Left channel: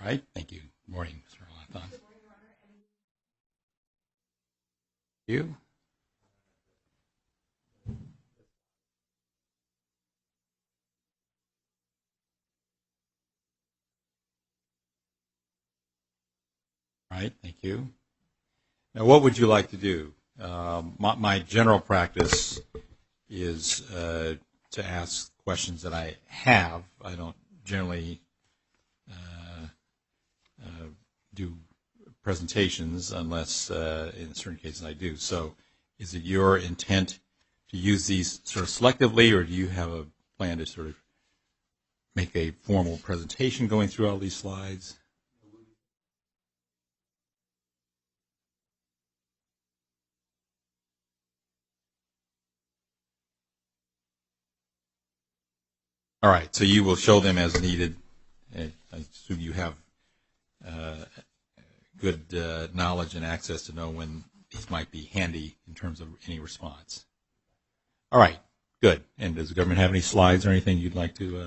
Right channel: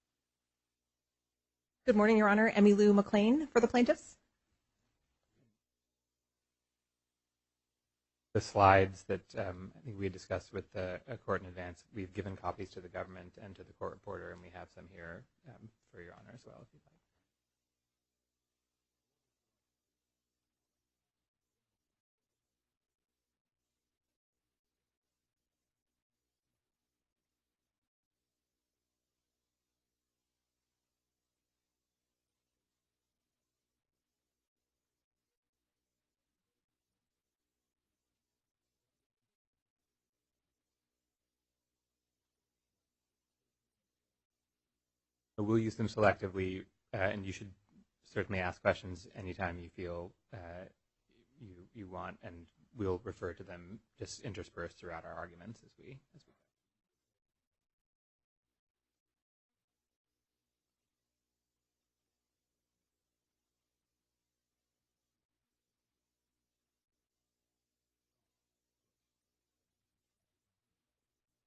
All right, thank you. Good morning, Mr. Arlington. Good morning, Your Honor. Emmy Lou McLean for the plaintiffs. You? The slides that I think we had discussed with the court in advance, we've given copies to the government and to the court reporter, and we have some here for Your Honor as well. If you'd like. All right, thank you. Now, what would you like to do? My general practice is to ask questions that I have. I don't generally do presentations unless in certain cases I do. So is it your intent to use these sort of selectively, or do you have a plan to sort of make a formal presentation going through all these slides? So we'll use them selectively, and you should certainly ask questions anytime you feel you want, and we'll refer to them just interspersed throughout our arguments as we. All right, so you will show them as needed. I assume you have good knowledge and access to know when these might be handy in terms of any response. All right, good. And does the government have any slides or anything you'd like to?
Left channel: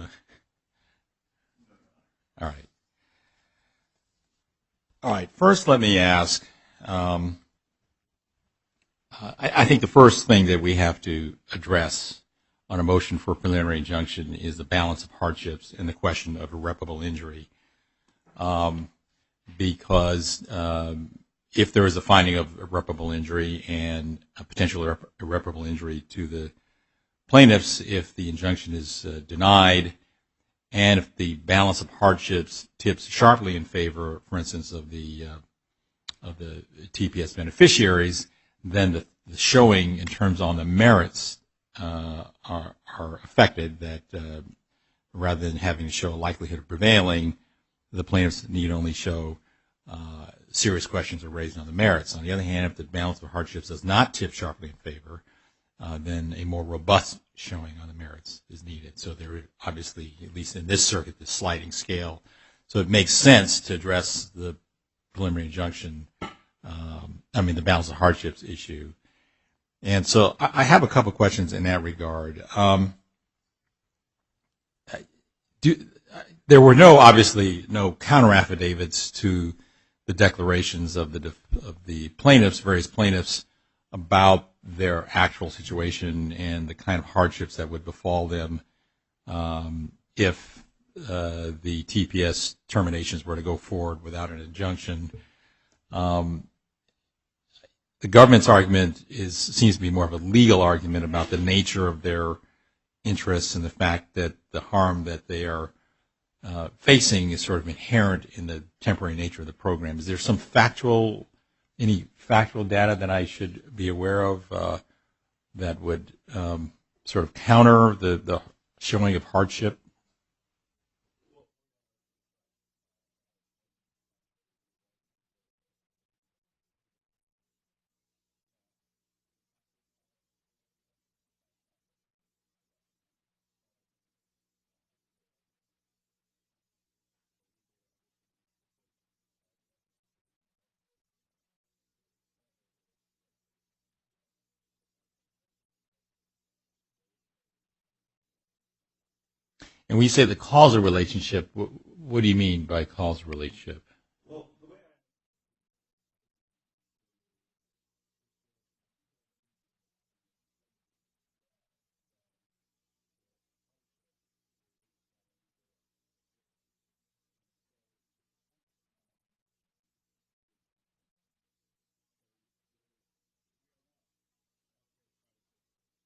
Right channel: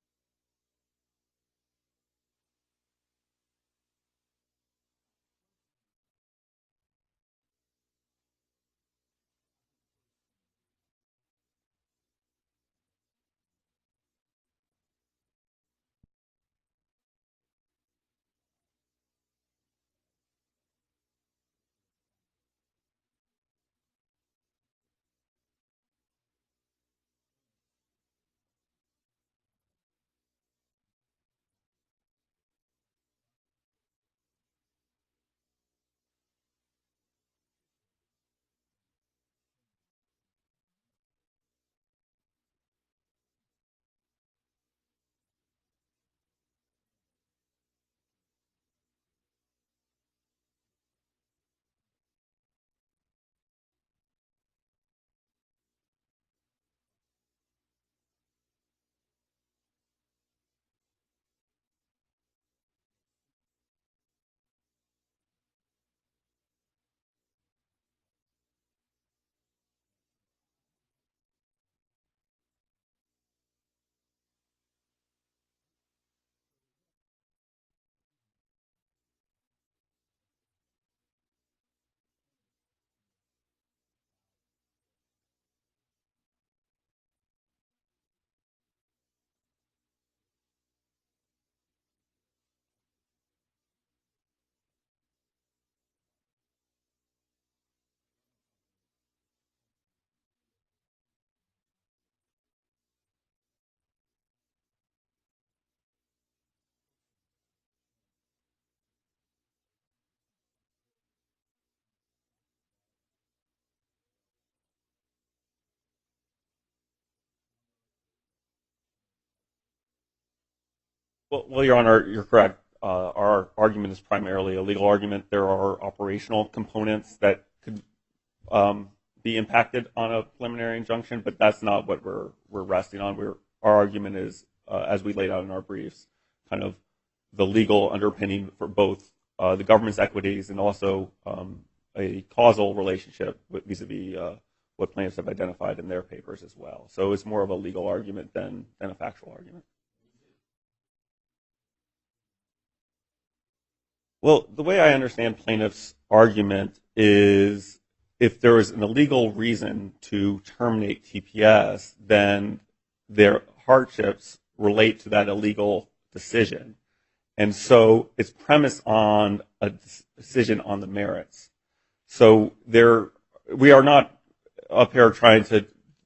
All right. All right, first let me ask, I think the first thing that we have to address on a motion for preliminary injunction is the balance of hardships and the question of irreparable injury. Because if there is a finding of irreparable injury and a potential irreparable injury to the plaintiffs, if the injunction is denied, and if the balance of hardships tips sharply in favor, for instance, of the TPS beneficiaries, then the showing in terms on the merits are affected. That rather than having to show a likelihood of prevailing, the plaintiffs need only show serious questions are raised on the merits. On the other hand, if the balance of hardships does not tip sharply in favor, then a more robust showing on the merits is needed. So there is obviously, at least in this circuit, the sliding scale. So it makes sense to address the preliminary injunction, the balance of hardships issue. And so I have a couple questions in that regard. There were obviously no counter affidavits to the declarations of the plaintiffs, various plaintiffs, about their actual situation and the kind of hardships that would befall them if the TPS terminations were to go forward without an injunction. The government's argument seems to be more of a legal argument about the nature of their interests and the fact that the harm that they are facing is sort of inherent in the temporary nature of the program. Is there any factual data that I should be aware of that would sort of counter the showing of hardship? Well, Your Honor, you're correct. Our argument is primarily a legal argument. There are operational components that could be impacted on a preliminary injunction, but that's not what we're resting on. Our argument is, as we laid out in our briefs, kind of the legal underpinning for both the government's equities and also a causal relationship vis-a-vis what plaintiffs have identified in their papers as well. So it's more of a legal argument than a factual argument. And when you say the causal relationship, what do you mean by causal relationship? Well, the way I understand plaintiffs' argument is if there is an illegal reason to terminate TPS, then their hardships relate to that illegal decision. And so it's premised on a decision on the merits. So we are not up here trying to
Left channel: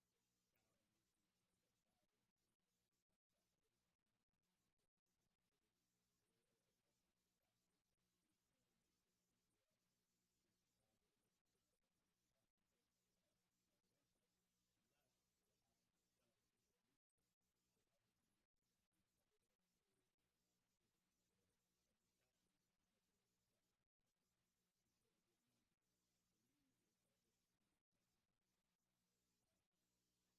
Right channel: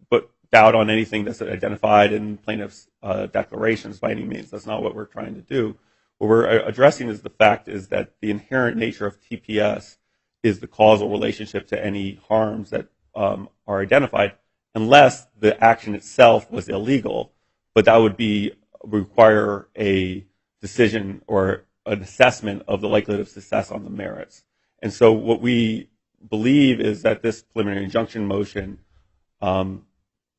put doubt on anything that's identified in plaintiffs' declarations by any means. That's not what we're trying to do. What we're addressing is the fact is that the inherent nature of TPS is the causal relationship to any harms that are identified, unless the action itself was illegal. But that would require a decision or an assessment of the likelihood of success on the merits. And so what we believe is that this preliminary injunction motion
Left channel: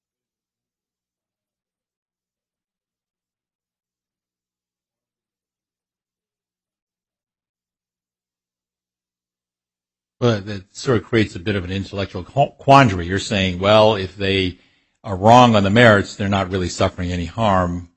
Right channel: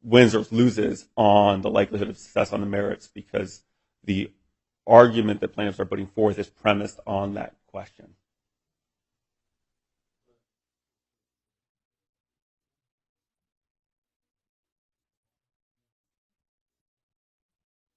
wins or loses on the likelihood of success on the merits because the argument that plaintiffs are putting forth is premised on that question. Well, that sort of creates a bit of an intellectual quandary. You're saying, well, if they are wrong on the merits, they're not really suffering any harm,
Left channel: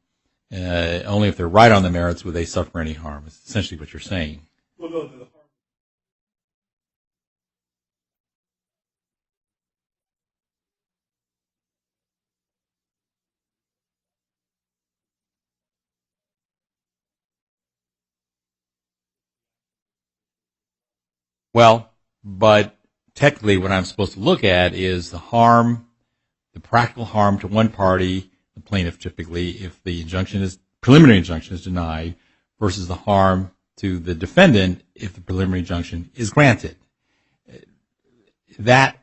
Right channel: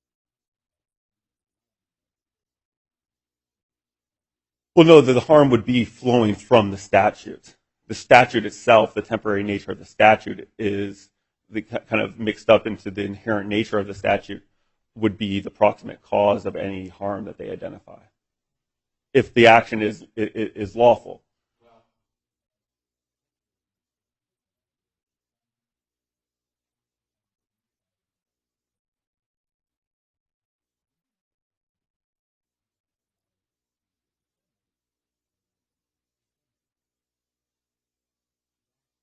only if they're right on the merits would they suffer any harm. It's essentially what you're saying. Well, no, the harm would be flowing from the statute. The statute itself, the temporary nature of the statute, is the kind of mixed up into the inherent nature of the statute would be the proximate cause of any harm that they identify, if the action is lawful. Well, but technically what I'm supposed to look at is the harm, the practical harm to one party, the plaintiff typically, if the preliminary injunction is denied, versus the harm to the defendant if the preliminary injunction is granted. That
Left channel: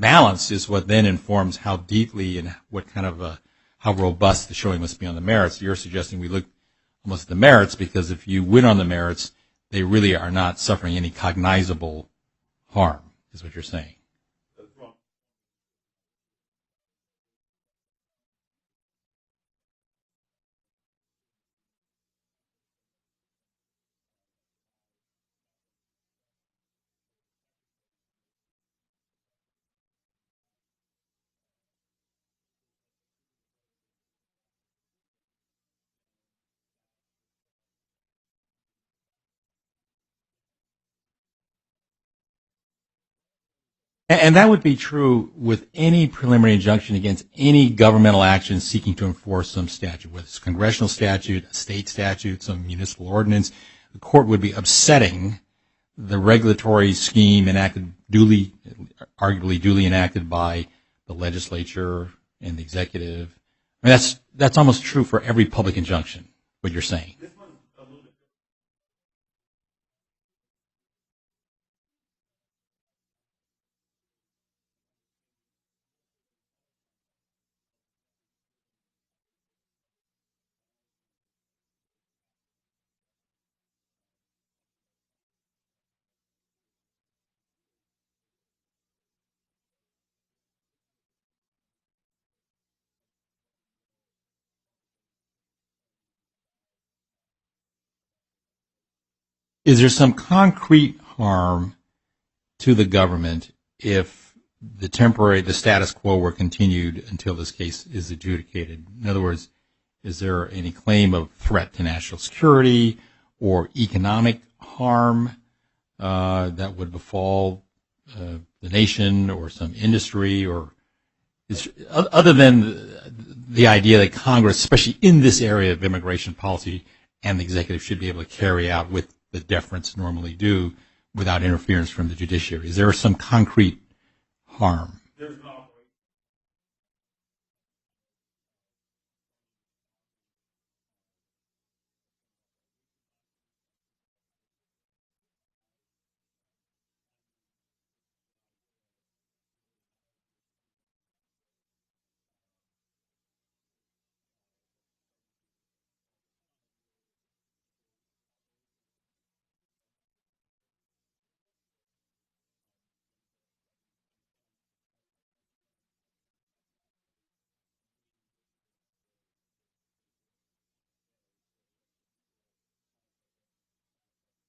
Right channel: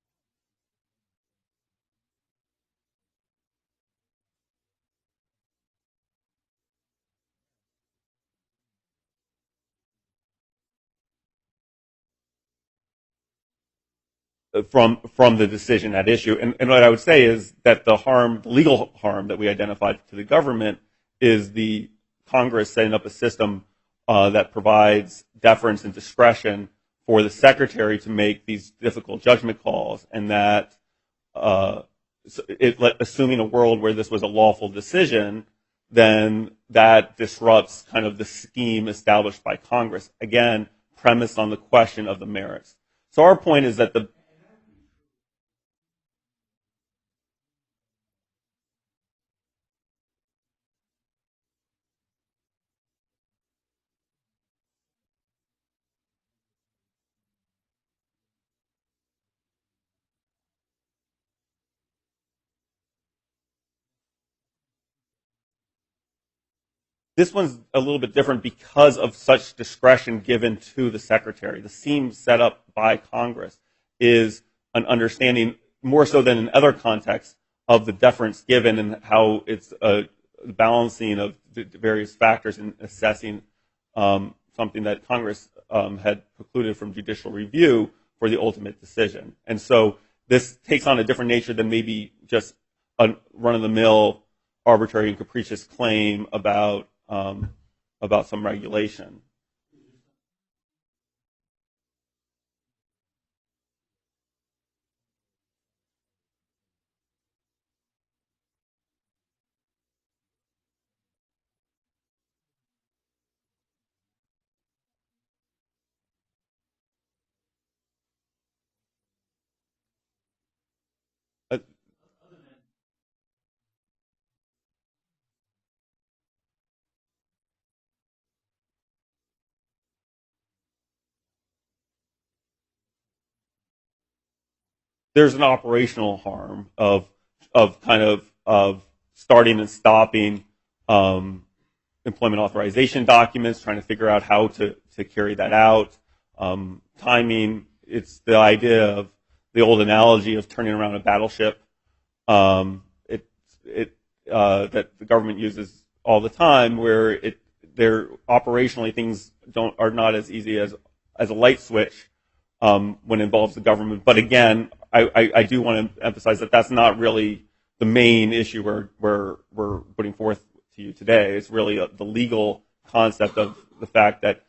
balance is what then informs how deeply and what kind of how robust the showing must be on the merits. You're suggesting we look almost at the merits, because if you win on the merits, they really are not suffering any cognizable harm, is what you're saying. From the decision at issue. And what I would say is that the harm, legal harm that we identified to the government is the Congress setting up a system that provides deference and discretion for the secretary to make these difficult judgment calls, and that assuming a world where this was a lawful decision, then that disrupts kind of the scheme established by Congress. Again, premised on the question of the merits. So our point is that and that would be true with any preliminary injunction against any governmental action seeking to enforce some statute, whether it's a congressional statute, a state statute, some municipal ordinance. The court would be upsetting the regulatory scheme enacted arguably duly enacted by the legislature and the executive. I mean, that's almost true for every public injunction, what you're saying. This one's a little bit different because of such discretion given to the secretary. The scheme set up by Congress is an understanding, more so than in other contexts, of the deference given and how it's a balancing of the various factors in assessing something that Congress had precluded from judicial review for the ultimate decision. And so this takes on a different nature than maybe just a run-of-the-mill arbitrary and capricious claim about some regulation. Is there some concrete harm to the government if the status quo were continued until this case is adjudicated? In other words, is there any claim of threat to national security or economic harm that would befall the nation or some industry, or other than the idea that Congress, especially in this area of immigration policy, and the executive should be able to carry out with the deference normally due without interference from the judiciary? Is there some concrete harm? There's an operational harm of starting and stopping employment authorization documents, trying to figure out how to carry that out. Timing, it's the idea of the old analogy of turning around a battleship that the government uses all the time, where operationally things are not as easy as a light switch when it involves the government. But again, I do want to emphasize that that's not really the main issue we're putting forth to you today. It's really the legal concept of the fact that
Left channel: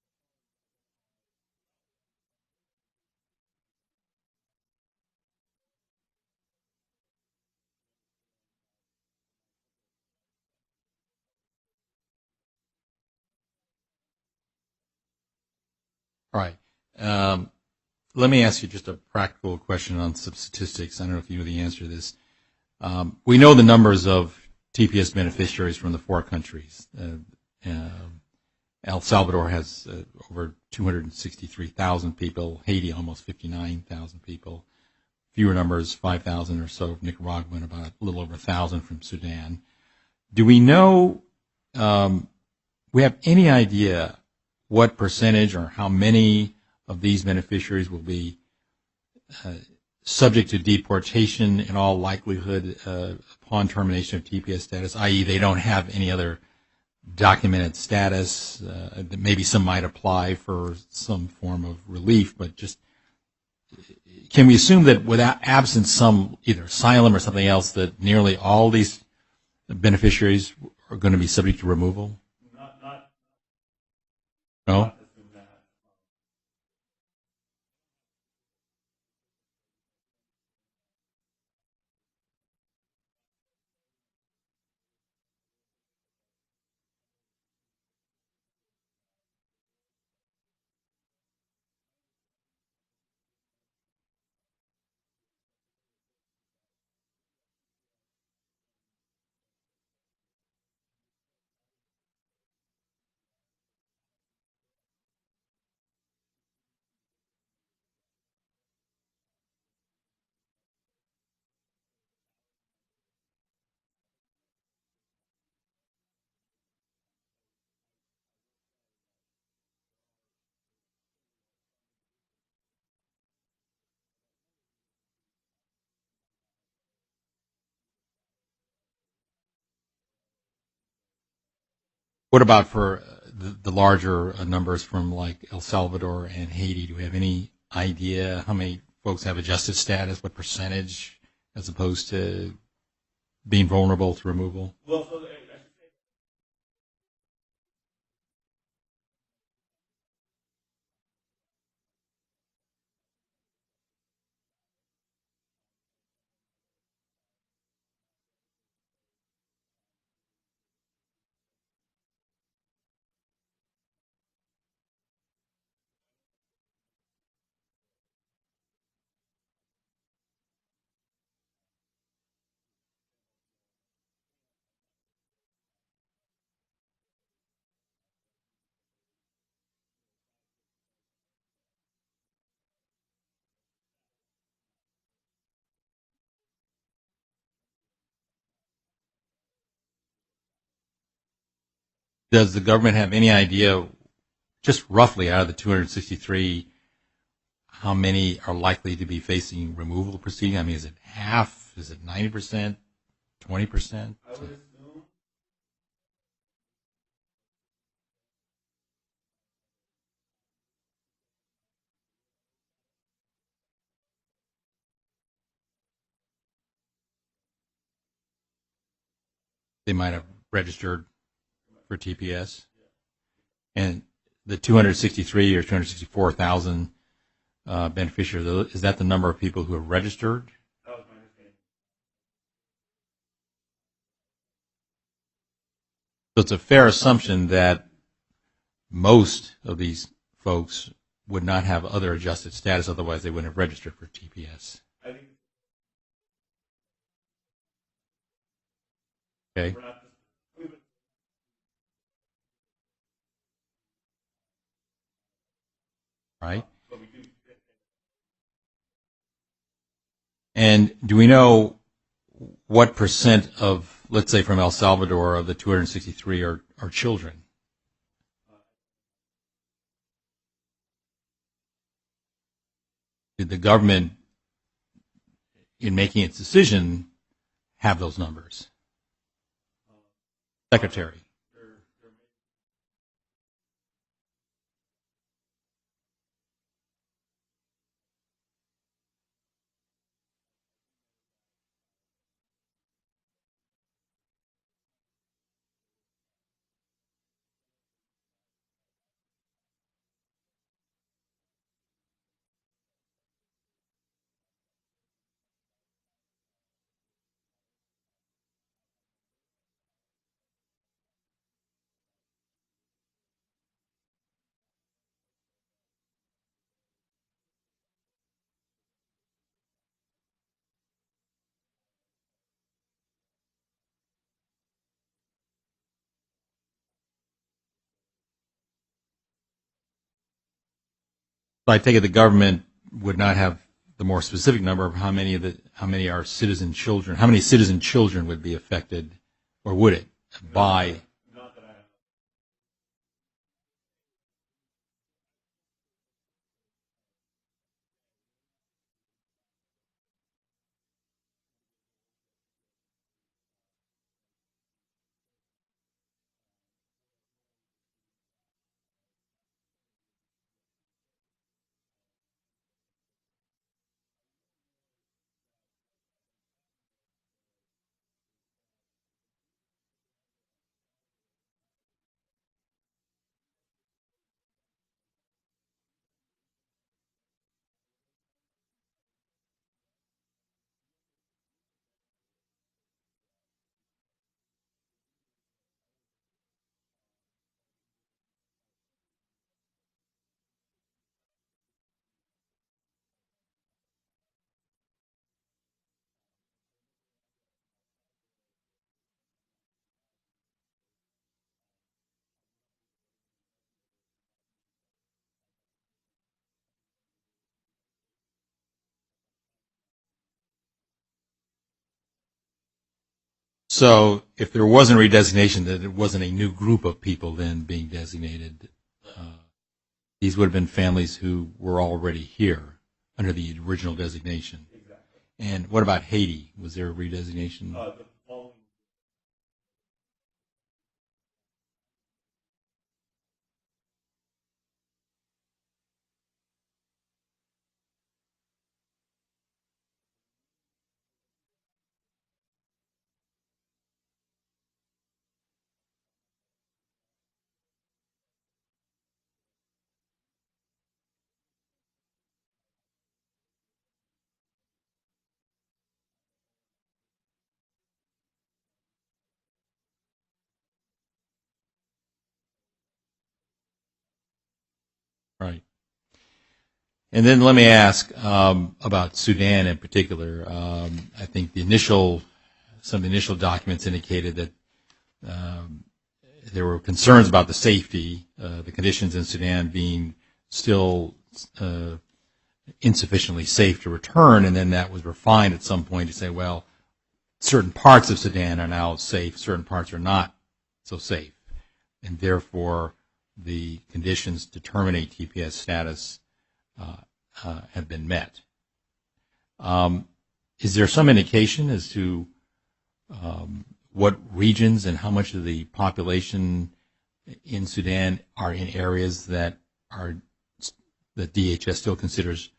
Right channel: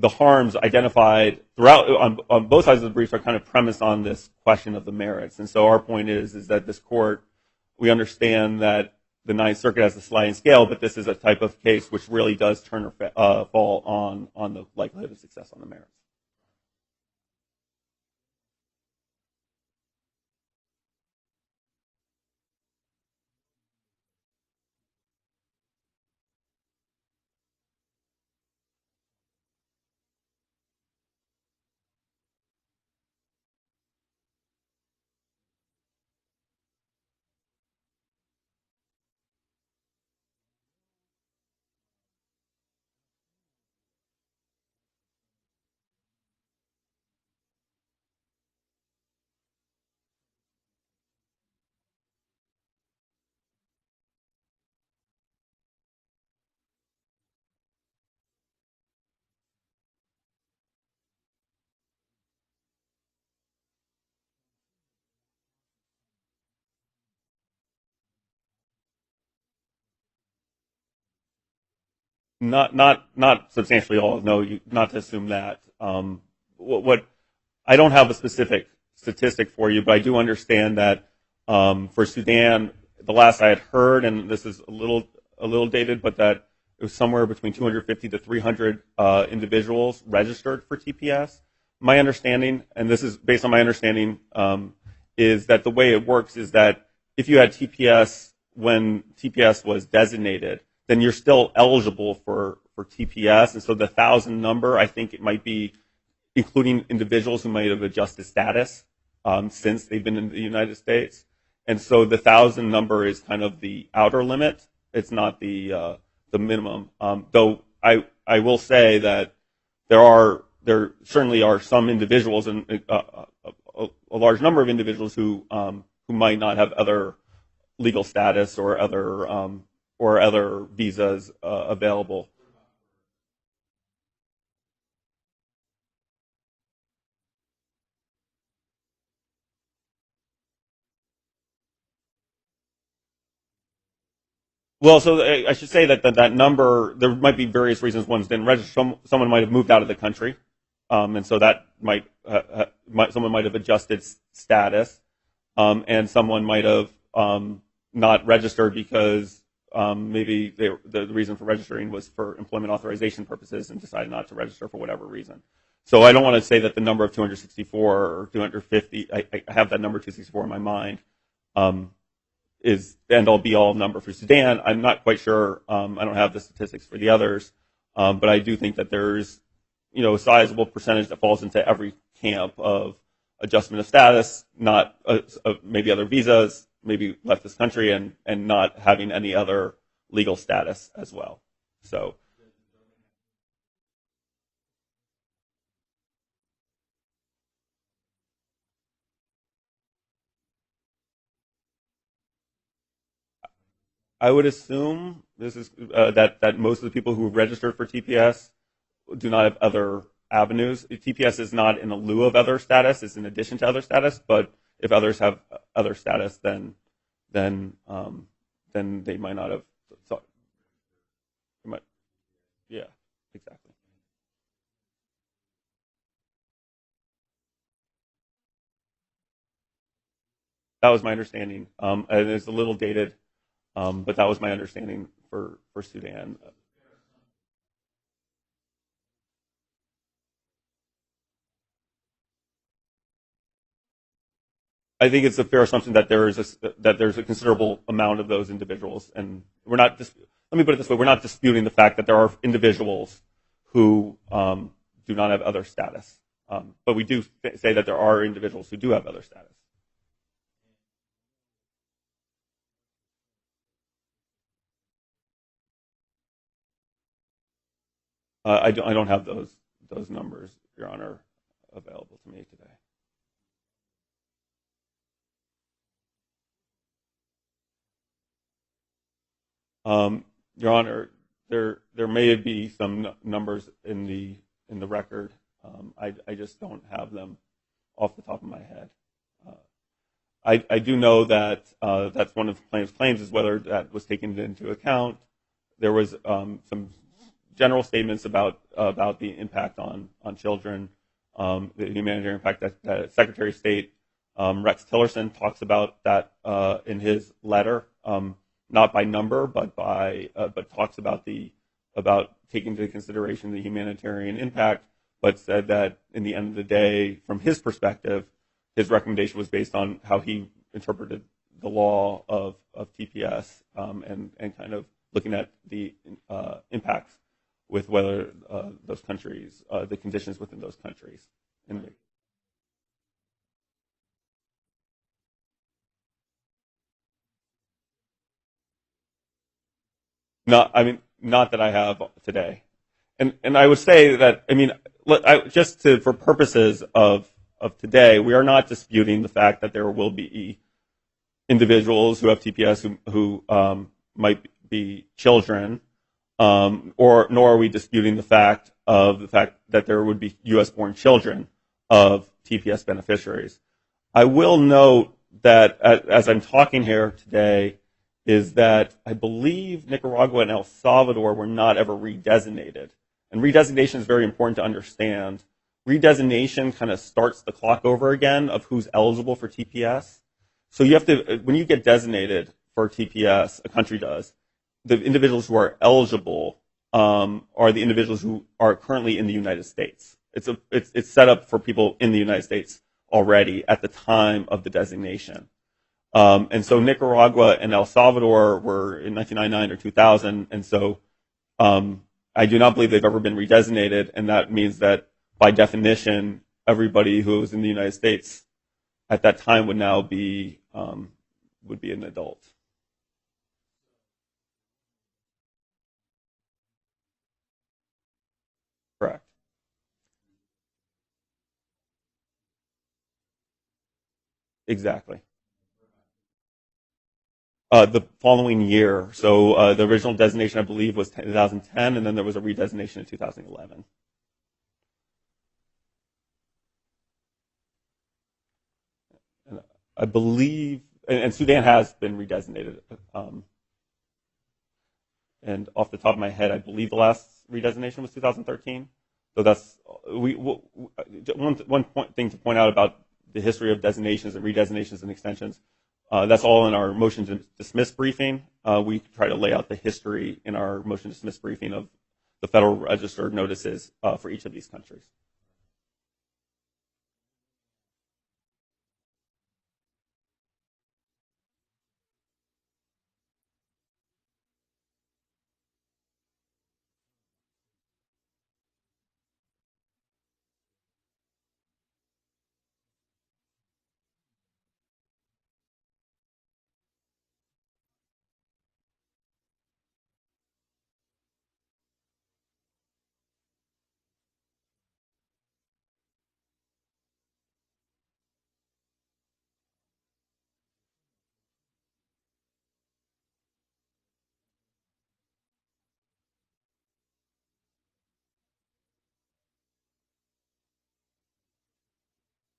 the harms identified throughout on both sides of the briefs are kind of premised on this question of the merits. And so our point is that this court, we understand that the Ninth Circuit has a sliding scale, but this is a type of case which really does turn or fall on the likelihood of success on the merits. All right. Let me ask you just a practical question on some statistics. I don't know if you know the answer to this. We know the numbers of TPS beneficiaries from the four countries. El Salvador has over 263,000 people. Haiti, almost 59,000 people. Fewer numbers, 5,000 or so. Nicaragua, and about a little over 1,000 from Sudan. Do we know, we have any idea what percentage or how many of these beneficiaries will be subject to deportation in all likelihood upon termination of TPS status, i.e. they don't have any other documented status? Maybe some might apply for some form of relief, but just can we assume that without absent some either asylum or something else that nearly all these beneficiaries are going to be subject to removal? Not substantially all. No, not to assume that. What I don't have a specific statistic for you, but I do understand that for Sudan, the last I had heard, and this is a little a little dated, but that it was somewhere between 250 to 300 individuals registered for TPS. My understanding, and this is based on my understanding, is that the way it works is that if you had TPS when TPS was designated, then you're still eligible for TPS. And so the 1,000 number, I think it might be including individuals who might have adjusted status since they've been in the United States. And so the 1,000 number is kind of the outer limit. It's not the minimum. Though I will say that there certainly are some individuals and a large number of individuals who might not have other legal status or other visas available. What about for the larger numbers from like El Salvador and Haiti? Do we have any idea how many folks have adjusted status? What percentage, as opposed to being vulnerable to removal? Well, so I should say that number, there might be various reasons ones didn't register. Someone might have moved out of the country, and so that someone might have adjusted status, and someone might have not registered because maybe the reason for registering was for employment authorization purposes and decided not to register for whatever reason. So I don't want to say that the number of 264 or 250, I have that number 264 in my mind, is the end-all be-all number for Sudan. I'm not quite sure. I don't have the statistics for the others, but I do think that there's a sizable percentage that falls into every camp of adjustment of status, not maybe other visas, maybe left this country, and not having any other legal status as well. So, does the government have any idea, just roughly out of the 263, how many are likely to be facing removal proceedings? I mean, is it half? Is it 90%, 20%? I would assume this is that most of the people who have registered for TPS do not have other avenues. TPS is not in lieu of other status; it's in addition to other status. But if others have other status, then they might not have. They might have registered for TPS. Yeah, exactly. And the 263 or 264,000 beneficiaries, is that the number of people who have registered? That was my understanding, and it's a little dated, but that was my understanding for Sudan. So it's a fair assumption that most of these folks would not have other adjusted status, otherwise they wouldn't have registered for TPS. I think it's a fair assumption that there's a considerable amount of those individuals, and okay. We're not. Let me put it this way: we're not disputing the fact that there are individuals who do not have other status, right? But we do say that there are individuals who do have other status. And do we know what percent of, let's say, from El Salvador, of the 263 are children? I don't have those numbers, Your Honor, available to me today. Did the government, in making its decision, have those numbers? Your Secretary. Honor, there may be some numbers in the record. I just don't have them off the top of my head. I do know that that's one of the plaintiff's claims, is whether that was taken into account. There was some general statements about the impact on children, the humanitarian impact that Secretary of State Rex Tillerson talks about that in his letter, not by number, but talks about taking into consideration the humanitarian impact, but said that in the end of the day, from his perspective, his recommendation was based on how he interpreted the law of TPS and kind of looking at the impacts with whether those countries, the conditions within those countries. So I take it the government would not have the more specific number of how many are citizen children. How many citizen children would be affected, or would it? Not that I have today. And I would say that, I mean, for purposes of today, we are not disputing the fact that there will be individuals who have TPS who might be children, nor are we disputing the fact that there would be U.S.-born children of TPS beneficiaries. I will note that as I'm talking here today, is that I believe Nicaragua and El Salvador were not ever redesignated. And redesignation is very important to understand. Redesignation kind of starts the clock over again of who's eligible for TPS. So you have to, when you get designated for TPS, a country does, the individuals who are eligible are the individuals who are currently in the United States. It's set up for people in the United States already at the time of the designation. And so Nicaragua and El Salvador were in 1999 or 2000, and so I do not believe they've ever been redesignated, and that means that by definition, everybody who was in the United States at that time would now be an adult. So if there wasn't redesignation, that it wasn't a new group of people then being designated. Correct. These would have been families who were already here under the original designation. Exactly. And what about Haiti? Was there a redesignation? The following year. So the original designation, I believe, was 2010, and then there was a redesignation in 2011. And I believe, and Sudan has been redesignated. And off the top of my head, I believe the last redesignation was 2013. So that's one thing to point out about the history of designations and redesignations and extensions. That's all in our motion to dismiss briefing. We try to lay out the history in our motion to dismiss briefing of the Federal Register notices for each of these countries. Right. And then let me ask about Sudan in particular. I think some of the initial documents indicated that there were concerns about the safety, the conditions in Sudan being still insufficiently safe to return, and then that was refined at some point to say, well, certain parts of Sudan are now safe, certain parts are not so safe, and therefore the conditions to terminate TPS status have been met. Is there some indication as to what regions and how much of the population in Sudan are in areas that DHS still considers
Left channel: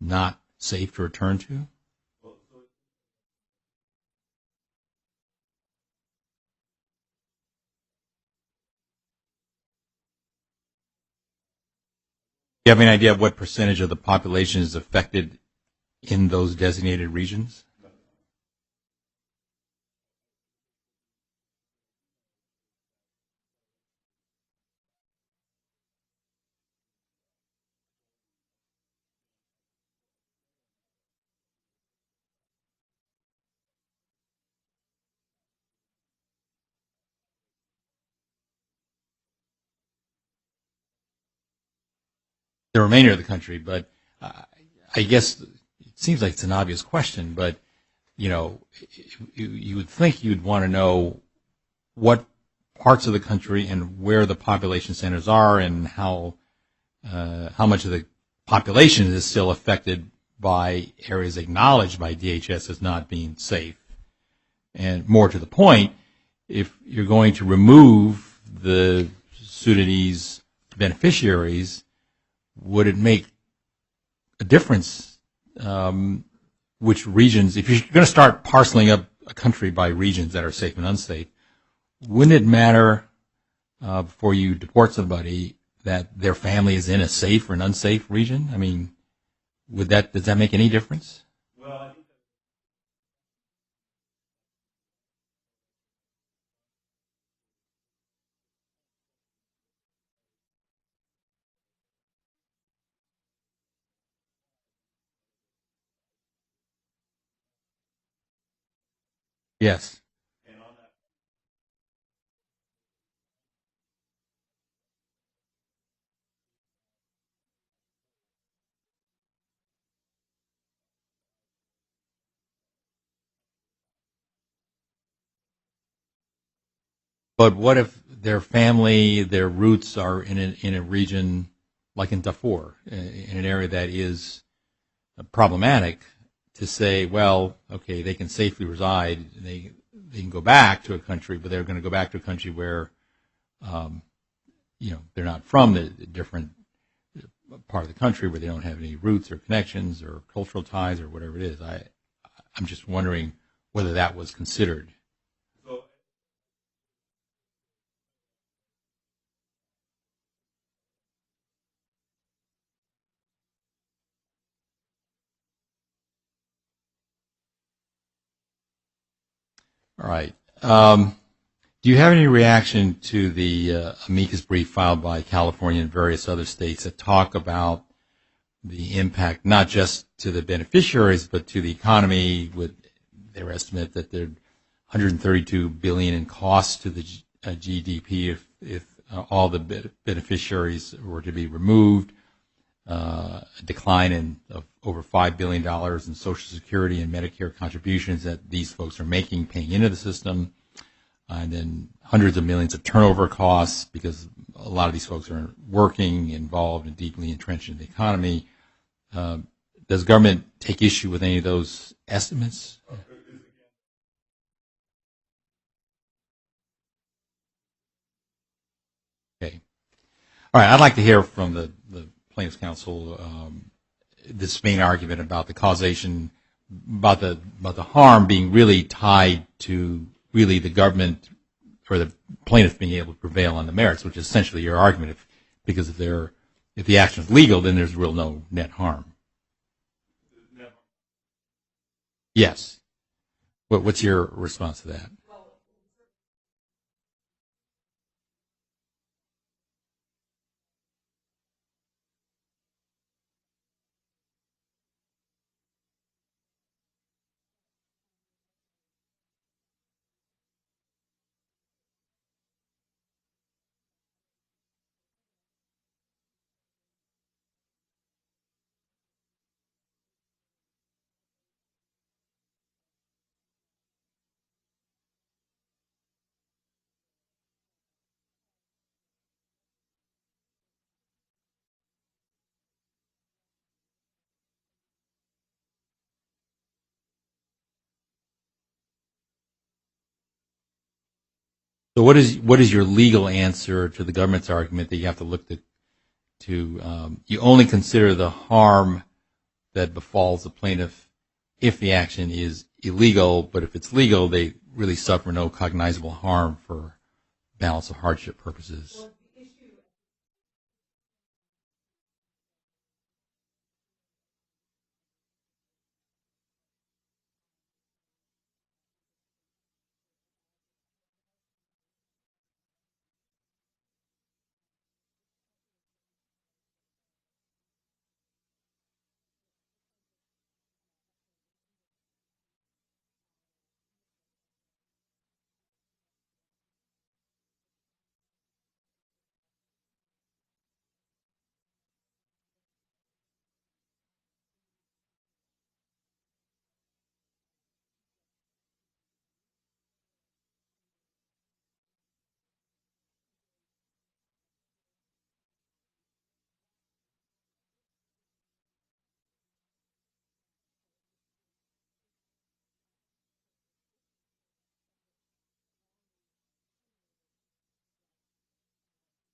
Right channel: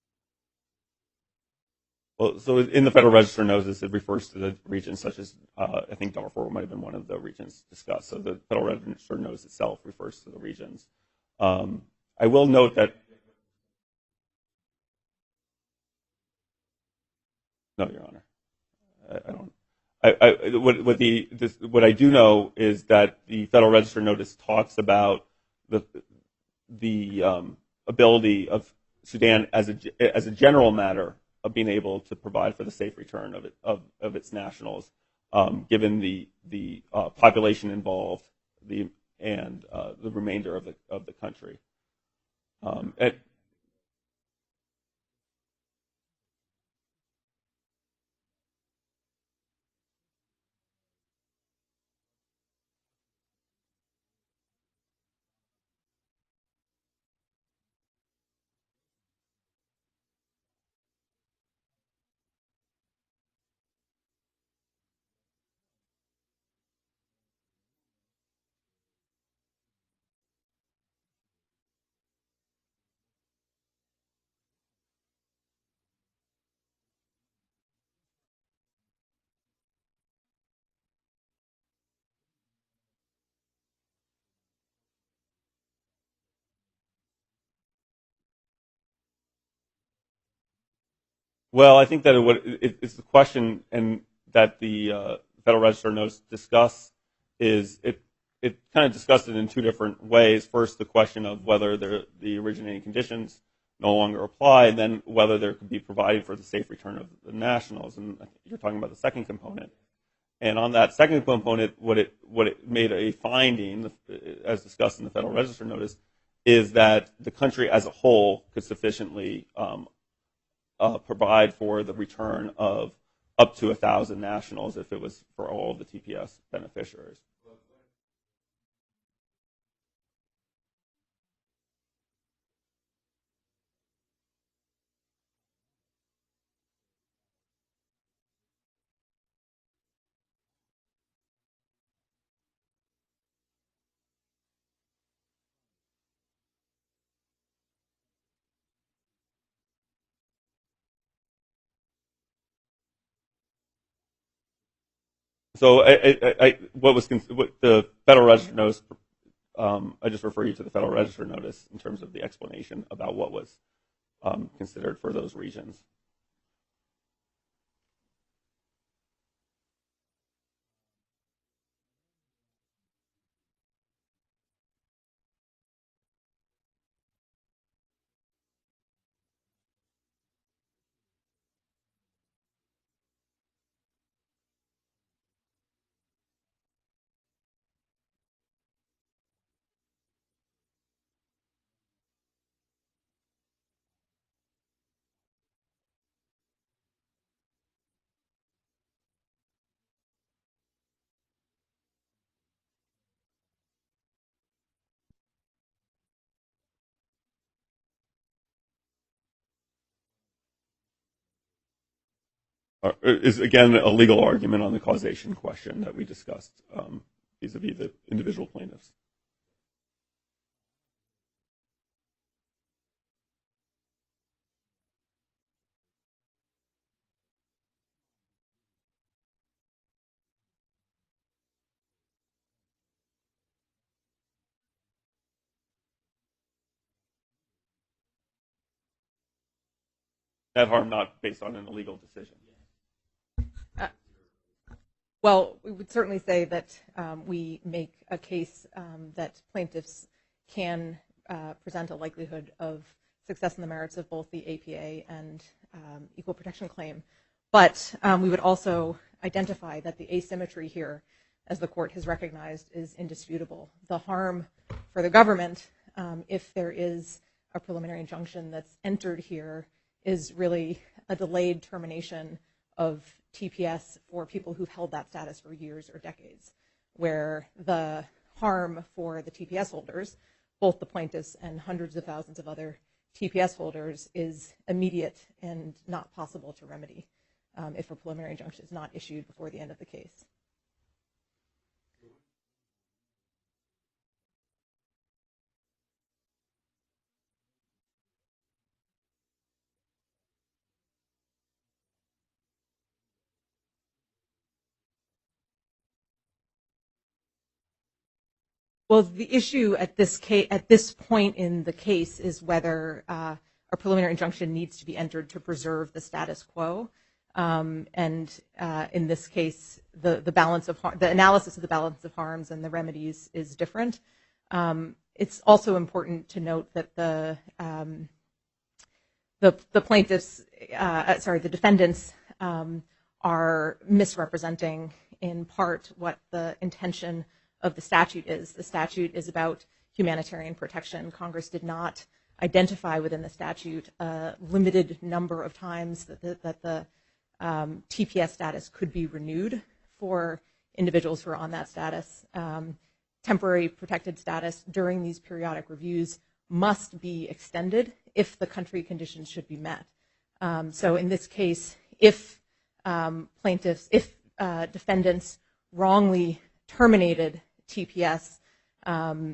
not safe to return to? Well, so in the Federal Register notice, it refers to the regions such as, I think Darfur might have been one of the regions discussed. So the Federal Register notice itself refers to the regions. I will note. Do you have any idea of what percentage of the population is affected in those designated regions? No, Your Honor. I don't. What I do know is that the Federal Register notice talks about the ability of Sudan as a general matter of being able to provide for the safe return of its nationals, given the population involved, and the remainder of the country. The remainder of the country, but I guess it seems like it's an obvious question, but you would think you'd want to know what parts of the country and where the population centers are, and how much of the population is still affected by areas acknowledged by DHS as not being safe. And more to the point, if you're going to remove the Sudanese beneficiaries, would it make a difference which regions, if you're going to start parceling up a country by regions that are safe and unsafe, wouldn't it matter before you deport somebody that their family is in a safe or an unsafe region? I mean, does that make any difference? Well, I think that it's the question, and that the Federal Register notice discuss is it kind of discussed it in two different ways. First, the question of whether the originating conditions no longer apply, and then whether there could be provided for the safe return of the nationals. And you're talking about the second component. Yes. And on that second component, what it made a finding, as discussed in the Federal Register notice, is that the country as a whole could sufficiently provide for the return of up to 1,000 nationals if it was for all of the TPS beneficiaries. But what if their family, their roots are in a region like in Darfur, in an area that is problematic, to say, well, okay, they can safely reside, they can go back to a country, but they're going to go back to a country where, they're not from the different part of the country, where they don't have any roots or connections or cultural ties or whatever it is. I'm just wondering whether that was considered. So what the Federal Register notice, I just refer you to the Federal Register notice in terms of the explanation about what was considered for those regions. All right. Do you have any reaction to the amicus brief filed by California and various other states that talk about the impact not just to the beneficiaries but to the economy, with their estimate that there are $132 billion in costs to the GDP if all the beneficiaries were to be removed, a decline of over $5 billion in Social Security and Medicare contributions that these folks are making, paying into the system, and then hundreds of millions of turnover costs because a lot of these folks are working, involved, and deeply entrenched in the economy. Does government take issue with any of those estimates? Is, again, a legal argument on the causation question that we discussed vis-a-vis the individual plaintiffs. Okay. All right. I'd like to hear from the plaintiffs' counsel this main argument about the causation, about the harm being really tied to really the government or the plaintiff being able to prevail on the merits, which is essentially your argument. Because if the action is legal, then there's real no net harm. Net harm not based on an illegal decision. Yes. What's your response to that? Well, we would certainly say that we make a case that plaintiffs can present a likelihood of success in the merits of both the APA and equal protection claim. But we would also identify that the asymmetry here, as the court has recognized, is indisputable. The harm for the government, if there is a preliminary injunction that's entered here, is really a delayed termination of TPS for people who've held that status for years or decades, where the harm for the TPS holders, both the plaintiffs and hundreds of thousands of other TPS holders, is immediate and not possible to remedy if a preliminary injunction is not issued before the end of the case. So what is your legal answer to the government's argument that you have to look to you only consider the harm that befalls the plaintiff if the action is illegal, but if it's legal, they really suffer no cognizable harm for balance of hardship purposes? Well, the issue at this point in the case is whether a preliminary injunction needs to be entered to preserve the status quo. And in this case, the analysis of the balance of harms and the remedies is different. It's also important to note that the defendants are misrepresenting in part what the intention of the statute is. The statute is about humanitarian protection. Congress did not identify within the statute a limited number of times that the TPS status could be renewed for individuals who are on that status. Temporary protected status during these periodic reviews must be extended if the country conditions should be met. So in this case, if defendants wrongly terminated TPS, the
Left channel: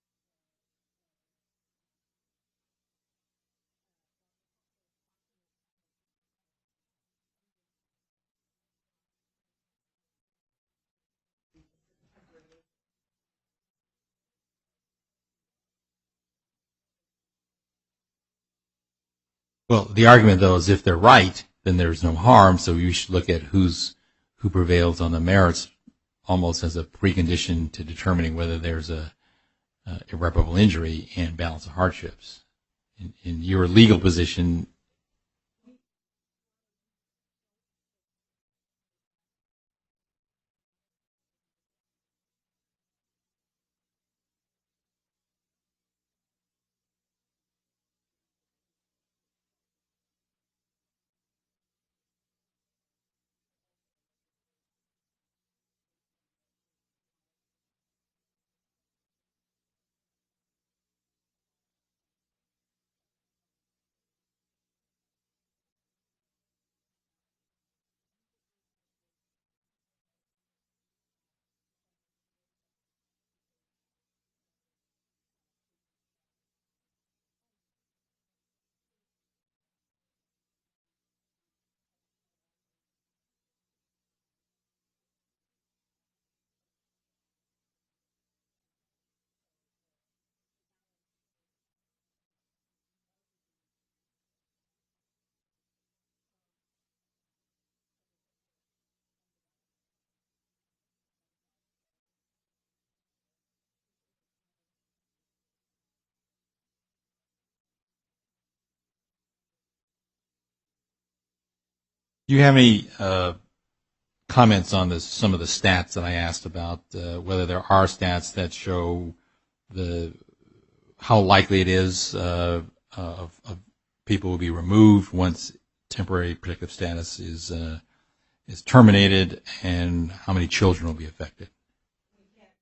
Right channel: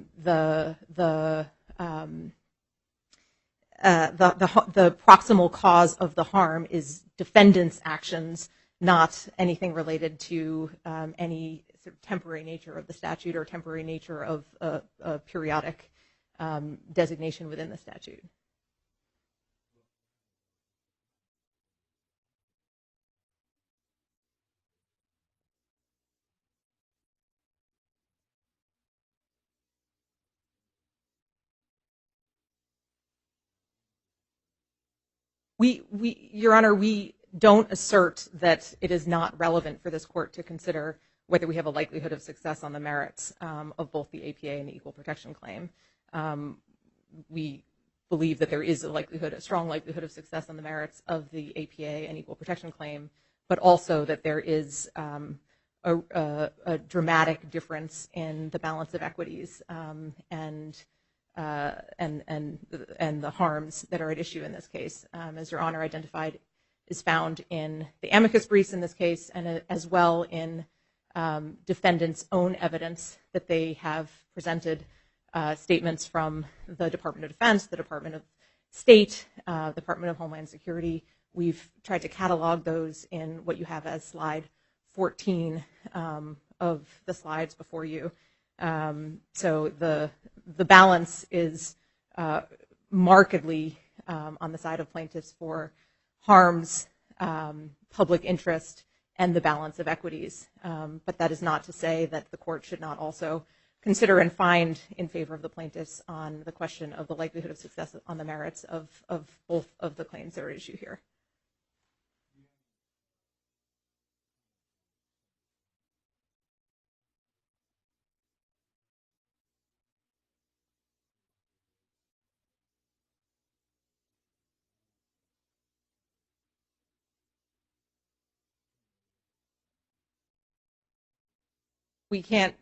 proximal cause of the harm is defendants' actions, not anything related to any sort of temporary nature of the statute or temporary nature of a periodic designation within the statute. Well, the argument, though, is if they're right, then there's no harm, so you should look at who prevails on the merits almost as a precondition to determining whether there's a irreparable injury and balance of hardships. In your legal position, Your Honor, we don't assert that it is not relevant for this court to consider whether we have a likelihood of success on the merits of both the APA and the equal protection claim. We believe that there is a strong likelihood of success on the merits of the APA and equal protection claim, but also that there is a dramatic difference in the balance of equities and the harms that are at issue in this case. As Your Honor identified, is found in the amicus briefs in this case, and as well in defendants' own evidence that they have presented, statements from the Department of Defense, the Department of State, Department of Homeland Security. We've tried to catalog those in what you have as slide 14 of the slides before you. So the balance is markedly on the side of plaintiffs for harms, public interest, and the balance of equities. But that is not to say that the court should not also consider and find in favor of the plaintiffs on the question of the likelihood of success on the merits of both of the claims that are at issue here. Do you have any comments on some of the stats that I asked about, whether there are stats that show how likely it is of people will be removed once temporary protective status is terminated, and how many children will be affected? We can't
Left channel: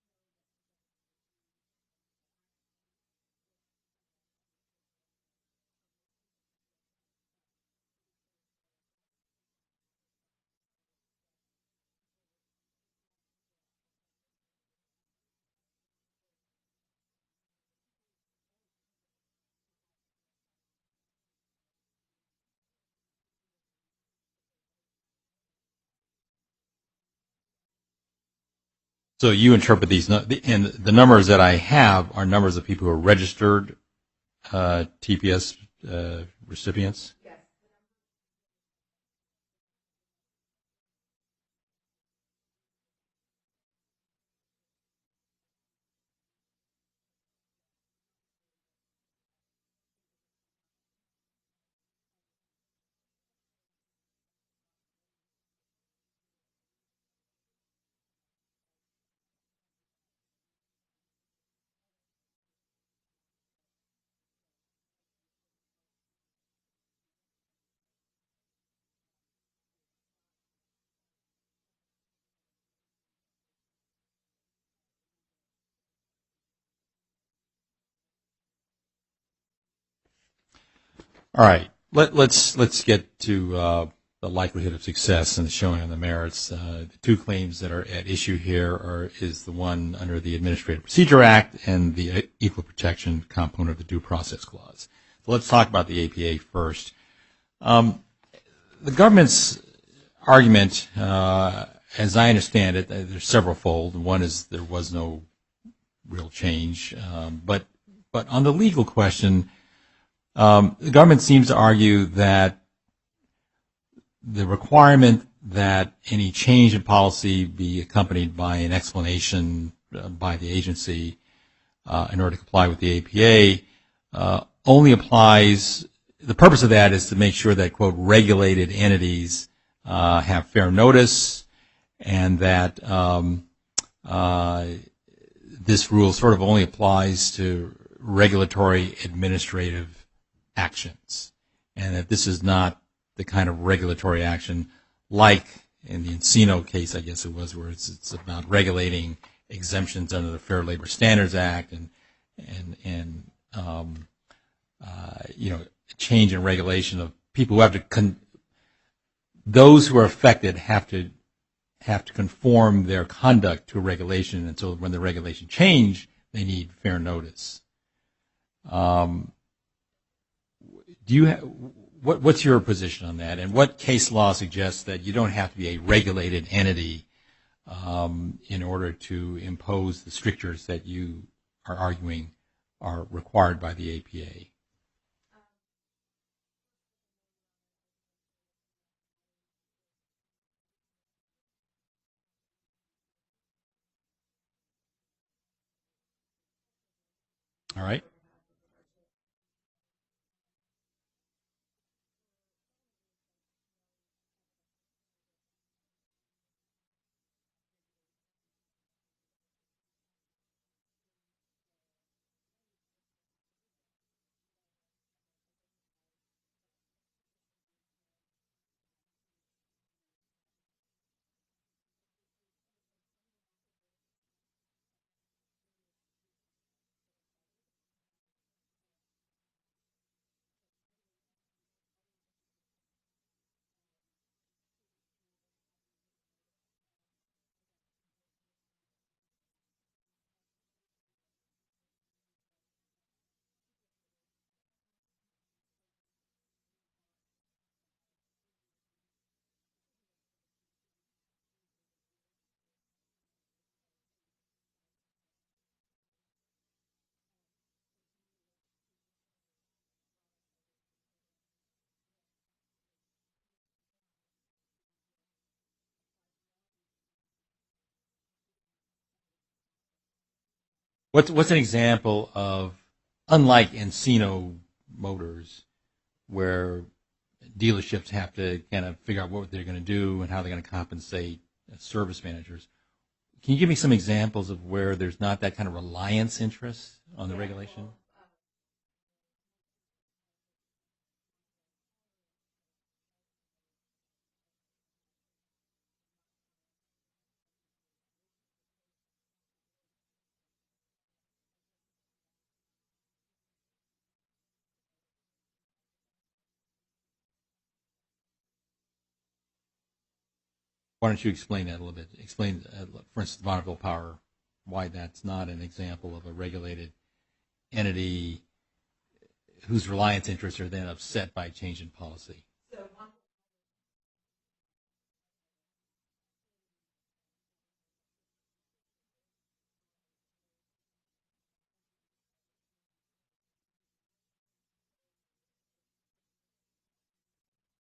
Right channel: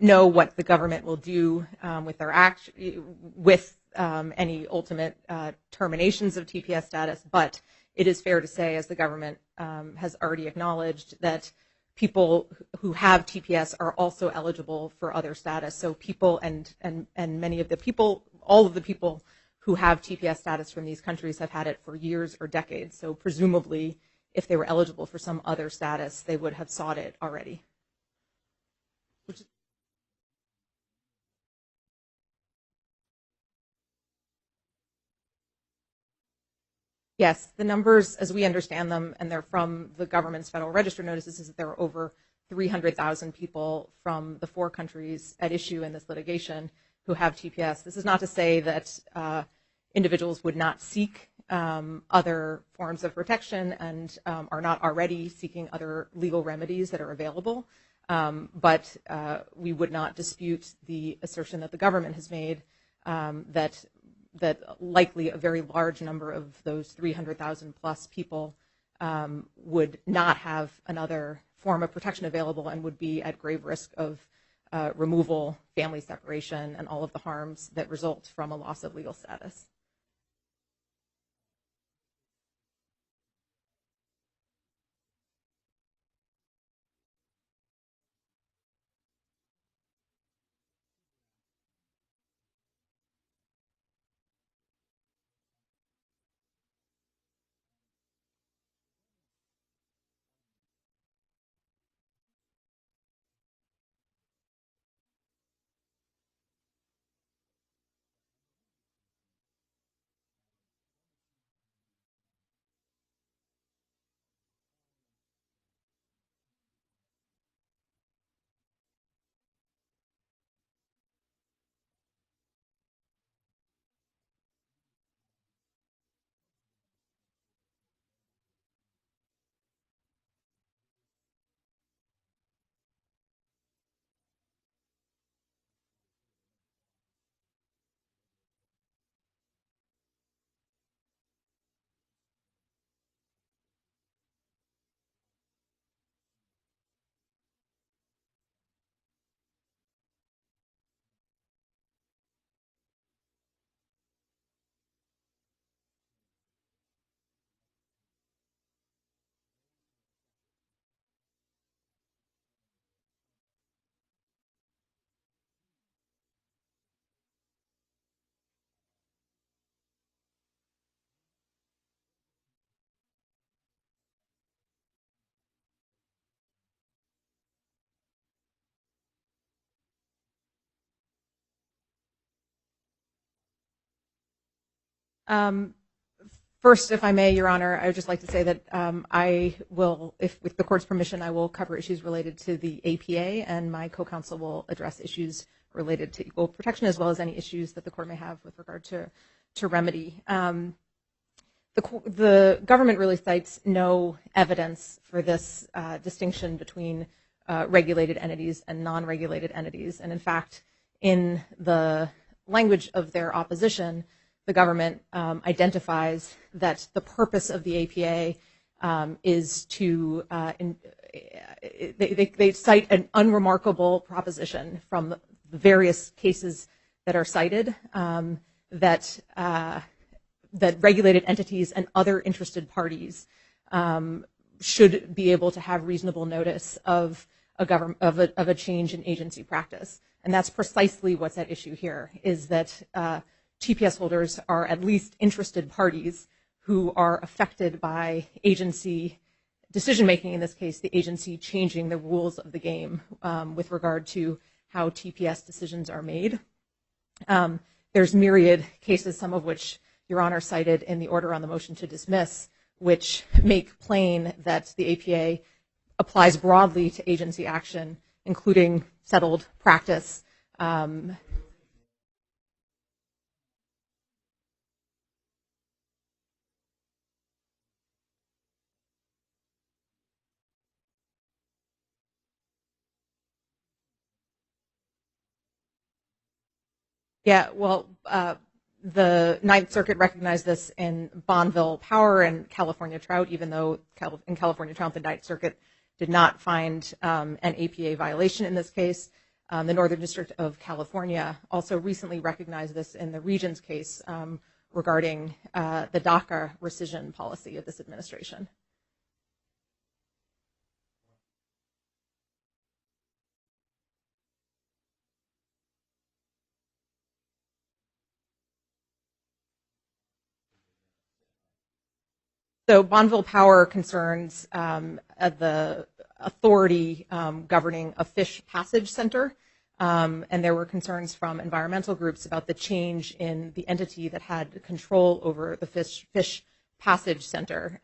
know what the government will do with their with any ultimate terminations of TPS status, but it is fair to say, as the government has already acknowledged, that people who have TPS are also eligible for other status. So people and many of the people, all of the people who have TPS status from these countries have had it for years or decades. So presumably, if they were eligible for some other status, they would have sought it already. So you interpret these, and the numbers that I have are numbers of people who are registered TPS recipients? Yes, the numbers, as we understand them, and they're from the government's Federal Register notices, is that there are over 300,000 people from the 4 countries at issue in this litigation who have TPS. This is not to say that individuals would not seek other forms of protection and are not already seeking other legal remedies that are available, but we would not dispute the assertion that the government has made that likely a very large number of those 300,000 plus people would not have another form of protection available and would be at grave risk of removal, family separation, and all of the harms that result from a loss of legal status. All right, let's get to the likelihood of success and the showing on the merits. The 2 claims that are at issue here is the one under the Administrative Procedure Act and the Equal Protection component of the Due Process Clause. So let's talk about the APA first. The government's argument, as I understand it, there's several-fold. One is there was no real change, but on the legal question, the government seems to argue that the requirement that any change in policy be accompanied by an explanation by the agency in order to comply with the APA only applies, the purpose of that is to make sure that, quote, regulated entities have fair notice, and that this rule sort of only applies to regulatory administrative actions, and that this is not the kind of regulatory action like in the Encino case, I guess it was, where it's about regulating exemptions under the Fair Labor Standards Act and change in regulation of people who have to those who are affected have to conform their conduct to a regulation, and so when the regulation change, they need fair notice. What's your position on that, and what case law suggests that you don't have to be a regulated entity in order to impose the strictures that you are arguing are required by the APA? First, if I may, Your Honor, I would just like to say that I will, with the Court's permission, I will cover issues related to the APA, and my co-counsel will address issues related to equal protection as well as any issues that the Court may have with regard to remedy. The government really cites no evidence for this distinction between regulated entities and non-regulated entities. And in fact, in the language of their opposition, the government identifies that the purpose of the APA is to, they cite an unremarkable proposition from the various cases that are cited that regulated entities and other interested parties should be able to have reasonable notice of a change in agency practice. And that's precisely what's at issue here, is that TPS holders are at least interested parties who are affected by agency decision-making, in this case, the agency changing the rules of the game with regard to how TPS decisions are made. There's myriad cases, some of which Your Honor cited in the order on the motion to dismiss, which make plain that the APA applies broadly to agency action, including settled practice. What's an example of, unlike Encino Motors, where dealerships have to kind of figure out what they're going to do and how they're going to compensate service managers? Can you give me some examples of where there's not that kind of reliance interest? Yeah, well, the Ninth Circuit recognized this in Bonneville Power and California Trout, even though in California Trout the Ninth Circuit did not find an APA violation in this case. The Northern District of California also recently recognized this in the Regions case regarding the DACA rescission policy of this administration. Why don't you explain that a little bit? Explain, for instance, Bonneville Power, why that's not an example of a regulated entity whose reliance interests are then upset by change in policy. So Bonneville Power concerns the authority governing a fish passage center, and there were concerns from environmental groups about the change in the entity that had control over the fish passage center.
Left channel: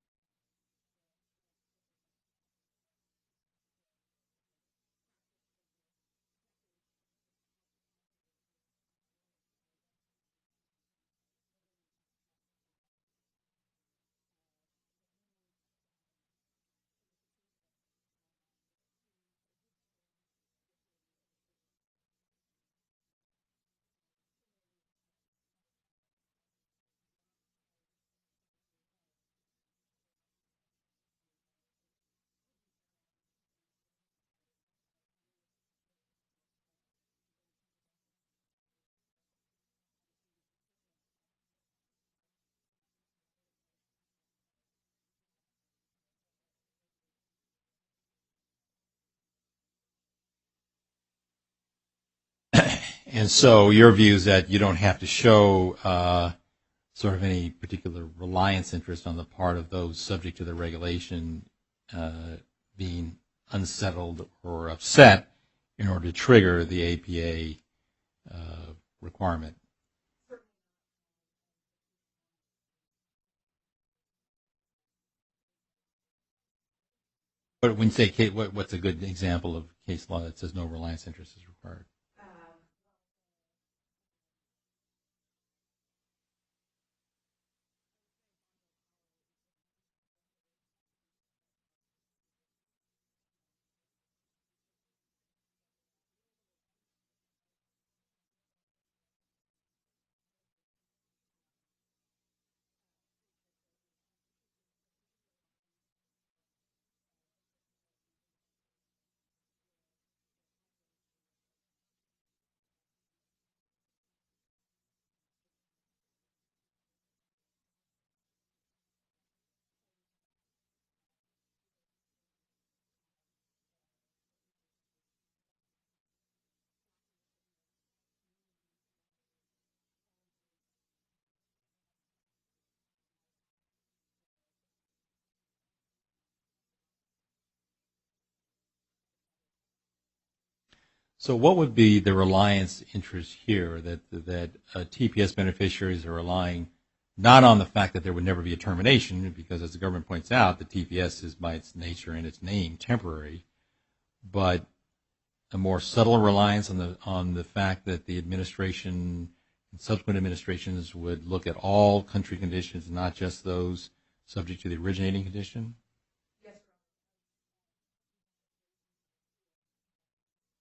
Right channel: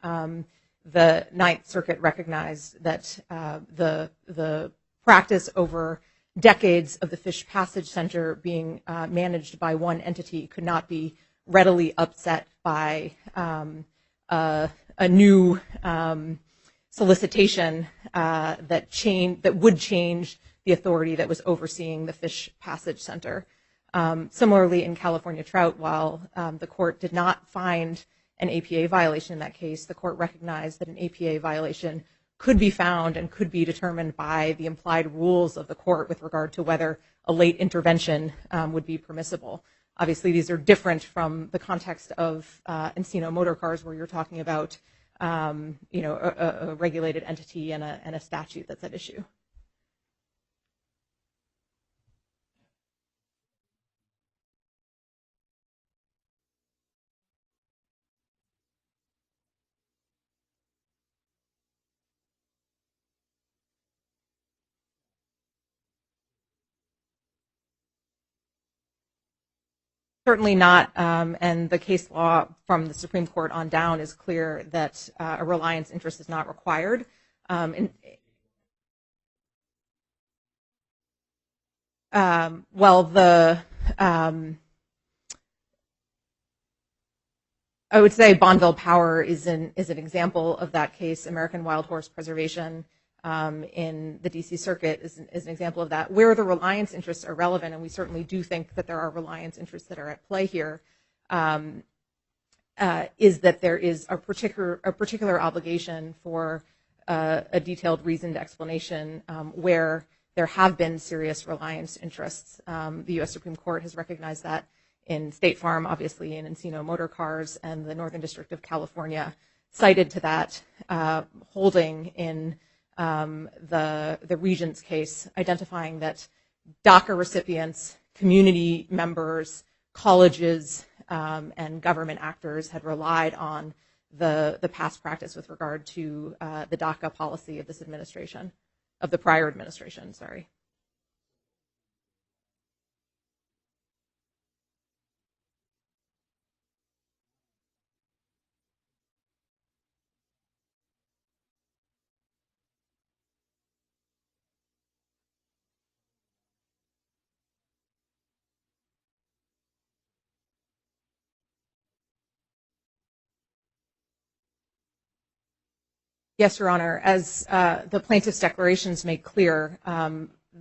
The Ninth Circuit recognized that the practice over decades of the fish passage center being managed by one entity could not be readily upset by a new solicitation that would change the authority that was overseeing the fish passage center. Similarly, in California Trout, while the court did not find an APA violation in that case, the court recognized that an APA violation could be found and could be determined by the implied rules of the court with regard to whether a late intervention would be permissible. Obviously, these are different from the context of Encino Motor Cars, where you're talking about a regulated entity and a statute that's at issue. And so your view is that you don't have to show sort of any particular reliance interest on the part of those subject to the regulation being unsettled or upset in order to trigger the APA requirement. Certainly not, and the case law from the Supreme Court on down is clear that a reliance interest is not required. But when you say, what's a good example of case law that says no reliance interest is required? I would say Bonneville Power is an example of that case. American Wild Horse Preservation in the D.C. Circuit is an example of that, where the reliance interests are relevant, and we certainly do think that there are reliance interests that are at play here, is that there is a particular obligation for a detailed, reasoned explanation where there have been serious reliance interests. The U.S. Supreme Court has recognized that in State Farm, obviously in Encino Motor Cars, and the Northern District of California cited to that holding in the Regents case, identifying that DACA recipients, community members, colleges, and government actors had relied on the past practice with regard to the DACA policy of this administration, of the prior administration, sorry. So what would be the reliance interest here that TPS beneficiaries are relying not on the fact that there would never be a termination, because as the government points out, the TPS is by its nature and its name temporary, but a more subtle reliance on the fact that the administration and subsequent administrations would look at all country conditions, not just those subject to the originating condition? Yes, Your Honor. As the plaintiff's declarations make clear,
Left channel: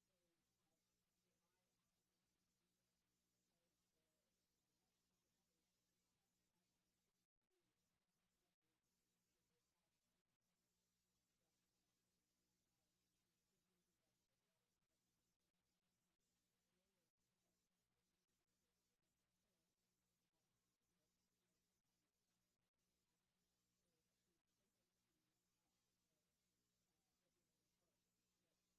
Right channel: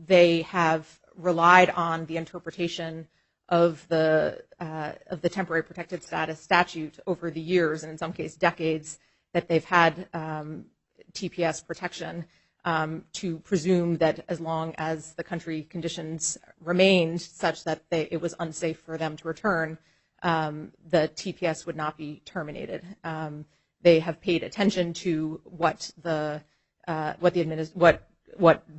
they have relied on the interpretation of the temporary protected status statute over the years, and in some cases decades, that they've had TPS protection to presume that as long as the country conditions remained such that it was unsafe for them to return, the TPS would not be terminated. They have paid attention to what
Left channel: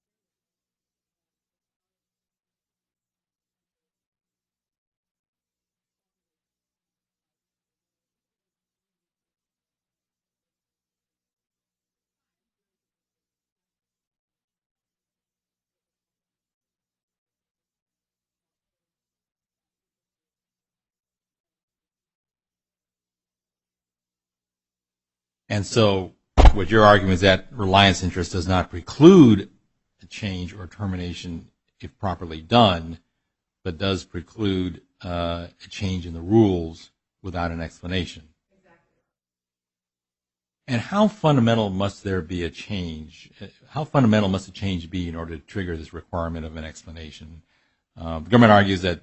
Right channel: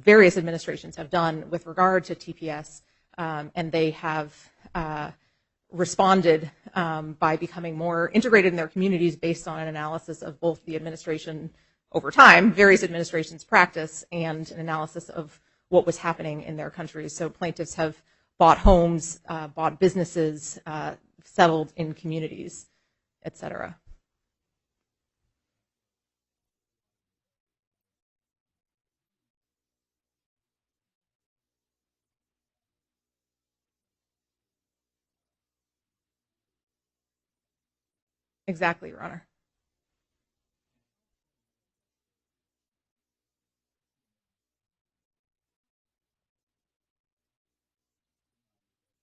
various administrations have done with regard to TPS, and they have responded by becoming more integrated in their communities based on an analysis of both the administration over time, various administrations' practice, and an analysis of what was happening in their countries. So plaintiffs have bought homes, bought businesses, settled in communities, et cetera. And so what your argument is that reliance interest does not preclude a change or termination if properly done, but does preclude a change in the rules without an explanation. Exactly, Your Honor. And how fundamental must there be a change? How fundamental must a change be in order to trigger this requirement of an explanation? The government argues that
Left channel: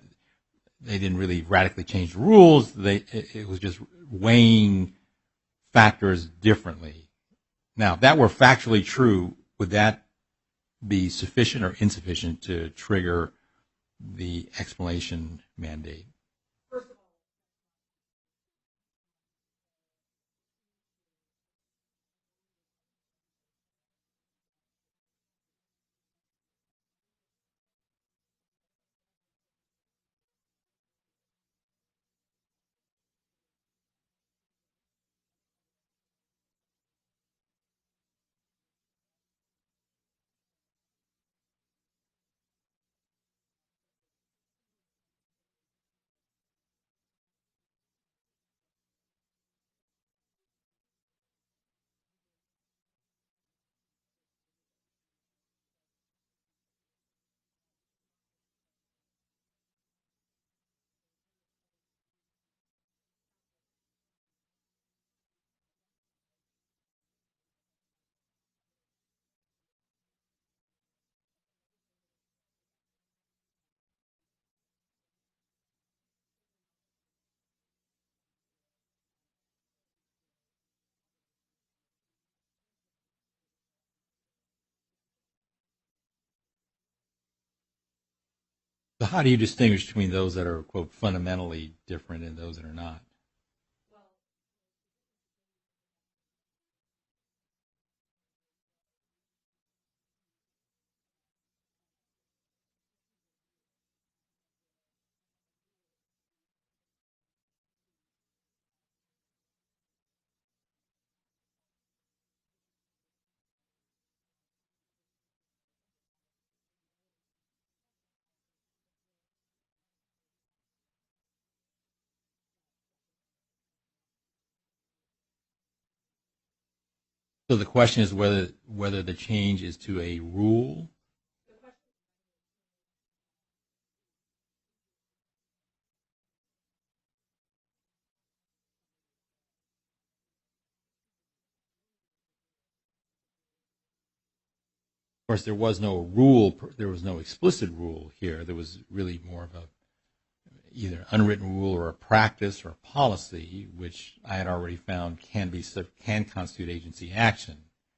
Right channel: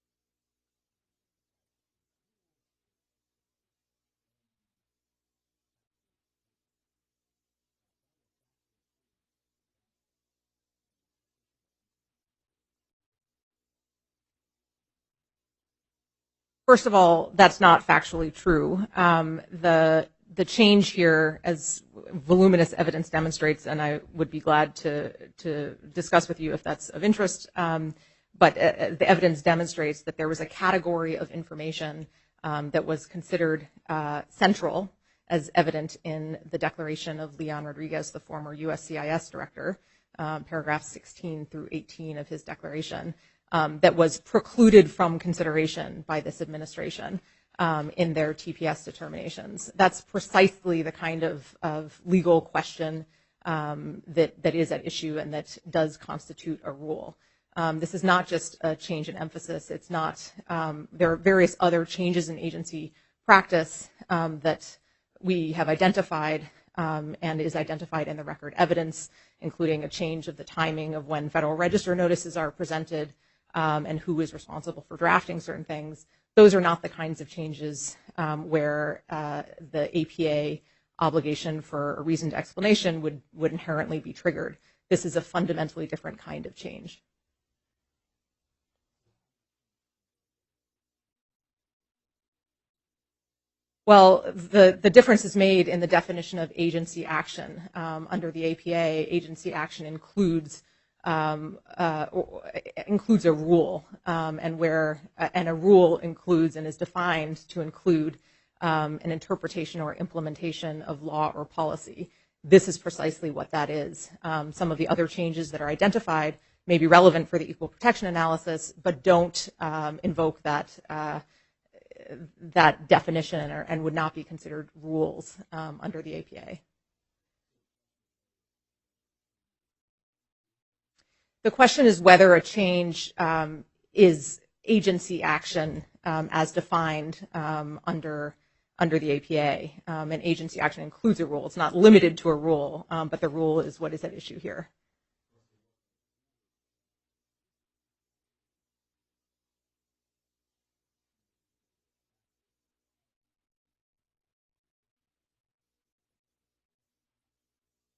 they didn't really radically change the rules. It was just weighing factors differently. Now, if that were factually true, would that be sufficient or insufficient to trigger the explanation mandate? First of all, that's not factually true. The change here, as voluminous evidence demonstrates, and I would be glad to discuss with you if that's of interest, but the evidence demonstrates that there was a category of information that was considered central, as evident in the declaration of Leon Rodriguez, the former USCIS director, paragraphs 16 through 18 of his declaration, that was precluded from consideration by this administration in their TPS determinations. That's precisely the kind of legal question that is at issue and that does constitute a rule. This is not just a change in emphasis. It's not. There are various other changes in agency practice that we have identified and is identified in the record evidence, including a change of the timing of when Federal Register notices are presented and who is responsible for drafting certain things. Those are not the kinds of changes where the APA obligation for a reasoned explanation would inherently be triggered. This is a fundamentally different kind of change. So how do you distinguish between those that are, quote, fundamentally different and those that are not? Well, the difference is made in the definition of agency action. Under the APA, agency action includes a rule, and a rule includes and is defined to include an interpretation or implementation of law or policy. This is precisely what that is. Some of the other changes that are identified may be relevant for the equal protection analysis, but don't invoke that definition and would not be considered rules under the APA. So the question is whether the change is to a rule? The question is whether a change is agency action as defined under the APA. And agency action includes a rule. It's not limited to a rule, but the rule is what is at issue here. Of course, there was no rule. There was no explicit rule here. There was really more of either unwritten rule or a practice or a policy, which I had already found can constitute agency action.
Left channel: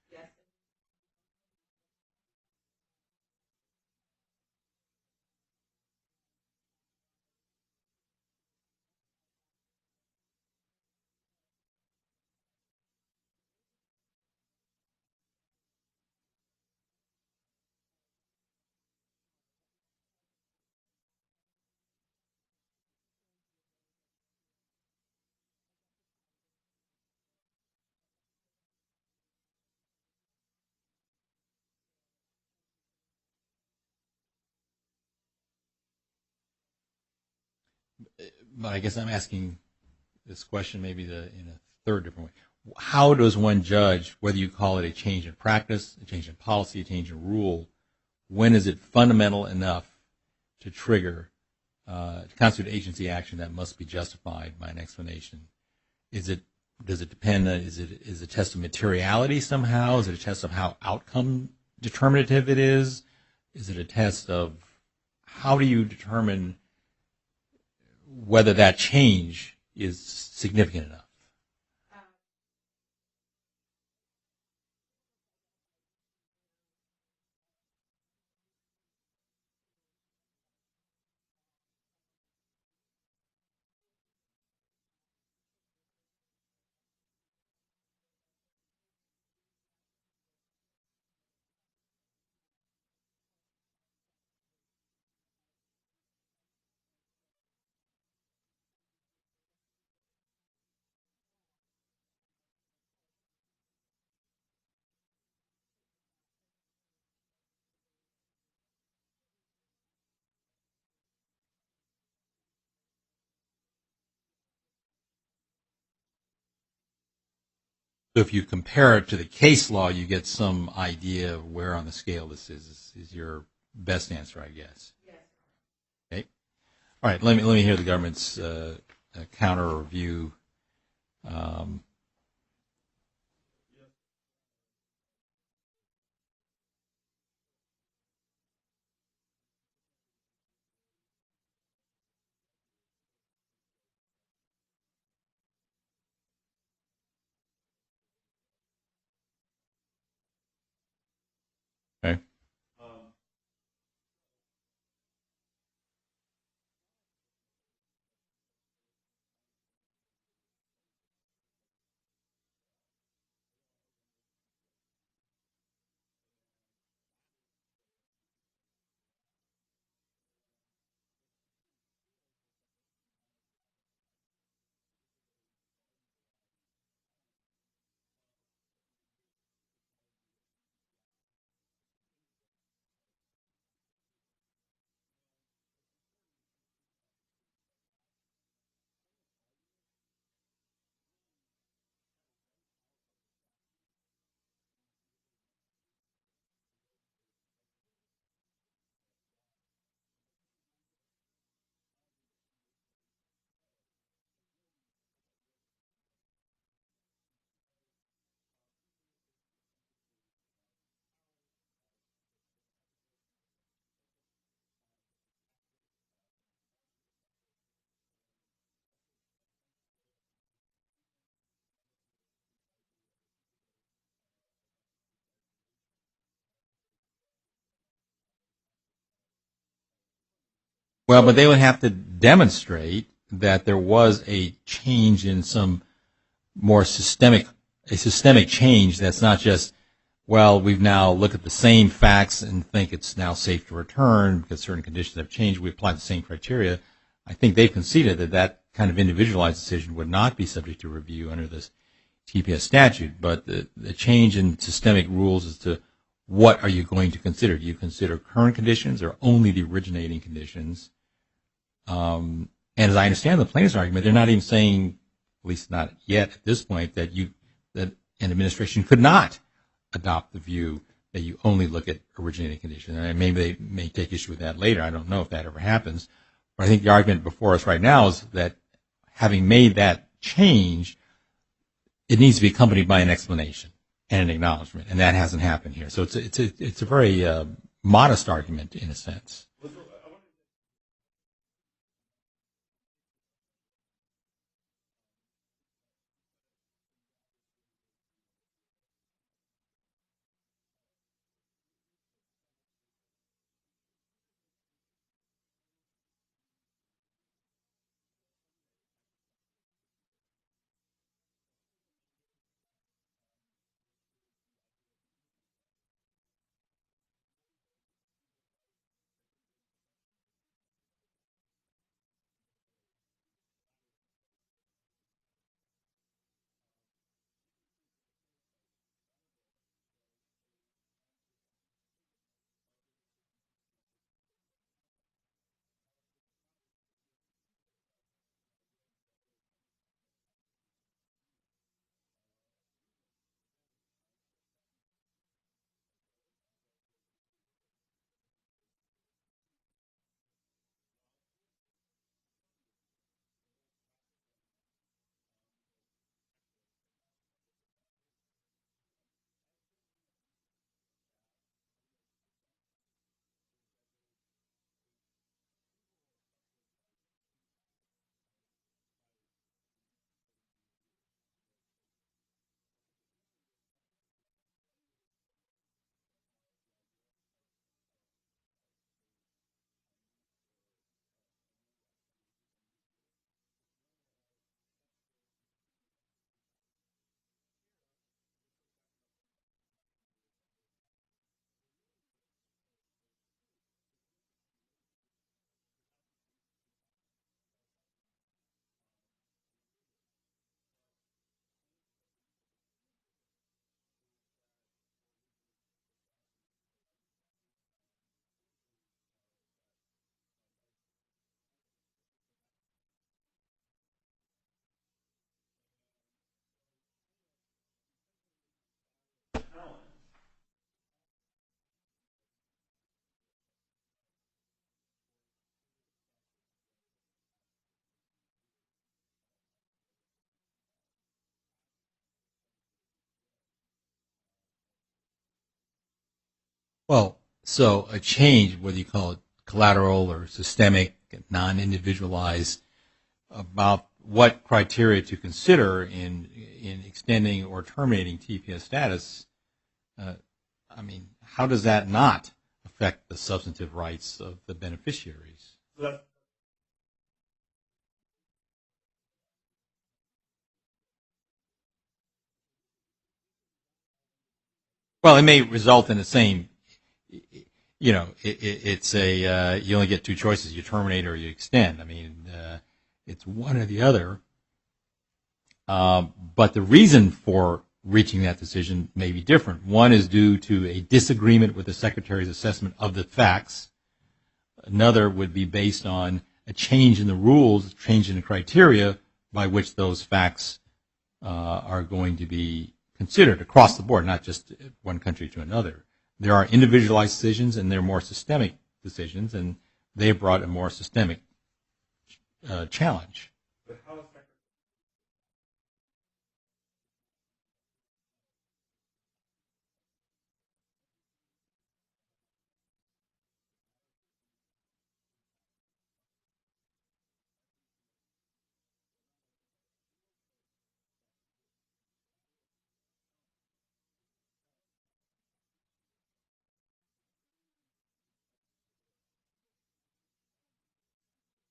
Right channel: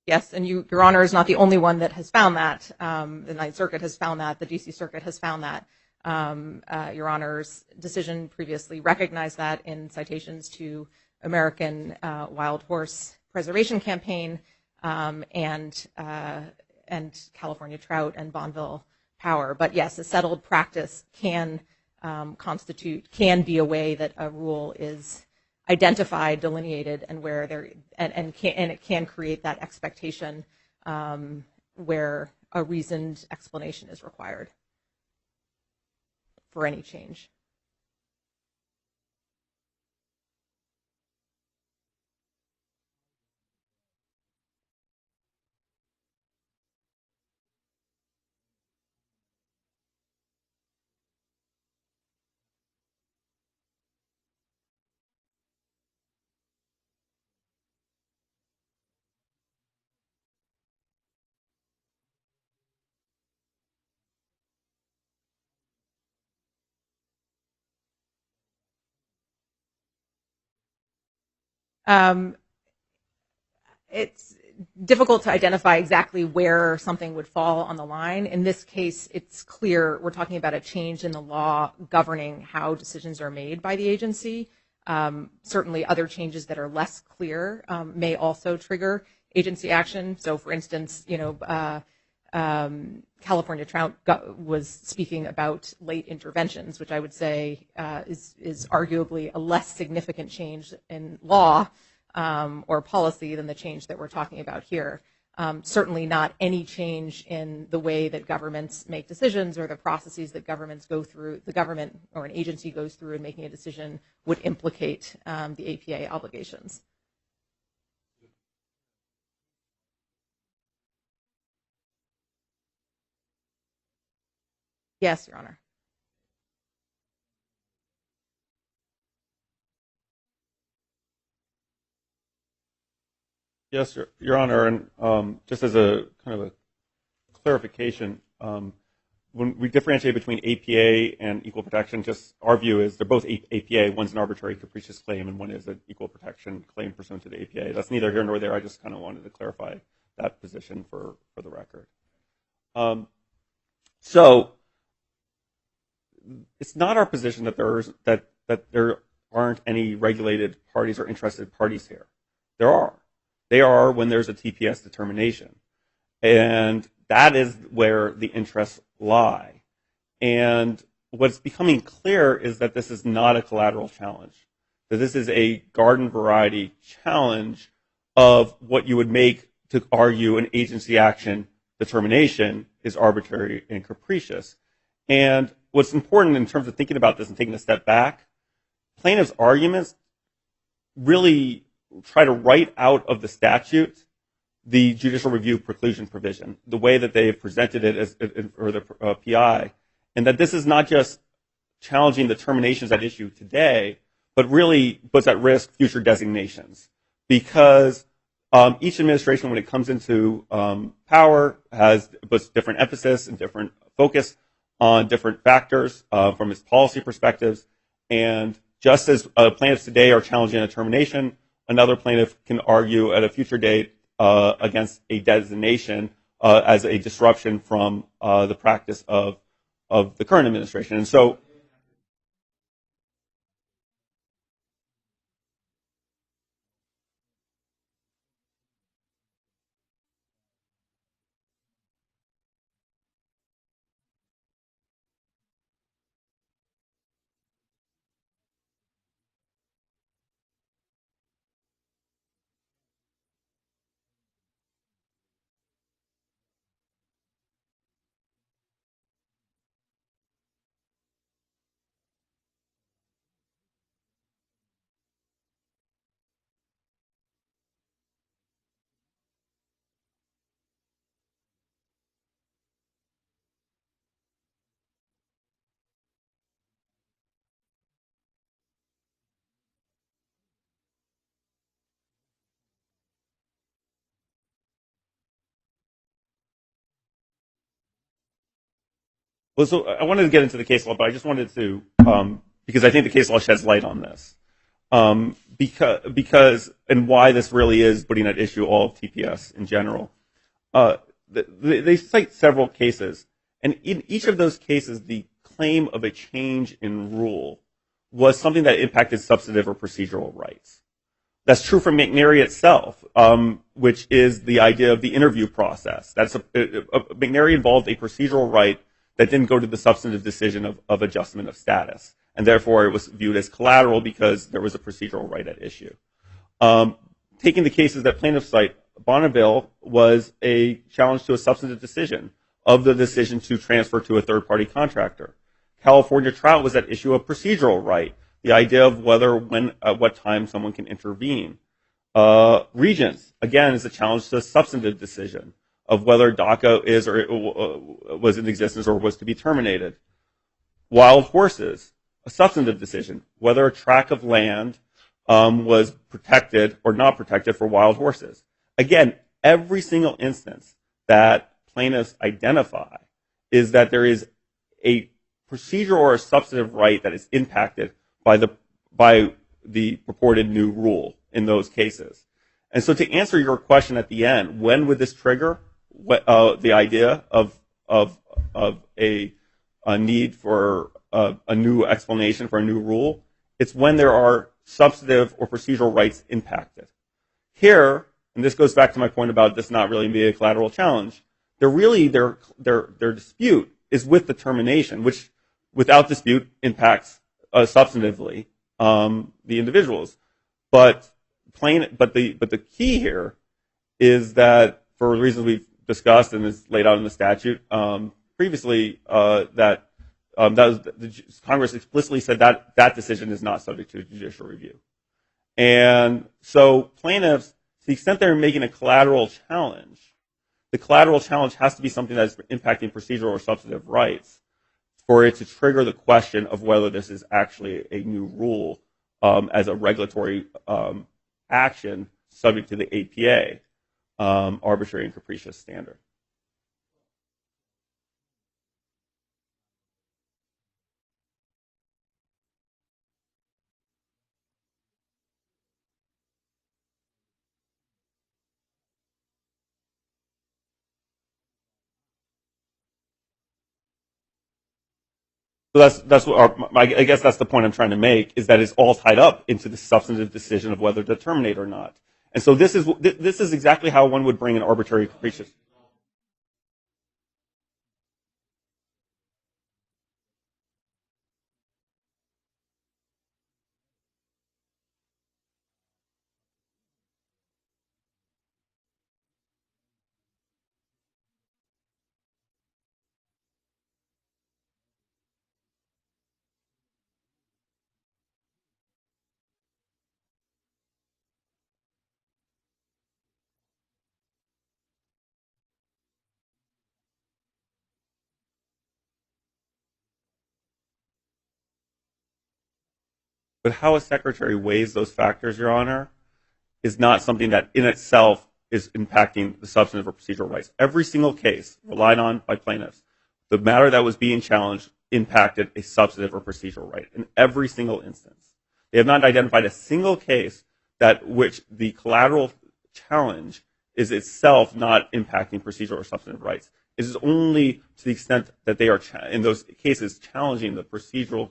Yes, and Your Honor is not the only one that has found that. The Ninth Circuit has found that. The D.C. Circuit has found that. Your Honor's decision previously recognized that in citations to American Wild Horse Preservation Campaign and California Trout and Bonneville Power. But yes, a settled practice can be a way that a rule is identified, delineated, and where it can create that expectation where a reasoned explanation is required for any change. But I guess I'm asking this question maybe in a third different way. How does one judge whether you call it a change in practice, a change in policy, a change in rule? When is it fundamental enough to trigger to constitute agency action that must be justified by an explanation? Does it depend? Is it a test of materiality somehow? Is it a test of how outcome determinative it is? Is it a test of how do you determine whether that change is significant enough? It's difficult to identify exactly where something would fall on the line. In this case, it's clear we're talking about a change in the law governing how decisions are made by the agency. Certainly other changes that are less clear may also trigger agency action. So for instance, California Trout was speaking about late interventions, which I would say is arguably a less significant change in law or policy than the change that we're talking about here. Certainly not any change in the way that governments make decisions or the processes that governments go through, the government or an agency goes through in making a decision would implicate the APA obligations. So if you compare it to the case law, you get some idea of where on the scale this is your best answer, I guess. Yes, Your Honor. Okay. All right. Let me hear the government's counter or review. Yes, Your Honor, and just as a kind of a clarification, when we differentiate between APA and equal protection, just our view is they're both APA. One's an arbitrary capricious claim, and one is an equal protection claim pursuant to the APA. That's neither here nor there. I just kind of wanted to clarify that position for the record. Okay. So it's not our position that there aren't any regulated parties or interested parties here. There are. They are when there's a TPS determination. And that is where the interests lie. And what's becoming clear is that this is not a collateral challenge, that this is a garden variety challenge of what you would make to argue an agency action determination is arbitrary and capricious. And what's important in terms of thinking about this and taking a step back, plaintiffs' arguments really try to write out of the statute the judicial review preclusion provision, the way that they've presented it as or the PI, and that this is not just challenging the terminations at issue today, but really puts at risk future designations. Because each administration, when it comes into power, puts different emphasis and different focus on different factors from its policy perspectives. And just as plaintiffs today are challenging a termination, another plaintiff can argue at a future date against a designation as a disruption from the practice of the current administration. And well, but they would have to demonstrate that there was a change in some more systemic change that's not just, well, we've now looked at the same facts and think it's now safe to return because certain conditions have changed. We apply the same criteria. I think they've conceded that that kind of individualized decision would not be subject to review under this TPS statute, but the change in systemic rules as to what are you going to consider? Do you consider current conditions or only the originating conditions? And as I understand the plaintiff's argument, they're not even saying, at least not yet at this point, that an administration could not adopt the view that you only look at originating conditions. And maybe they may take issue with that later. I don't know if that ever happens. But I think the argument before us right now is that having made that change, it needs to be accompanied by an explanation and an acknowledgement, and that hasn't happened here. So it's a very modest argument in a sense. Well, so I wanted to get into the case law, but I just wanted to, because I think the case law sheds light on this, because and why this really is putting at issue all of TPS in general. They cite several cases, and in each of those cases, the claim of a change in rule was something that impacted substantive or procedural rights. That's true for McNary itself, which is the idea of the interview process. McNary involved a procedural right that didn't go to the substantive decision of adjustment of status, and therefore it was viewed as collateral because there was a procedural right at issue. Taking the cases that plaintiffs cite, Bonneville was a challenge to a substantive decision of the decision to transfer to a third-party contractor. California Trout was at issue a procedural right, the idea of whether, when, at what time someone can intervene. Regents, again, is a challenge to a substantive decision of whether DACA is or was in existence or was to be terminated. Wild horses, a substantive decision, whether a tract of land was protected or not protected for wild horses. Again, every single instance that plaintiffs identify is that there is a procedural or a substantive right that is impacted by the purported new rule in those cases. And so to answer your question at the end, when would this trigger the idea of a need for a new explanation for a new rule? It's when there are substantive or procedural rights impacted. Here, and this goes back to my point about this not really being a collateral challenge, their dispute is with the termination, which without dispute impacts substantively the individuals. But the key here is that, for reasons we've discussed and is laid out in the statute previously, that Congress explicitly said that decision is not subject to judicial review. And so plaintiffs, to the extent they're making a collateral challenge, the collateral challenge has to be something that's impacting procedural or substantive rights for it to trigger the question of whether this is actually a new rule as a regulatory action subject to the APA arbitrary and capricious standard. Well, so a change, whether you call it collateral or systemic, non-individualized, about what criteria to consider in extending or terminating TPS status, I mean, how does that not affect the substantive rights of the beneficiaries? So that's what I guess that's the point I'm trying to make, is that it's all tied up into the substantive decision of whether to terminate or not. And so this is exactly how one would bring an arbitrary. Well, it may result in the same. You know, it's a you only get two choices: you terminate or you extend. I mean, it's one or the other. But the reason for reaching that decision may be different. One is due to a disagreement with the Secretary's assessment of the facts. Another would be based on a change in the rules, a change in the criteria by which those facts are going to be considered across the board, not just one country to another. There are individualized decisions and there are more systemic decisions, and they brought a more systemic challenge. But how a secretary weighs those factors, Your Honor, is not something that in itself is impacting the substantive or procedural rights. Every single case relied on by plaintiffs, the matter that was being challenged impacted a substantive or procedural right in every single instance. They have not identified a single case that which the collateral challenge is itself not impacting procedural or substantive rights. It is only to the extent that they are, in those cases, challenging the procedural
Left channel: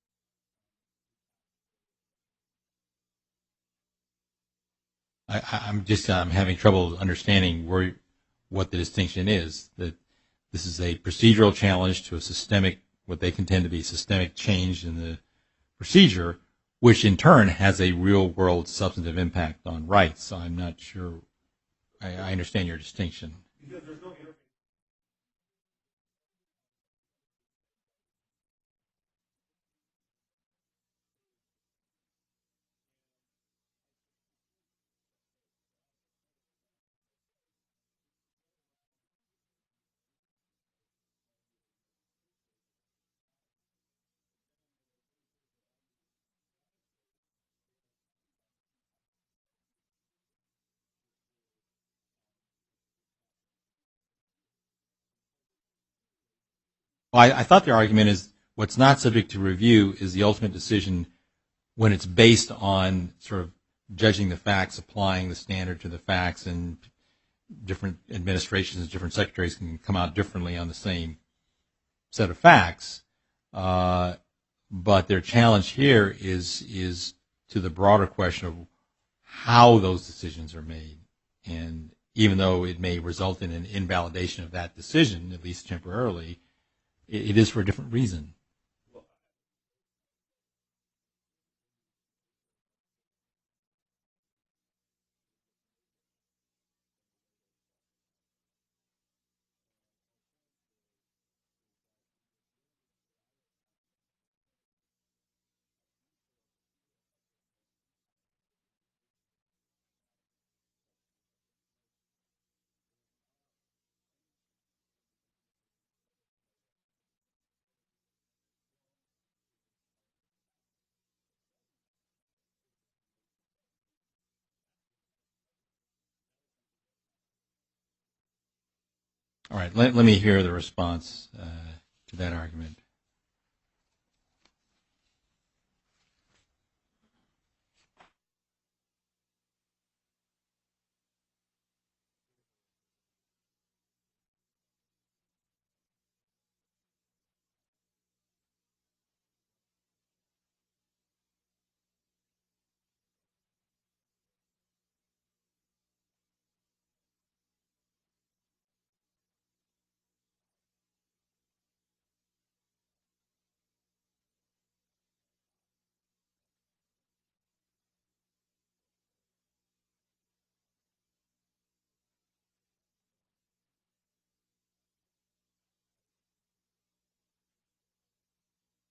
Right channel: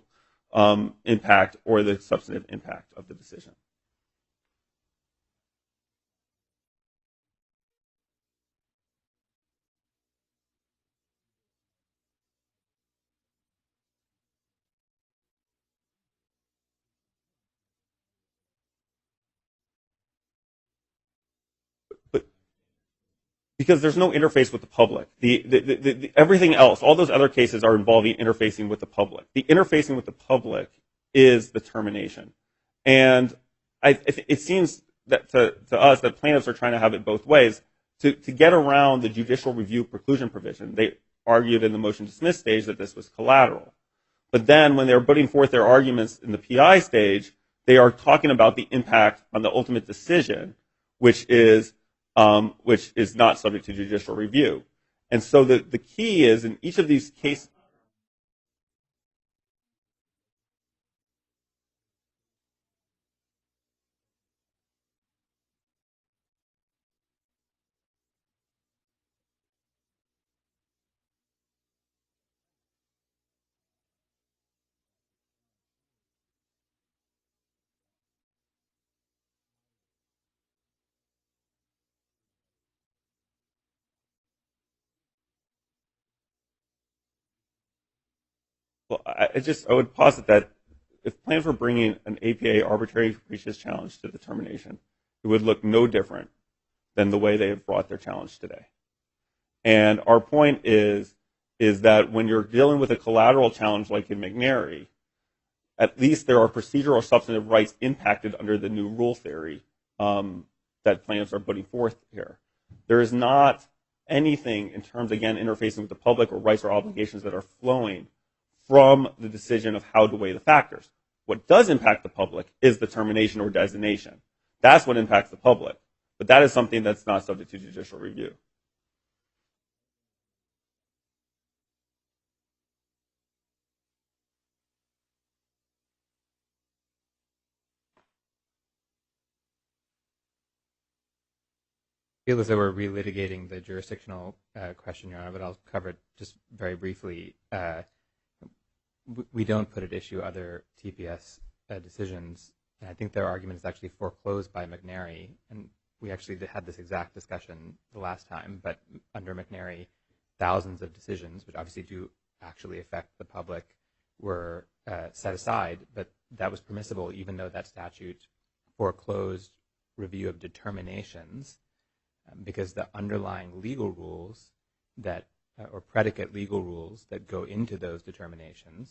impact or the substantive impact of the decision. I'm having trouble understanding what the distinction is. That this is a procedural challenge to a systemic, what they contend to be systemic change in the procedure, which in turn has a real-world substantive impact on rights. So I'm not sure I understand your distinction. Because there's no interface with the public. Everything else, all those other cases are involving interfacing with the public. The interfacing with the public is the termination. And it seems that to us that plaintiffs are trying to have it both ways. To get around the judicial review preclusion provision, they argued in the motion to dismiss stage that this was collateral. But then when they're putting forth their arguments in the PI stage, they are talking about the impact on the ultimate decision, which is not subject to judicial review. And so the key is in each of these cases, I thought their argument is what's not subject to review is the ultimate decision when it's based on sort of judging the facts, applying the standard to the facts, and different administrations, different secretaries can come out differently on the same set of facts. But their challenge here is to the broader question of how those decisions are made. And even though it may result in an invalidation of that decision, at least temporarily, it is for a different reason. Well, I would posit that if plaintiffs were bringing an APA arbitrary and capricious challenge to the termination, it would look no different than the way they have brought their challenge today. And our point is that when you're dealing with a collateral challenge like in McNary, at least there are procedural or substantive rights impacted under the new rule theory that plaintiffs are putting forth here. There is not anything in terms, again, interfacing with the public or rights or obligations that are flowing from the decision of how to weigh the factors. What does impact the public is the termination or designation. That's what impacts the public. But that is something that's not subject to judicial review. All right, let me hear the response to that argument. I feel as though we're relitigating the jurisdictional question, Your Honor, but I'll cover it just very briefly. We don't put at issue other TPS decisions. And I think their argument is actually foreclosed by McNary, and we actually had this exact discussion the last time, but under McNary, thousands of decisions, which obviously do actually affect the public, were set aside, but that was permissible even though that statute foreclosed review of determinations because the underlying legal rules that, or predicate legal rules that go into those determinations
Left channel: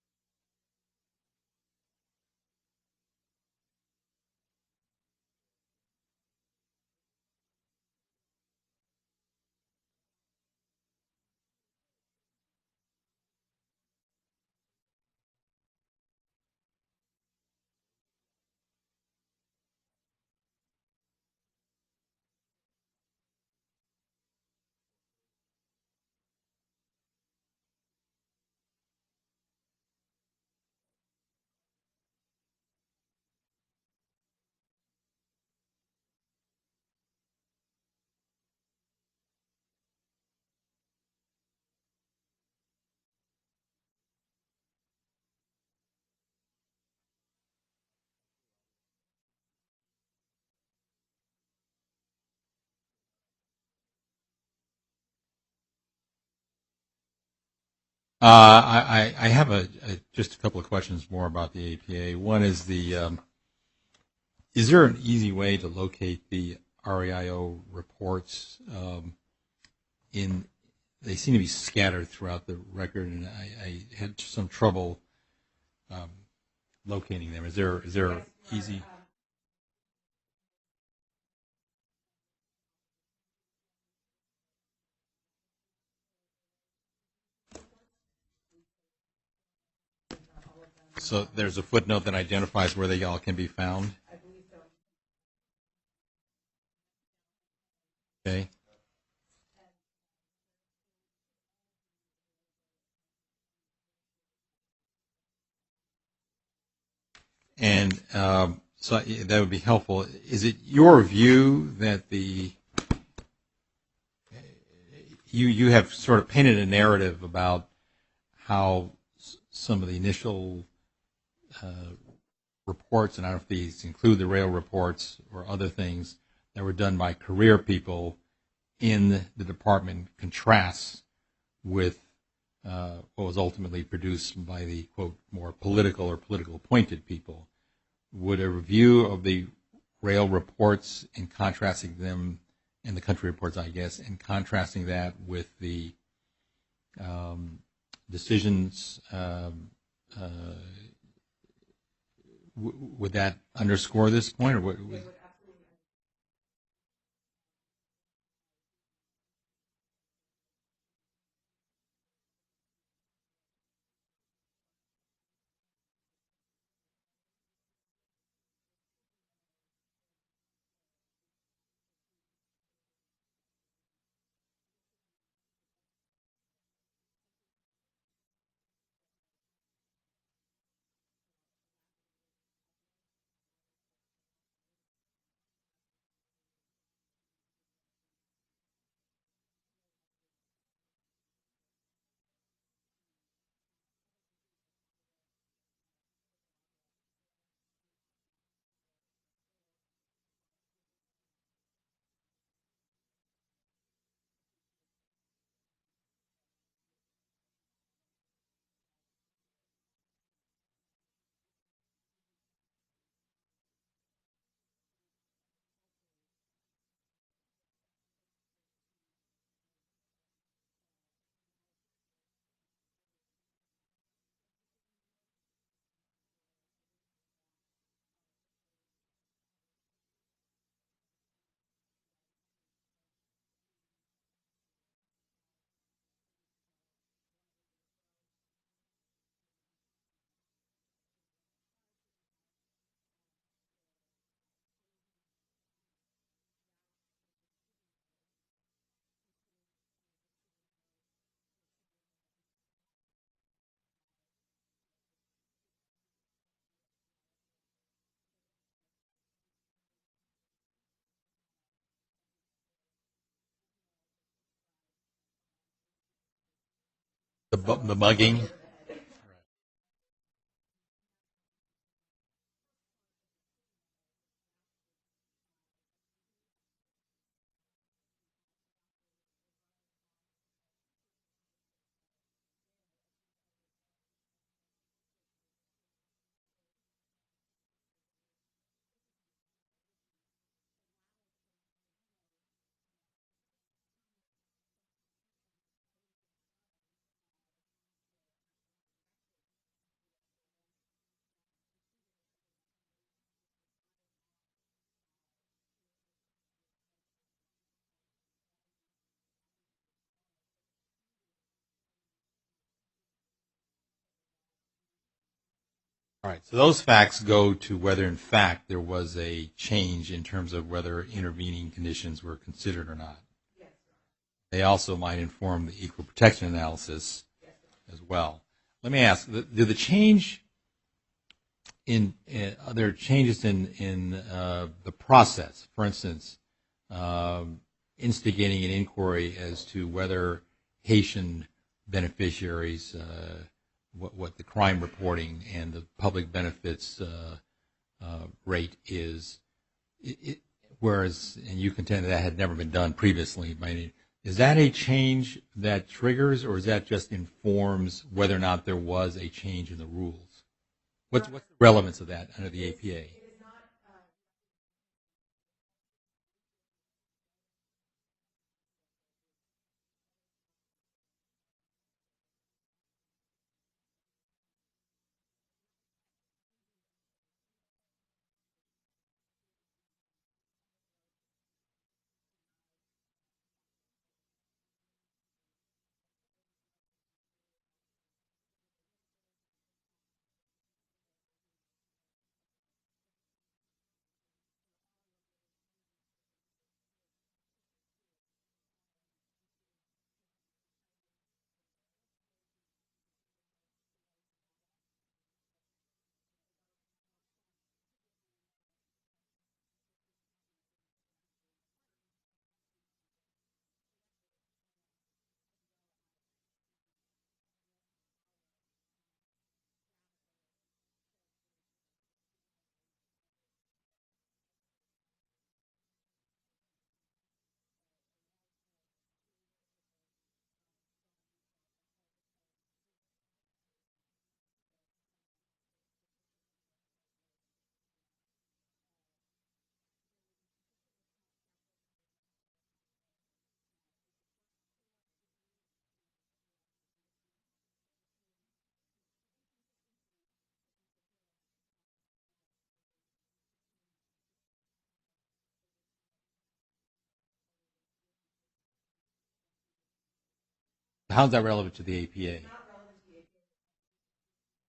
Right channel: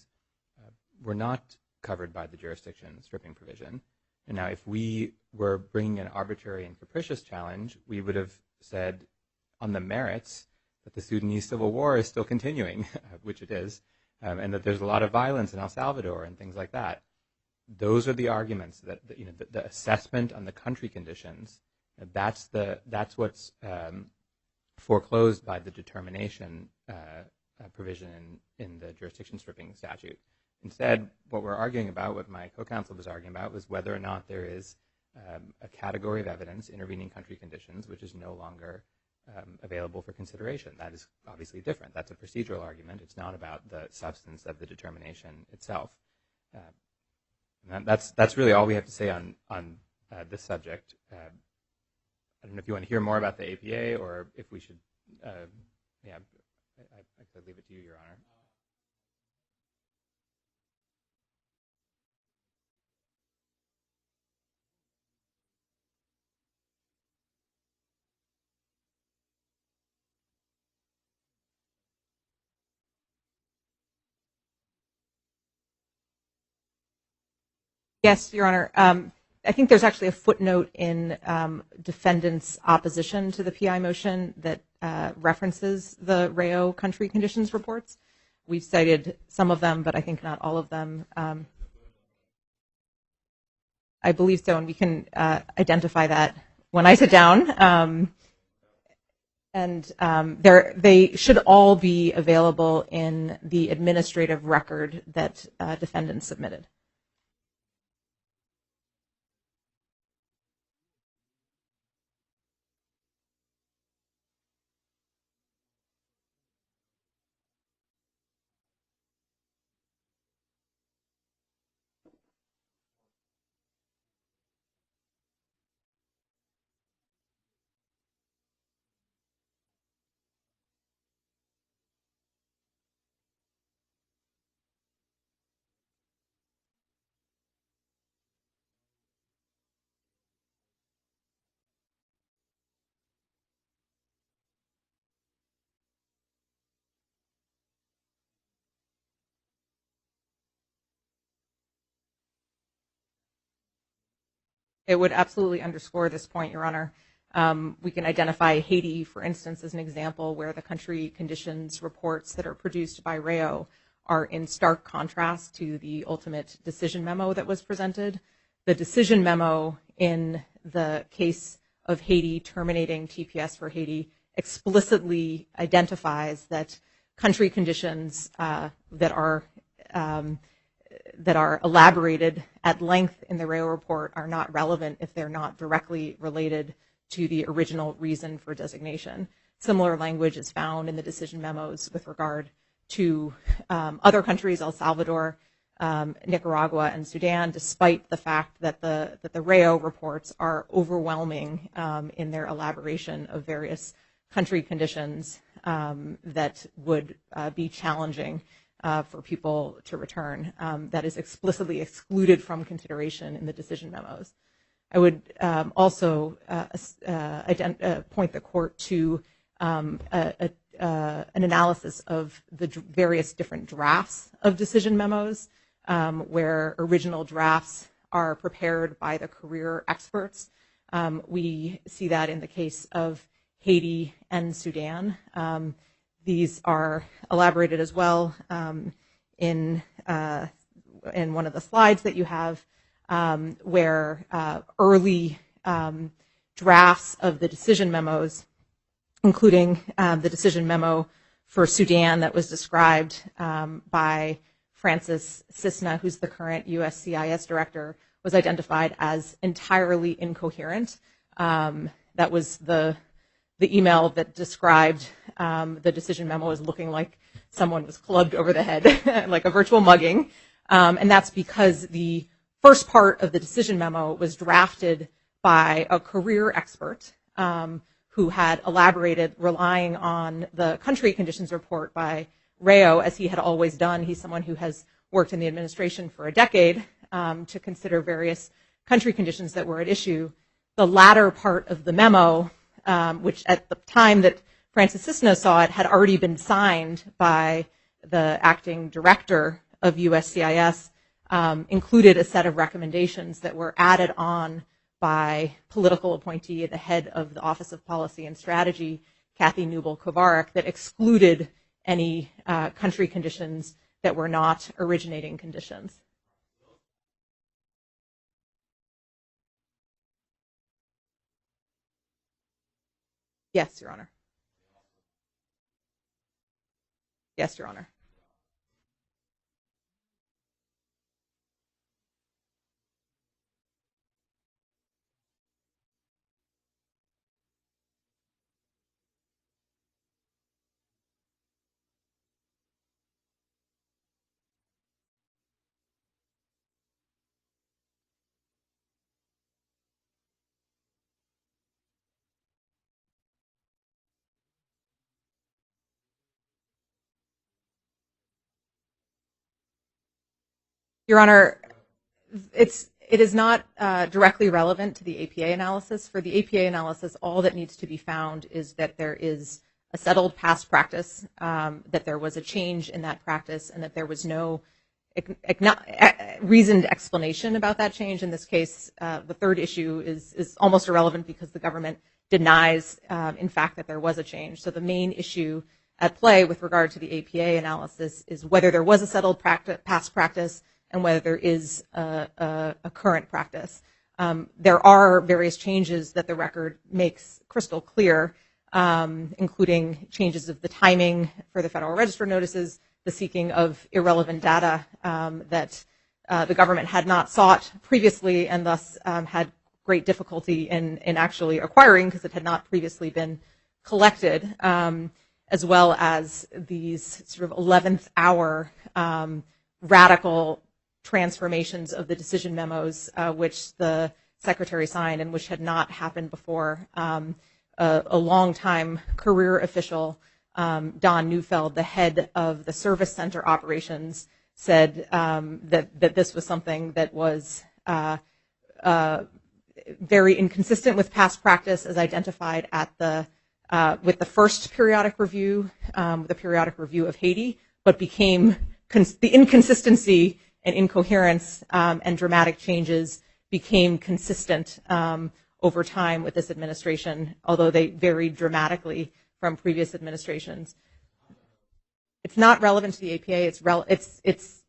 were not covered by the jurisdiction stripping provision. And now, if we were bringing an arbitrary and capricious challenge, we would have said on the merits that the Sudanese civil war is still continuing, which it is, and that there's a lot of violence in El Salvador and things like that. Those are the arguments that the assessment on the country conditions. That's what's foreclosed by the determination provision in the jurisdiction stripping statute. Instead, what we're arguing about, what my co-counsel was arguing about, was whether or not there is a category of evidence, intervening country conditions, which is no longer available for consideration. That is obviously different. That's a procedural argument. It's not about the substance of the determination itself. And that's really all we have to say on this subject. I don't know if you want to hear more about the APA or if we should. I could leave it to you, Your Honor. I have just a couple of questions more about the APA. One is is there an easy way to locate the REIO reports? They seem to be scattered throughout the record, and I had some trouble locating them. Is there? Yes, Your Honor. I think there's actually a footnote in defendant's opposition to the PI motion that references the REIO country conditions reports. We've cited some of them, but I think not all of them. So there's a footnote that identifies where they all can be found? I believe so, and we can identify that when I sit down. Okay. And they should all be available in the administrative record that defendants submitted. And so that would be helpful. Is it your view that you have sort of painted a narrative about how some of the initial reports, and I don't know if these include the REIO reports or other things that were done by career people in the department, contrasts with what was ultimately produced by the, quote, more political or political appointed people? Would a review of the REIO reports and contrasting them, and the country reports, I guess, and contrasting that with the decisions, would that underscore this point? Or it would absolutely underscore this point, Your Honor. We can identify Haiti, for instance, as an example where the country conditions reports that are produced by REIO are in stark contrast to the ultimate decision memo that was presented. The decision memo in the case of Haiti terminating TPS for Haiti explicitly identifies that country conditions that are elaborated at length in the REIO report are not relevant if they're not directly related to the original reason for designation. Similar language is found in the decision memos with regard to other countries, El Salvador, Nicaragua, and Sudan, despite the fact that the REIO reports are overwhelming in their elaboration of various country conditions that would be challenging for people to return. That is explicitly excluded from consideration in the decision memos. I would also point the court to an analysis of the various different drafts of decision memos, where original drafts are prepared by the career experts. We see that in the case of Haiti and Sudan. These are elaborated as well in one of the slides that you have, where early drafts of the decision memos, including the decision memo for Sudan that was described by Francis Cisna, who's the current USCIS director, was identified as entirely incoherent. That was the email that described the decision memo as looking like someone slugged over the head, like a virtual mugging. And that's because the first part of the decision memo was drafted by a career expert who had elaborated relying on the country conditions report by REIO, as he had always done. He's someone who has worked in the administration for a decade to consider various country conditions that were at issue. The latter part of the memo, which at the time that Francis Cisna saw it had already been signed by the acting director of USCIS, included a set of recommendations that were added on by political appointee at the head of the Office of Policy and Strategy, Kathy Newble-Kovarik, that excluded any country conditions that were not originating conditions. All right, so those facts go to whether, in fact, there was a change in terms of whether intervening conditions were considered or not. Yes, Your Honor. They also might inform the equal protection analysis. Yes, Your Honor. As well. Let me ask, do the change in other changes in the process, for instance, instigating an inquiry as to whether Haitian beneficiaries, what the crime reporting and the public benefits rate is, whereas, and you contend that had never been done previously, is that a change that triggers, or is that just informs whether or not there was a change in the rules? Your Honor, relevance of that under the APA. It is not directly relevant to the APA analysis. For the APA analysis, all that needs to be found is that there is a settled past practice, that there was a change in that practice, and that there was no reasoned explanation about that change. In this case, the third issue is almost irrelevant because the government denies, in fact, that there was a change. So the main issue at play with regard to the APA analysis is whether there was a settled past practice and whether there is a current practice. There are various changes that the record makes crystal clear, including changes of the timing for the Federal Register notices, the seeking of irrelevant data that the government had not sought previously and thus had great difficulty in actually acquiring because it had not previously been collected, as well as these sort of 11th hour radical transformations of the decision memos which the Secretary signed and which had not happened before. A long-time career official, Don Neufeld, the head of the Service Center operations, said that this was something that was very inconsistent with past practice as identified at with the first periodic review, the periodic review of Haiti, but became the inconsistency and incoherence and dramatic changes became consistent over time with this administration, although they varied dramatically from previous administrations. How is that relevant to the APA? It's not relevant to the APA. It's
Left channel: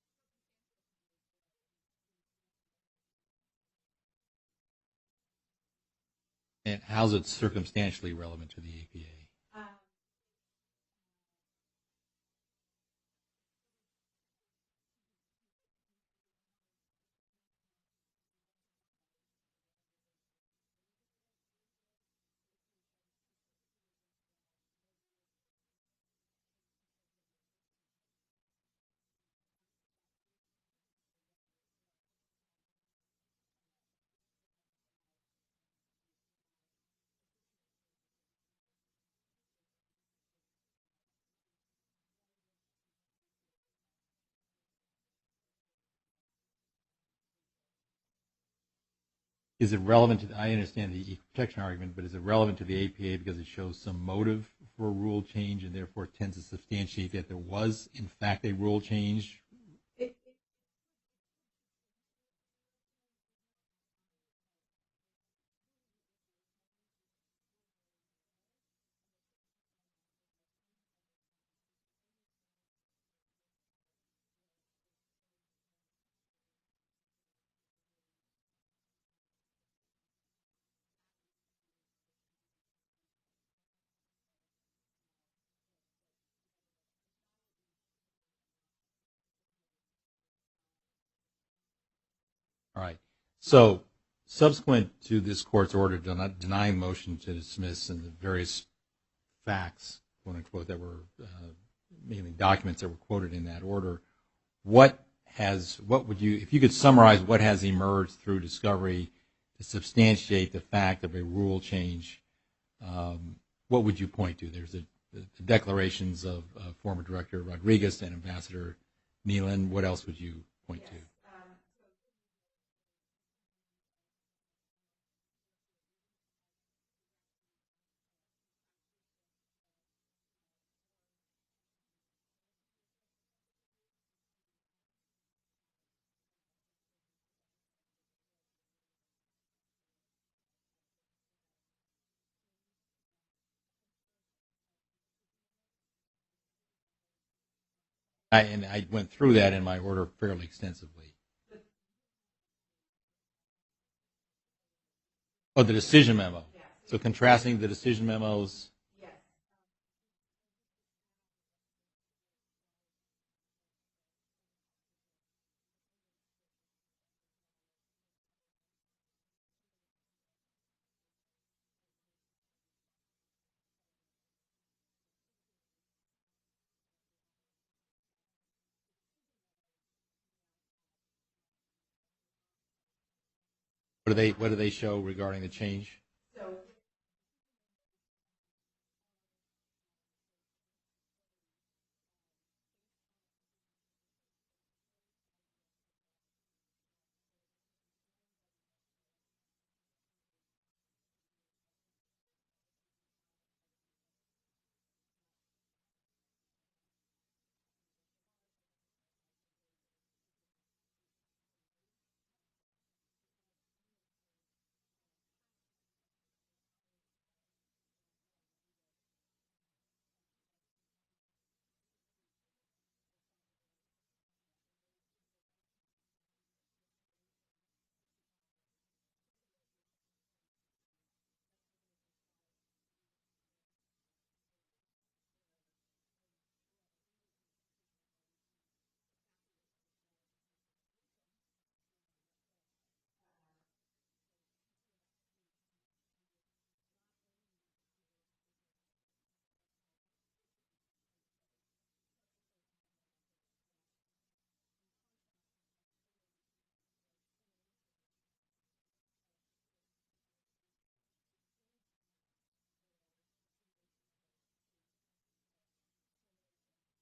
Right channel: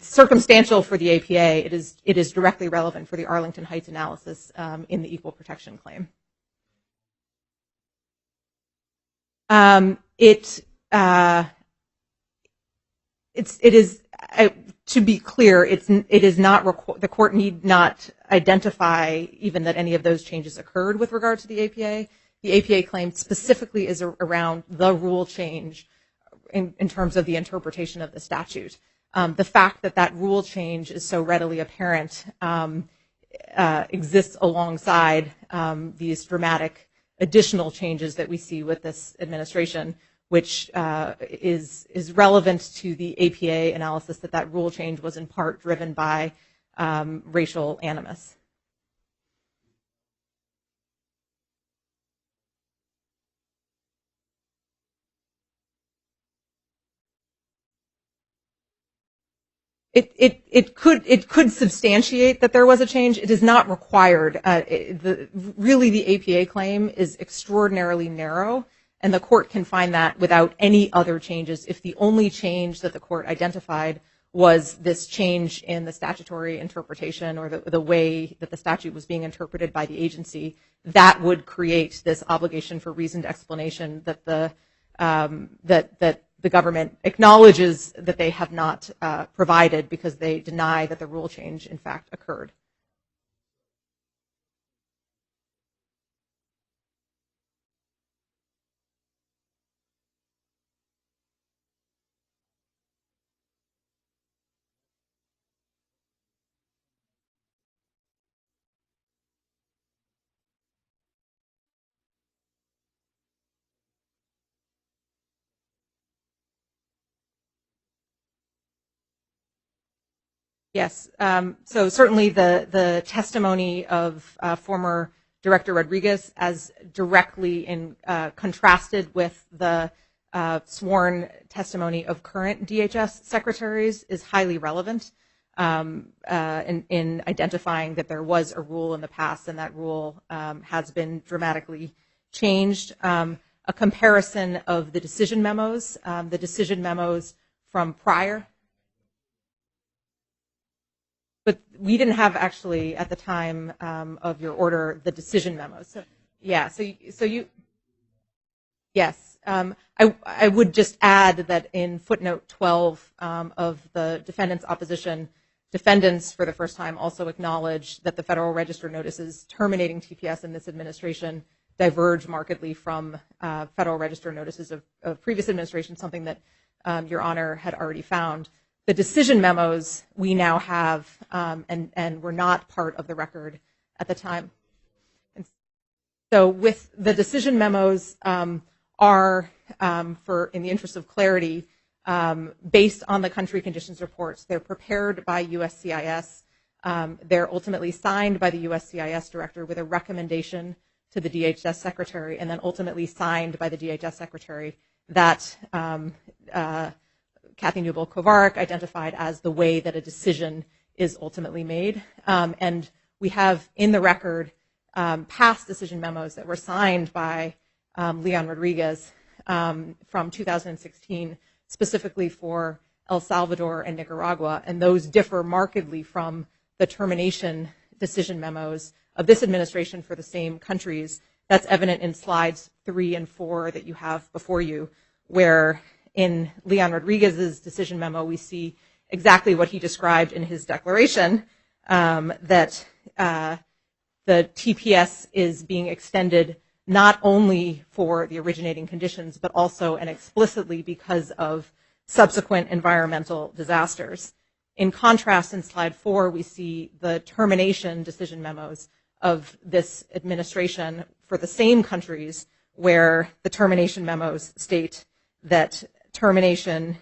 circumstantial for the APA. It is directly relevant for the Arlington Heights analysis in the equal protection claim. And how is it circumstantially relevant to the APA? It is to be clear. It is not the court need not identify even that any of those changes occurred with regard to the APA. The APA claim specifically is around the rule change in terms of the interpretation of the statute. The fact that that rule change is so readily apparent exists alongside these dramatic additional changes that we see with this administration, which is relevant to the APA analysis that rule change was in part driven by racial animus. Is it relevant to, I understand the equal protection argument, but is it relevant to the APA because it shows some motive for a rule change and therefore tends to substantiate that there was, in fact, a rule change? It could substantiate that there was a change. It is not required. Really, the APA claim is extraordinarily narrow, and the court can find that without any other changes. If the only change that the court identified was this change in the statutory interpretation or the way that the statute was being interpreted by the agency, that would create this obligation for reasoned explanation that the government acknowledges that they have not provided because they deny that the rule change, in fact, occurred. All right. So subsequent to this court's order denying motion to dismiss and the various facts, quote unquote, that were mainly documents that were quoted in that order, what would you, if you could summarize what has emerged through discovery to substantiate the fact of a rule change, what would you point to? There's the declarations of former Director Rodriguez and Ambassador Nealon. What else would you point to? Yes. So certainly the testimony of former Director Rodriguez as directly contrasted with the sworn testimony of current DHS secretaries is highly relevant in identifying that there was a rule in the past, and that rule has been dramatically changed. A comparison of the decision memos from prior. I went through that in my order fairly extensively. But we didn't have actually at the time of your order the decision memos. Oh, the decision memo. Yeah. So contrasting the decision memos. Yes. I would just add that in footnote 12 of the defendant's opposition, defendants for the first time also acknowledged that the Federal Register notices terminating TPS in this administration diverge markedly from Federal Register notices of previous administration, something that Your Honor had already found. The decision memos we now have and were not part of the record at the time. What do they show regarding the change? So with the decision memos are, in the interest of clarity, based on the country conditions reports. They're prepared by USCIS. They're ultimately signed by the USCIS director with a recommendation to the DHS secretary, and then ultimately signed by the DHS secretary that Kathy Newbold-Kovarik identified as the way that a decision is ultimately made. And we have in the record past decision memos that were signed by Leon Rodriguez from 2016, specifically for El Salvador and Nicaragua, and those differ markedly from the termination decision memos of this administration for the same countries. That's evident in slides 3 and 4 that you have before you, where in Leon Rodriguez's decision memo, we see exactly what he described in his declaration, that the TPS is being extended not only for the originating conditions, but also and explicitly because of subsequent environmental disasters. In contrast, in slide 4, we see the termination decision memos of this administration for the same countries, where the termination memos state that termination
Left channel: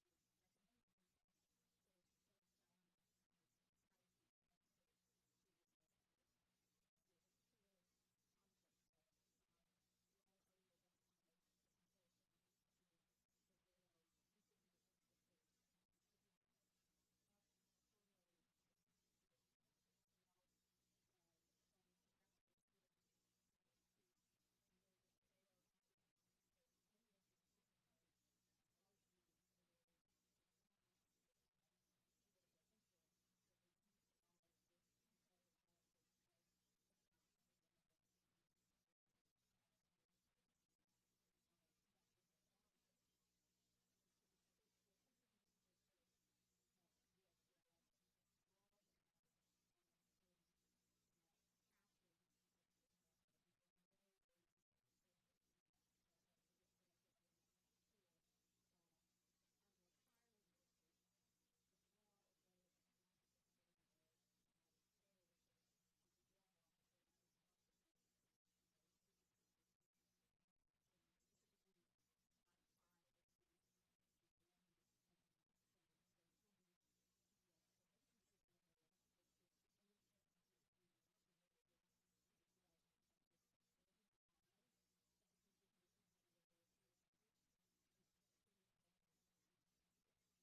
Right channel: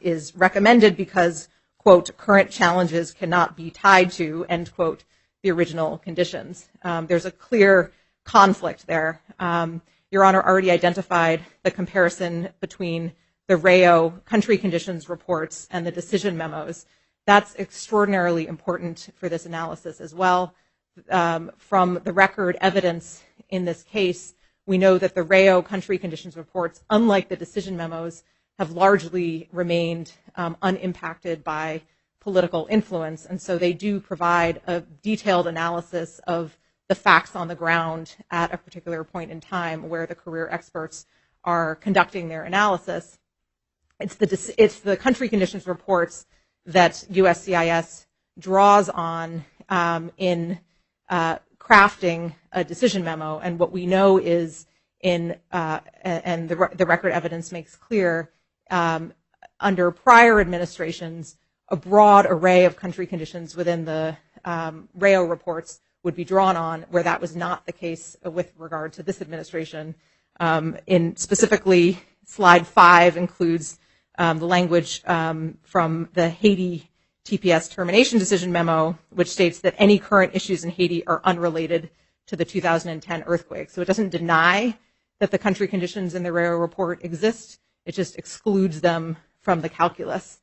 is recommended because, quote, current challenges cannot be tied to, end quote, the original conditions. There's a clear conflict there. Your Honor already identified the comparison between the RAO country conditions reports and the decision memos. That's extraordinarily important for this analysis as well. From the record evidence in this case, we know that the RAO country conditions reports, unlike the decision memos, have largely remained unimpacted by political influence, and so they do provide a detailed analysis of the facts on the ground at a particular point in time where the career experts are conducting their analysis. It's the country conditions reports that USCIS draws on in crafting a decision memo, and what we know is and the record evidence makes clear, under prior administrations, a broad array of country conditions within the RAO reports would be drawn on, where that was not the case with regard to this administration. In specifically, slide 5 includes the language from the Haiti TPS termination decision memo, which states that any current issues in Haiti are unrelated to the 2010 earthquake. So it doesn't deny that the country conditions in the RAO report exist. It just excludes them from the calculus.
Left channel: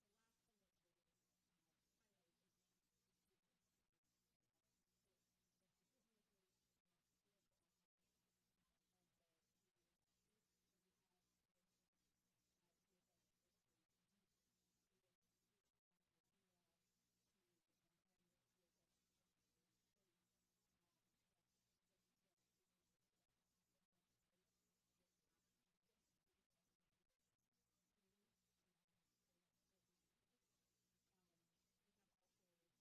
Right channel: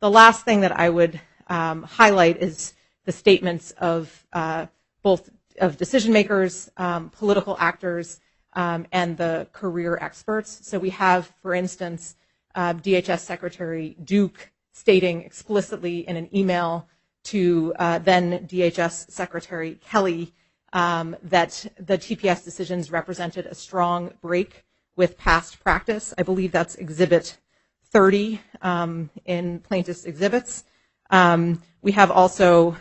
The last thing that I would highlight is the statements of both of decision makers, political actors, and the career experts. So we have, for instance, DHS Secretary Duke stating explicitly in an email to then DHS Secretary Kelly that the TPS decisions represented a strong break with past practice. I believe that's Exhibit 30 in plaintiff's exhibits. We have also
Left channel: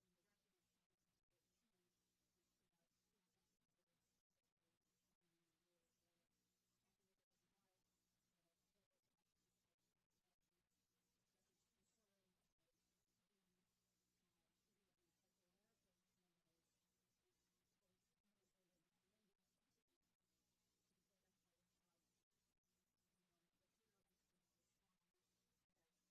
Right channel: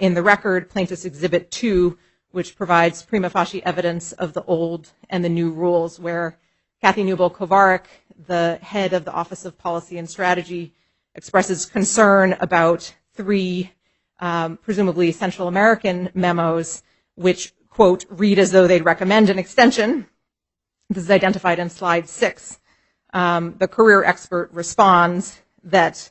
in the record plaintiff's Exhibit 2, which provides prima facie evidence of the old and the new rules, where Kathy Newbold-Kovarik, the head of the Office of Policy and Strategy, expresses concern about 3 presumably Central American memos, which, quote, read as though they'd recommend an extension. This is identified in slide 6. The career expert responds that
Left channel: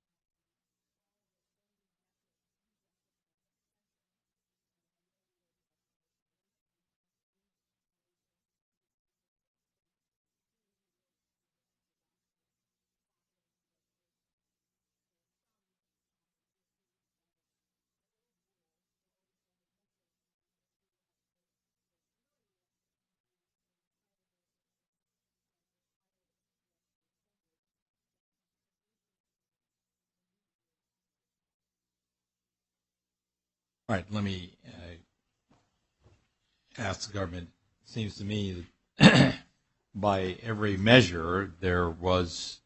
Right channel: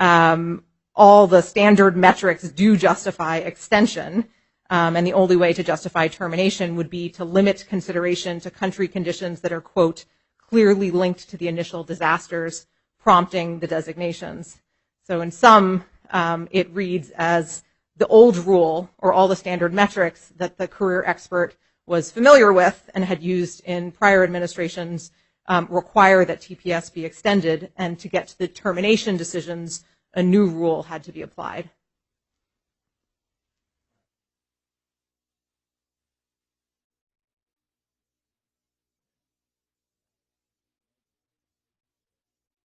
all the standard metrics do justify extension, and the only way to justify termination would be to limit consideration to country conditions that are, quote, clearly linked to the initial disasters prompting the designations. So in some, it reads as the old rule or all the standard metrics that the career expert was familiar with and had used in prior administrations require that TPS be extended, and to get to the termination decisions, a new rule had to be applied. All right, let me ask the government. It seems to me that by every measure there was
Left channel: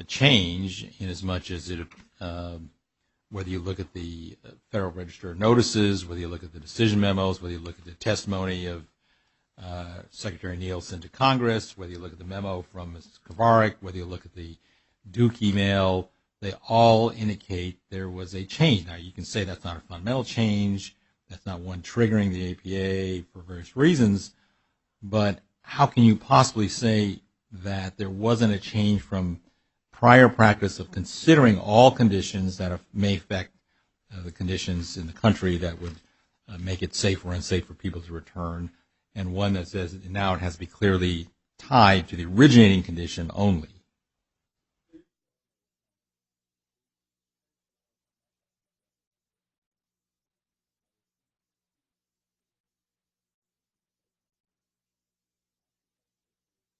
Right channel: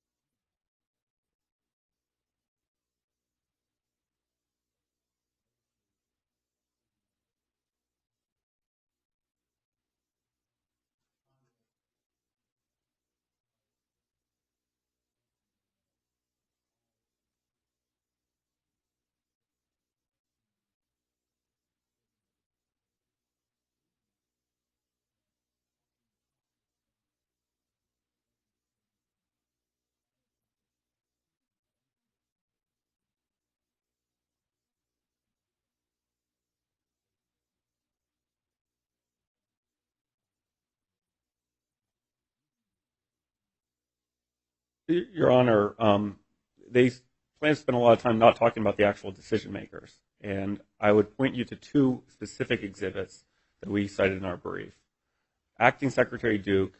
a change in as much as it, whether you look at the Federal Register of Notices, whether you look at the decision memos, whether you look at the testimony of Secretary Nielsen to Congress, whether you look at the memo from Ms. Kovarik, whether you look at the Duke email, they all indicate there was a change. Now, you can say that's not a fundamental change, that's not one triggering the APA for various reasons, but how can you possibly say that there wasn't a change from prior practice of considering all conditions that may affect the conditions in the country that would make it safe or unsafe for people to return, and one that says now it has to be clearly tied to the originating condition only? Your Honor, they plan to spend a lot of time not talking about the actual decision makers, and I would point you to two specific exhibits that we cited in our brief. Acting Secretary Duke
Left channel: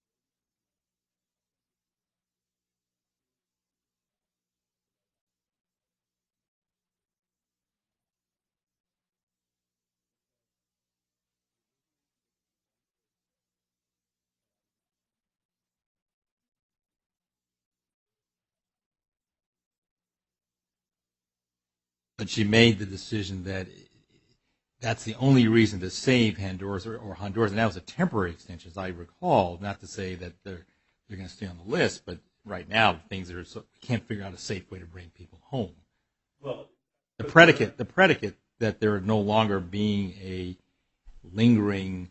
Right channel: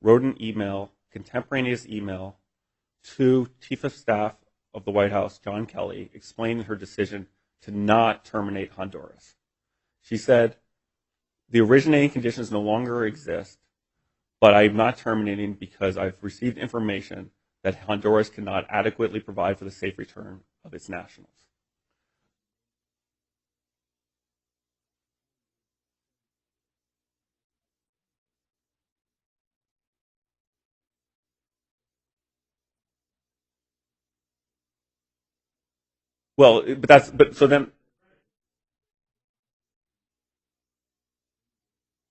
wrote an email, contemporaneous email, to Chief of Staff of the White House, John Kelly, explaining her decision to not terminate Honduras. She said, the originating conditions no longer exist, but I'm not terminating because I've received information that Honduras cannot adequately provide for the safe return of its nationals. But she made the decision that that's the only reason to save Honduras, or Honduras, and that was a temporary extension, as I recall, not to say that they're going to stay on the list, but right now things are so we can't figure out a safe way to bring people home. Well, but that's the predicate that there no longer being a lingering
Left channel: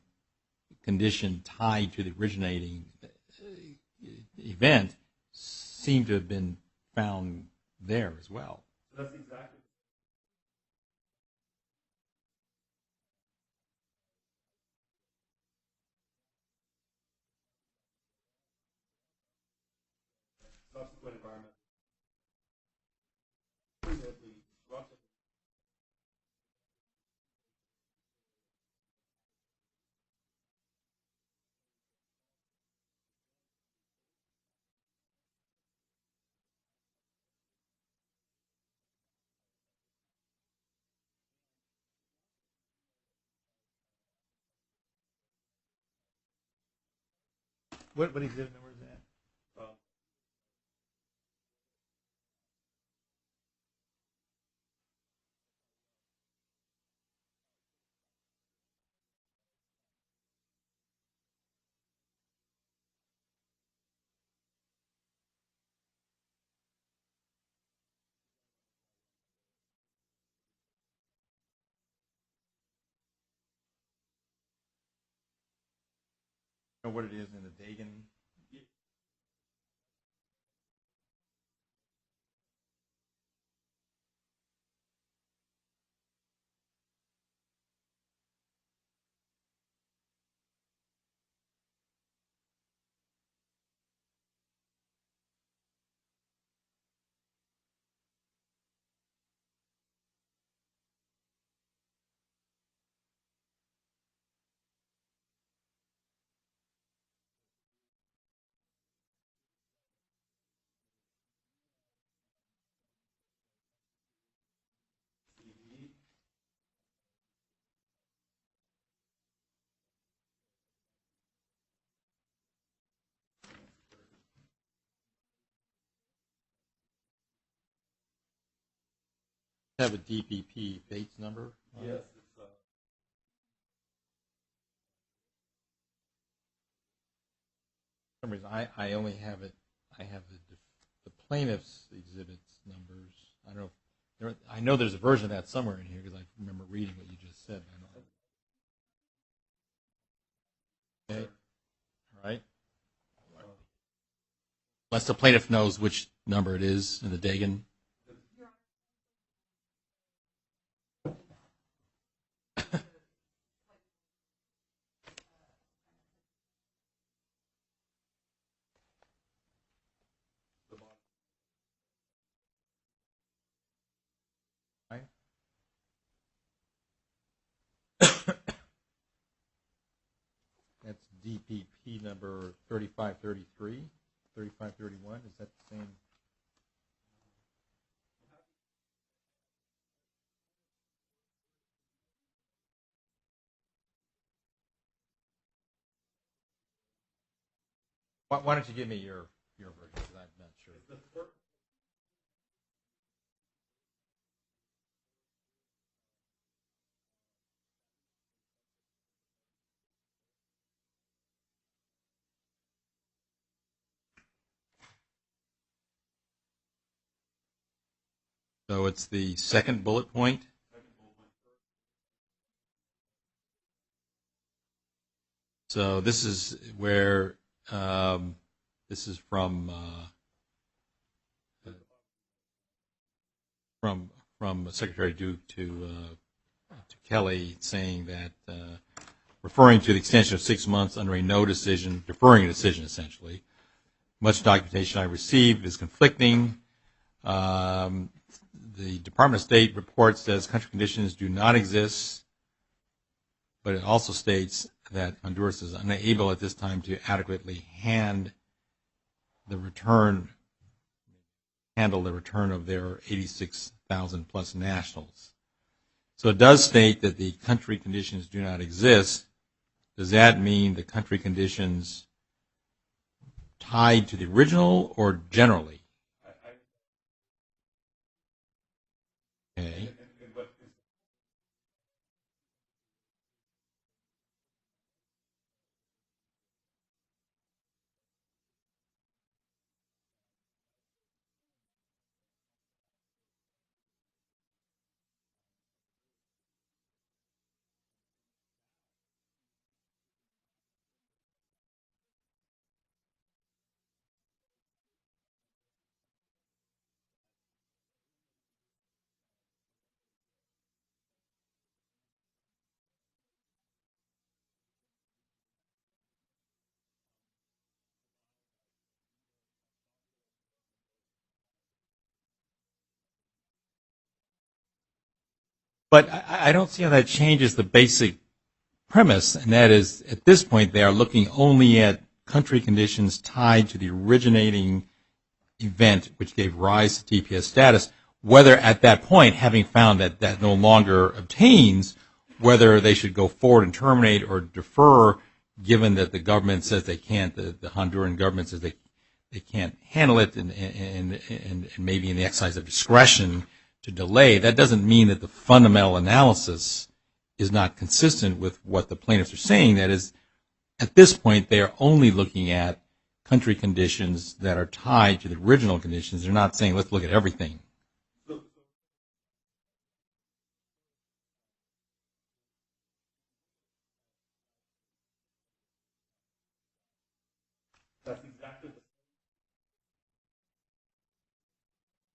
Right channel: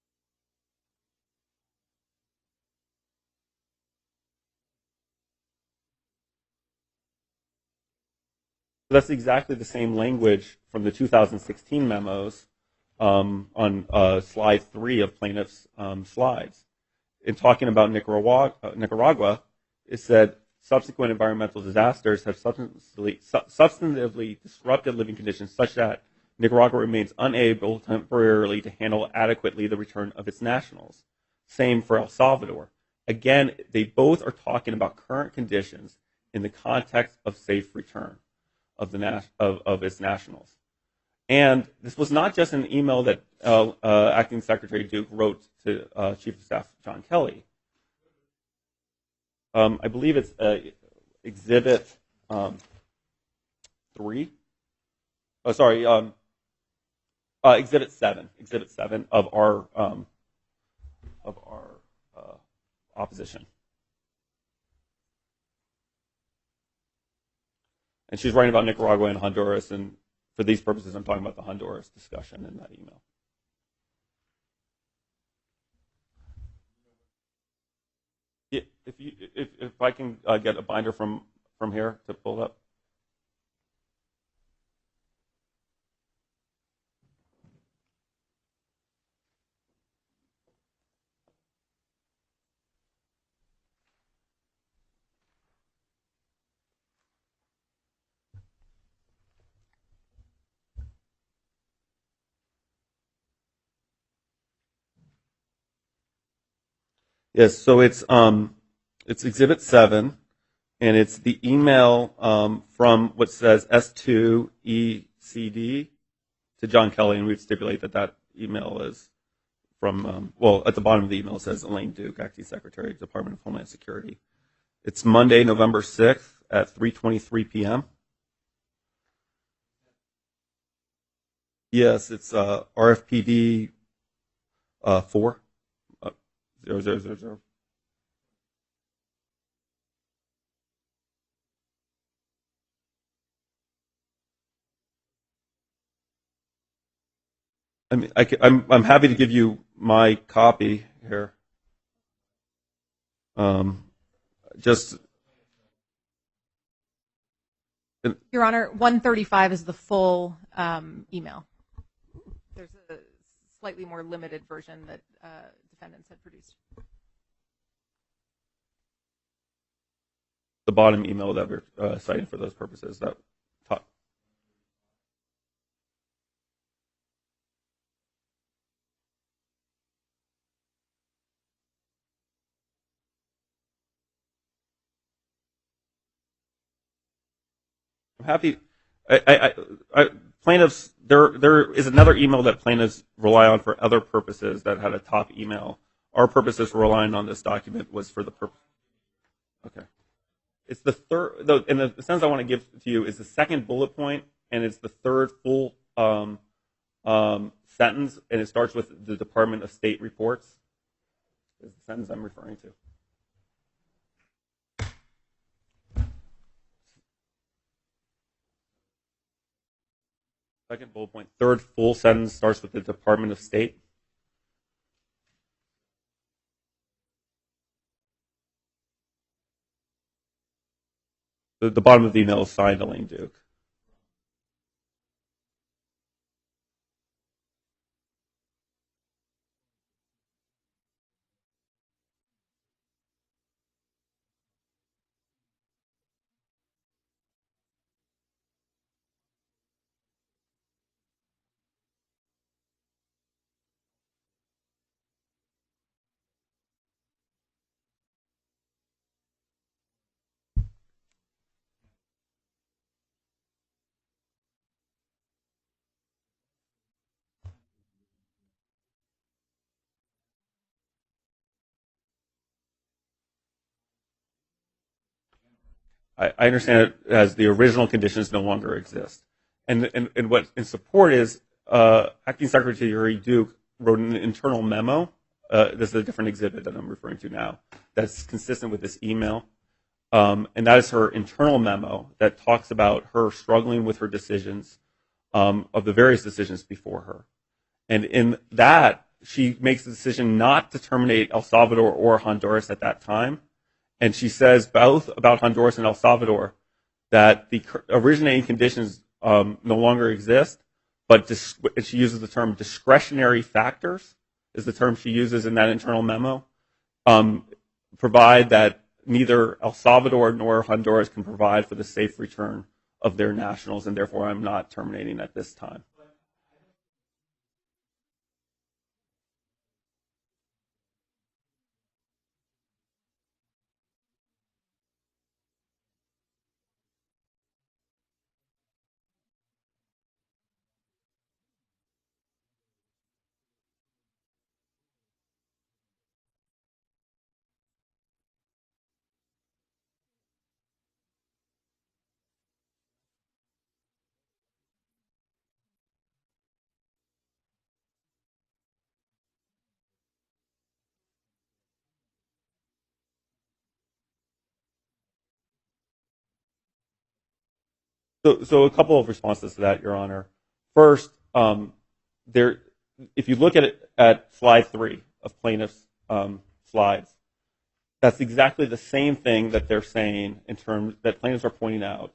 condition tied to the originating event seemed to have been found there as well. That's exactly the same language from the 2016 memos on slide 3 of plaintiff's slides. In talking about Nicaragua, it said subsequent environmental disasters have substantively disrupted living conditions such that Nicaragua remains unable temporarily to handle adequately the return of its nationals. Same for El Salvador. Again, they both are talking about current conditions in the context of safe return of its nationals. And this was not just an email that Acting Secretary Duke wrote to Chief of Staff John Kelly. What exhibit number is that? I believe it's Exhibit 3. Oh, sorry, Exhibit 7. Exhibit 7 of our opposition. And she's writing about Nicaragua and Honduras, and for these purposes, I'm talking about the Honduras discussion in that email. You know what it is in the Dagan? Yeah, if I can get a binder from here to pull it up. Yes, so it's Exhibit 7, and it's the email from what says S2ECD to John Kelly, and we'd stipulate that email is from, at the bottom of the email it says Elaine Duke, Acting Secretary, Department of Homeland Security. It's Monday, November 6th at 3:23 p.m. Have a DPP Bates number? Yes, it's RFPD 4. 0000. For some reason, I only have it. I have the plaintiff's exhibits numbers. I know there's a version of that somewhere in here because I remember reading what you just said. I'm happy to give you my copy here. All right. Just unless the plaintiff knows which number it is in the Dagan. Your Honor, 135 is the full email. It's the slightly more limited version that defendants had produced. the bottom email that we're citing for those purposes. That top. That's DPP number 3533, 3531. Is that the same? I'm happy. Plaintiffs, there is another email that plaintiffs rely on for other purposes that had a top email. Our purposes for relying on this document was for the. Why don't you give me your okay. Purpose? It's the third, and the sentence I want to give to you is the second bullet point, and it's the third full sentence, and it starts with the Department of State reports. Is the sentence I'm referring to. So it's the second bullet point? Second bullet point. Third full sentence starts with the Department of State. So this is where, this is from... the bottom of the email is signed Elaine Duke. From Secretary Duke to Kelly, saying that, referring to the extension of 6 months under a no decision, deferring a decision essentially. Much documentation I received is conflicting. The Department of State report says country conditions do not exist, but it also states that Honduras is unable at this time to adequately handle the return of their 86,000 plus nationals. So it does state that the country conditions do not exist. Does that mean the country conditions tied to the original or generally? I understand it as the original conditions no longer exist. Okay. And what in support is Acting Secretary Duke wrote an internal memo. This is a different exhibit that I'm referring to now that's consistent with this email. And that is her internal memo that talks about her struggling with her decisions of the various decisions before her. And in that, she makes the decision not to terminate El Salvador or Honduras at that time. And she says both about Honduras and El Salvador that the originating conditions no longer exist, but she uses the term discretionary factors is the term she uses in that internal memo, provide that neither El Salvador nor Honduras can provide for the safe return of their nationals, and therefore I'm not terminating at this time. But I don't see how that changes the basic premise, and that is at this point they are looking only at country conditions tied to the originating event which gave rise to TPS status, whether at that point, having found that that no longer obtains, whether they should go forward and terminate or defer, given that the government says they can't, the Honduran government says they can't handle it, and maybe in the exercise of discretion to delay. That doesn't mean that the fundamental analysis is not consistent with what the plaintiffs are saying. That is, at this point, they are only looking at country conditions that are tied to the original conditions. They're not saying, let's look at everything. So a couple of responses to that, Your Honor. First, if you look at slide 3 of plaintiff's slides, that's exactly the same thing that they're saying in terms that plaintiffs are pointing out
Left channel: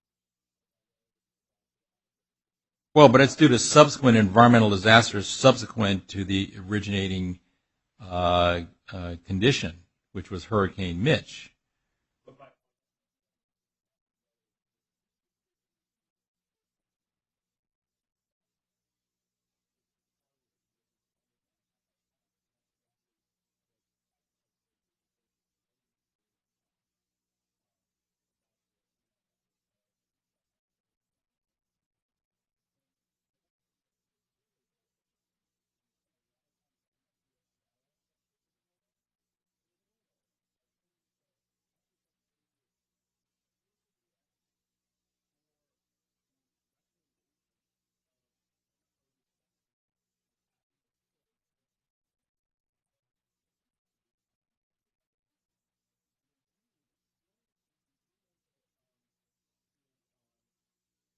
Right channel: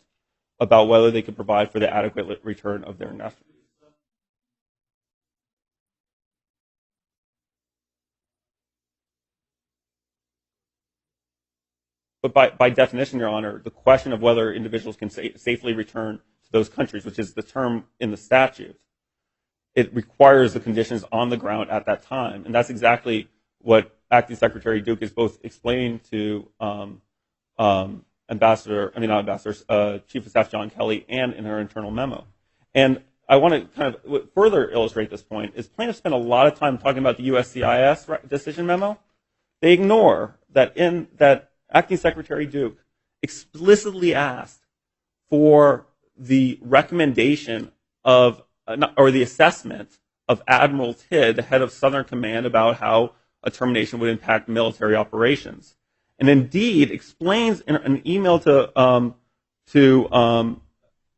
about whether they could provide for the adequate return of. Well, but it's due to subsequent environmental disasters subsequent to the originating condition, which was Hurricane Mitch. But by definition, Your Honor, the question of whether individuals can safely return to those countries, which is the term in the statute, it requires the conditions on the ground at that time. And that's exactly what Acting Secretary Duke is both explaining to Chief of Staff John Kelly and in her internal memo. And I want to kind of further illustrate this point is plaintiffs spend a lot of time talking about the USCIS decision memo. They ignore that Acting Secretary Duke explicitly asked for the recommendation of, or the assessment of Admiral Tidd, the head of Southern Command, about how a termination would impact military operations. And indeed explains in an email to Chief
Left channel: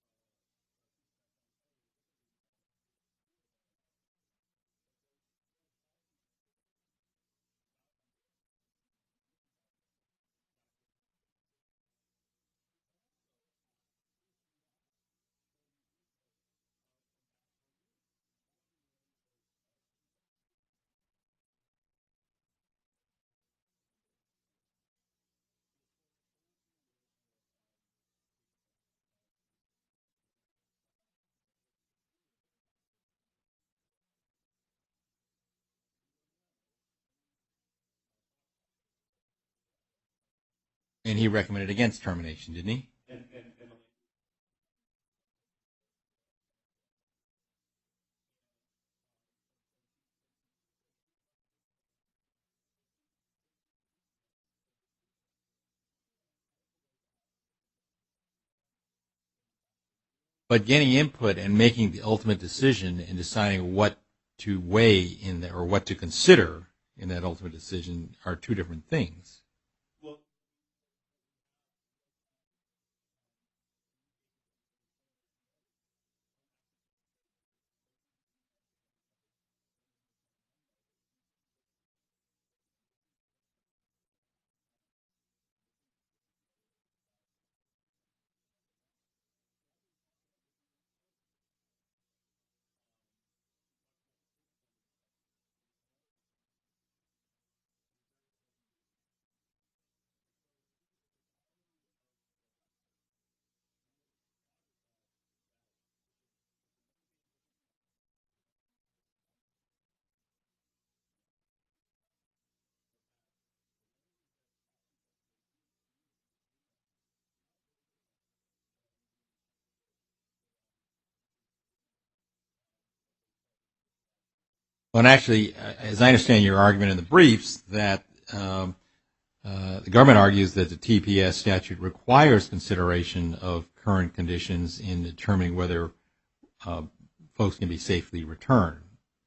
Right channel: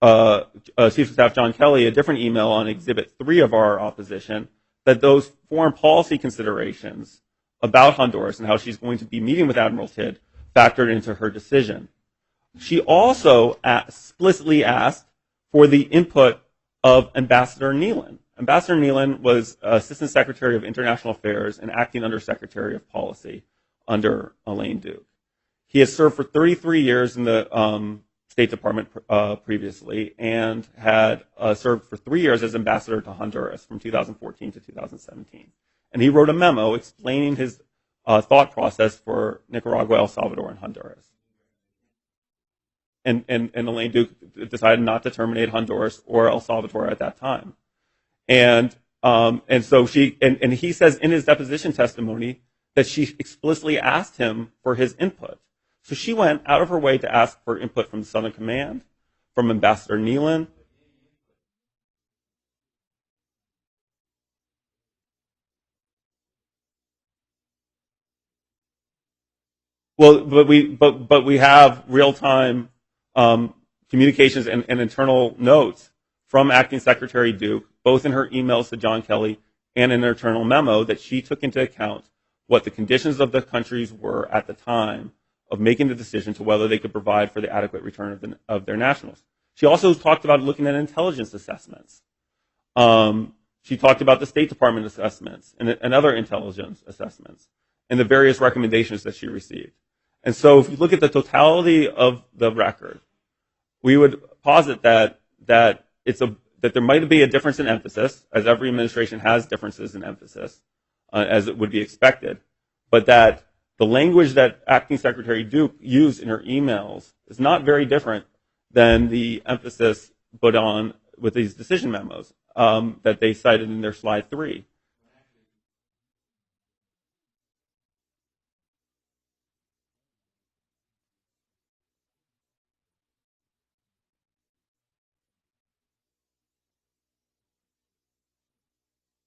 of Staff John Kelly, a different email on Exhibit 3 of our opposition, that those foreign policy considerations about Honduras and how she's going to be meeting with Admiral Tidd factored into her decision. She also explicitly asked for the input of Ambassador Nealon. Ambassador Nealon was Assistant Secretary of International Affairs and acting Under Secretary of Policy under Elaine Duke. He has served for 33 years in the State Department previously, and had served for 3 years as ambassador to Honduras from 2014 to 2017. And he wrote a memo explaining his thought process for Nicaragua, El Salvador, and Honduras. And he recommended against termination, didn't he? And Elaine Duke decided not to terminate Honduras or El Salvador at that time. And so he says in his deposition testimony that she explicitly asked him for his input. So she went out of her way to ask for input from the Southern Command, from Ambassador Nealon. But getting input and making the ultimate decision and deciding what to weigh in there or what to consider in that ultimate decision are two different things. Well, but we have real-time communications and internal notes from Acting Secretary Duke, both in her emails to John Kelly and in her internal memo, that she took into account what the conditions of the countries were at the time of making the decision to whether they could provide for the adequate return of their nationals. She also talked about looking at intelligence assessments. She talked about the State Department assessments and other intelligence assessments and the various recommendations that she received. And so if you look at the totality of the record, we would posit that there might be a difference in emphasis, as every administration has differences in emphasis, as it would be expected, but that the language that Acting Secretary Duke used in her emails is not very different than the emphasis put on with these decision memos that they cited in their slide 3. Well, and actually, as I understand your argument in the briefs, that the government argues that the TPS statute requires consideration of current conditions in determining whether folks can be safely returned.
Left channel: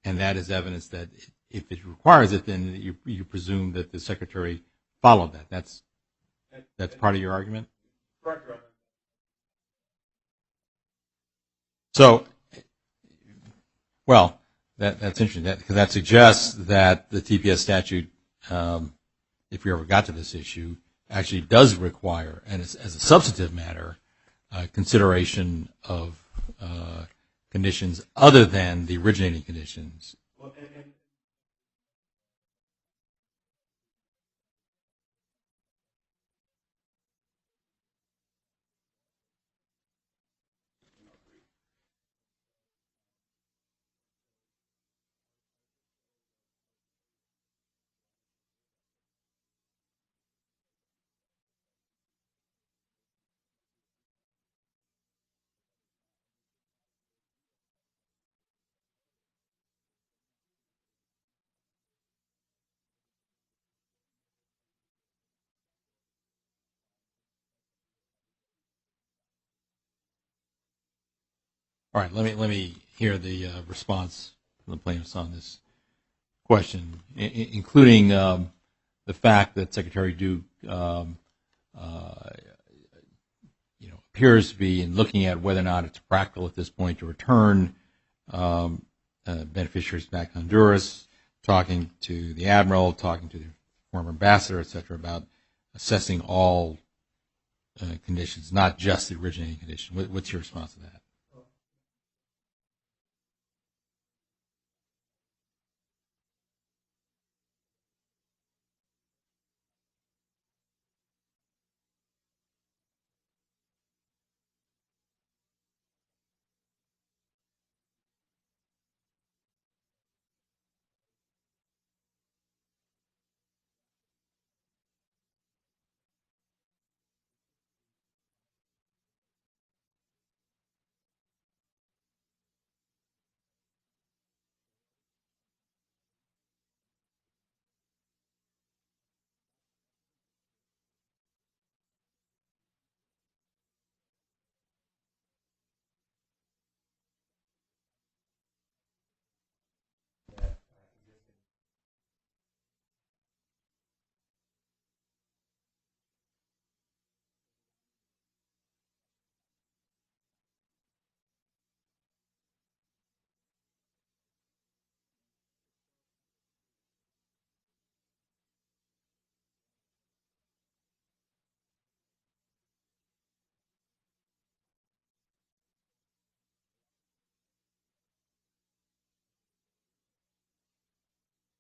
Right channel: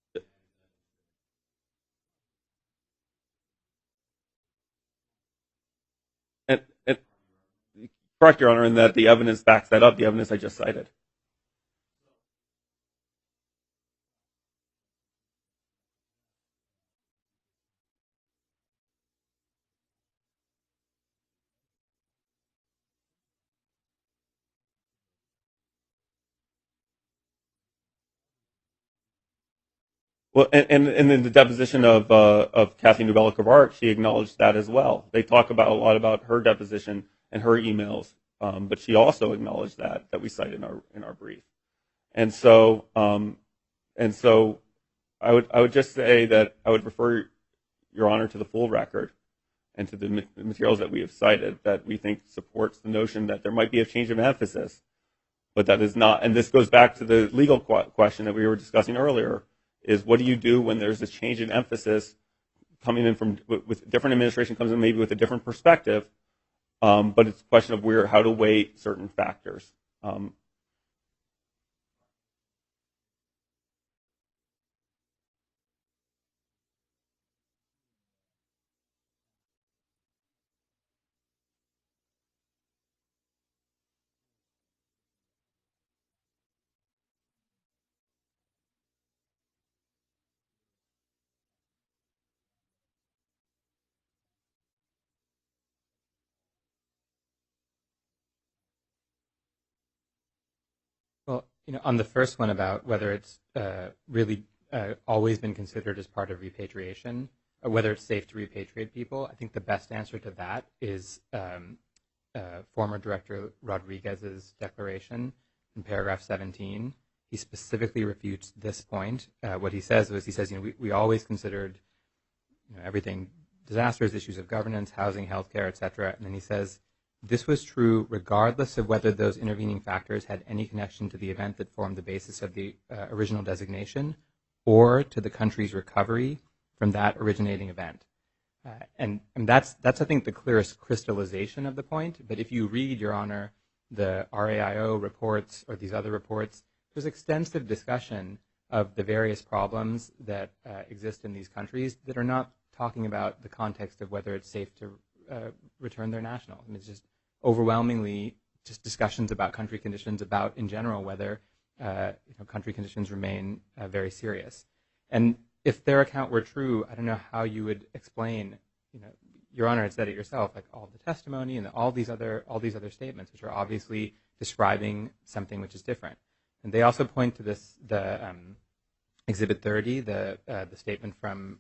And that is evidence that if it requires it, then you presume that the Secretary followed that. That's part of your argument? Correct, Your Honor, and that the evidence backs that up, the evidence I just cited. So, well, that's interesting, because that suggests that the TPS statute, if we ever got to this issue, actually does require, and as a substantive matter, consideration of conditions other than the originating conditions. Well, and in the deposition of Kathy Nubella-Cavart, she acknowledged that as well. They talk a lot about her deposition and her emails, but she also acknowledged that we cite in our brief. And so I would just say that I would refer Your Honor to the full record and to the materials that we have cited that we think supports the notion that there might be a change of emphasis, but that is not. And this goes back to the legal question that we were discussing earlier, is what do you do when there's a change in emphasis coming in from with different administration comes in maybe with a different perspective, but it's a question of how to weigh certain factors. All right, let me hear the response from the plaintiffs on this question, including the fact that Secretary Duke appears to be in looking at whether or not it's practical at this point to return beneficiaries back to Honduras, talking to the admiral, talking to the former ambassador, et cetera, about assessing all conditions, not just the originating condition. What's your response to that? Well, on the first one about whether it's really always been considered as part of repatriation, or whether it's safe to repatriate people, I think the best answer to that is former Director Rodriguez's declaration in paragraph 17. He specifically refutes this point. What he says was, we always considered everything, disasters, issues of governance, housing, healthcare, et cetera. And then he says, this was true regardless of whether those intervening factors had any connection to the event that formed the basis of the original designation or to the country's recovery from that originating event. And that's I think, the clearest crystallization of the point. But if you read, Your Honor, the RAIO reports or these other reports, there's extensive discussion of the various problems that exist in these countries that are not talking about the context of whether it's safe to return their nationals. I mean, it's just overwhelmingly just discussions about country conditions, about in general whether country conditions remain very serious. And if their account were true, I don't know how you would explain. Your Honor had said it yourself, like all the testimony and all these other statements, which are obviously describing something which is different. And they also point to the Exhibit 30, the statement from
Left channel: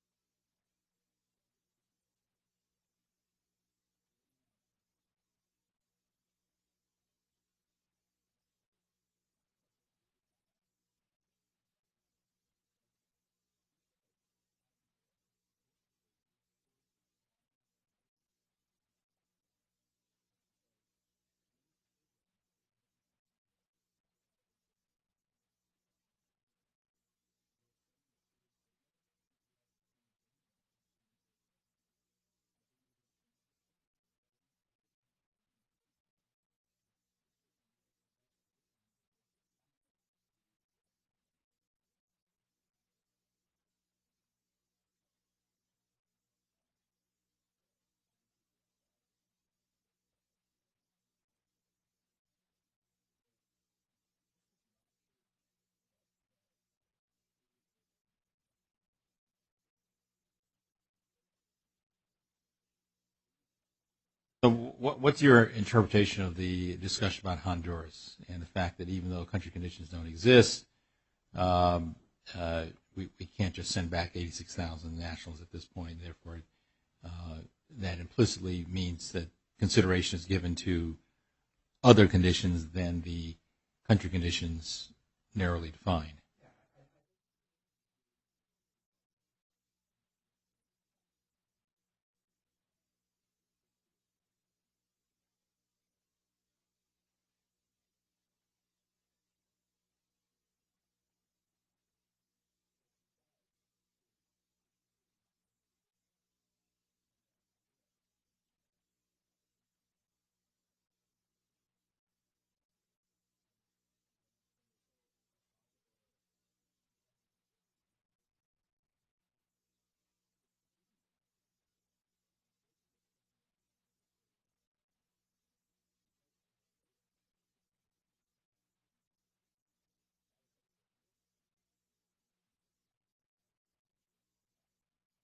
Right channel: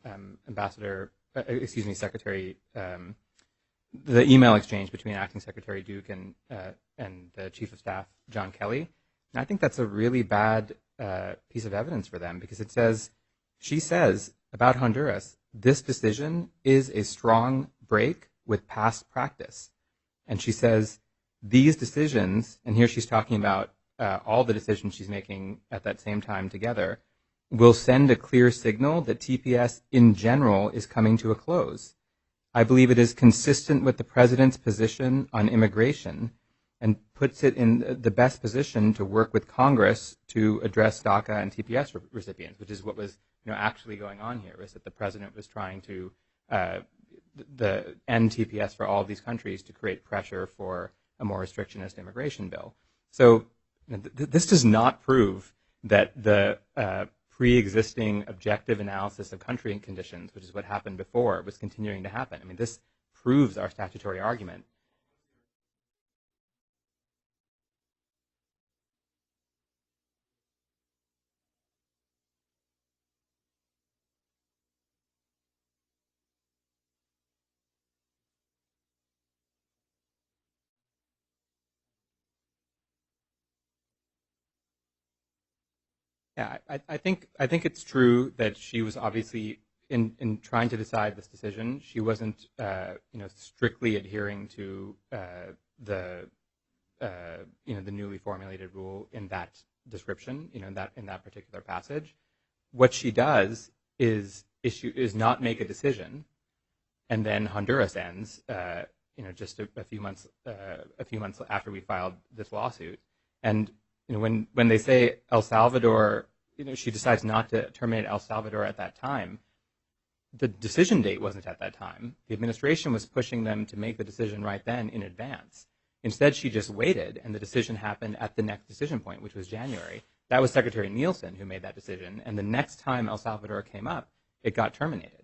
Secretary the email exchange between Acting Secretary Duke and the Chief of Staff, John Kelly. And I think that's a really bad piece of evidence for them, because she says about Honduras, this decision is a strong break with past practice. And she says these decisions, and here she's talking about all the decisions she's making at that same time together, will send a clear signal that TPS in general is coming to a close. I believe it is consistent with the President's position on immigration and puts it in the best position to work with Congress to address DACA and TPS recipients, which is what was actually going on here, was that the President was trying to end TPS for all of these countries to create pressure for a more restrictionist immigration bill. So this does not prove that the pre-existing objective analysis of country conditions, which is what happened before, was continuing to happen. I mean, this proves our statutory argument. So what's your interpretation of the discussion about Honduras and the fact that even though country conditions don't exist, we can't just send back 86,000 nationals at this point. Therefore, that implicitly means that consideration is given to other conditions than the country conditions narrowly defined. Yeah, I think it's true that she was obviously in trying to decide this decision, she wasn't strictly adhering to the newly formulated rule in that description, in that particular passage. What she does is not make a decision, and then Honduras ends, just a few months after we filed this lawsuit, and when they say El Salvador, she decides not to terminate El Salvador at that time. The decision date wasn't at that time. The administration was pushing them to make the decision right then in advance. Instead, she just waited, and the decision happened at the next decision point, which was January. That was Secretary Nielsen who made that decision, and the next time El Salvador came up, it got terminated.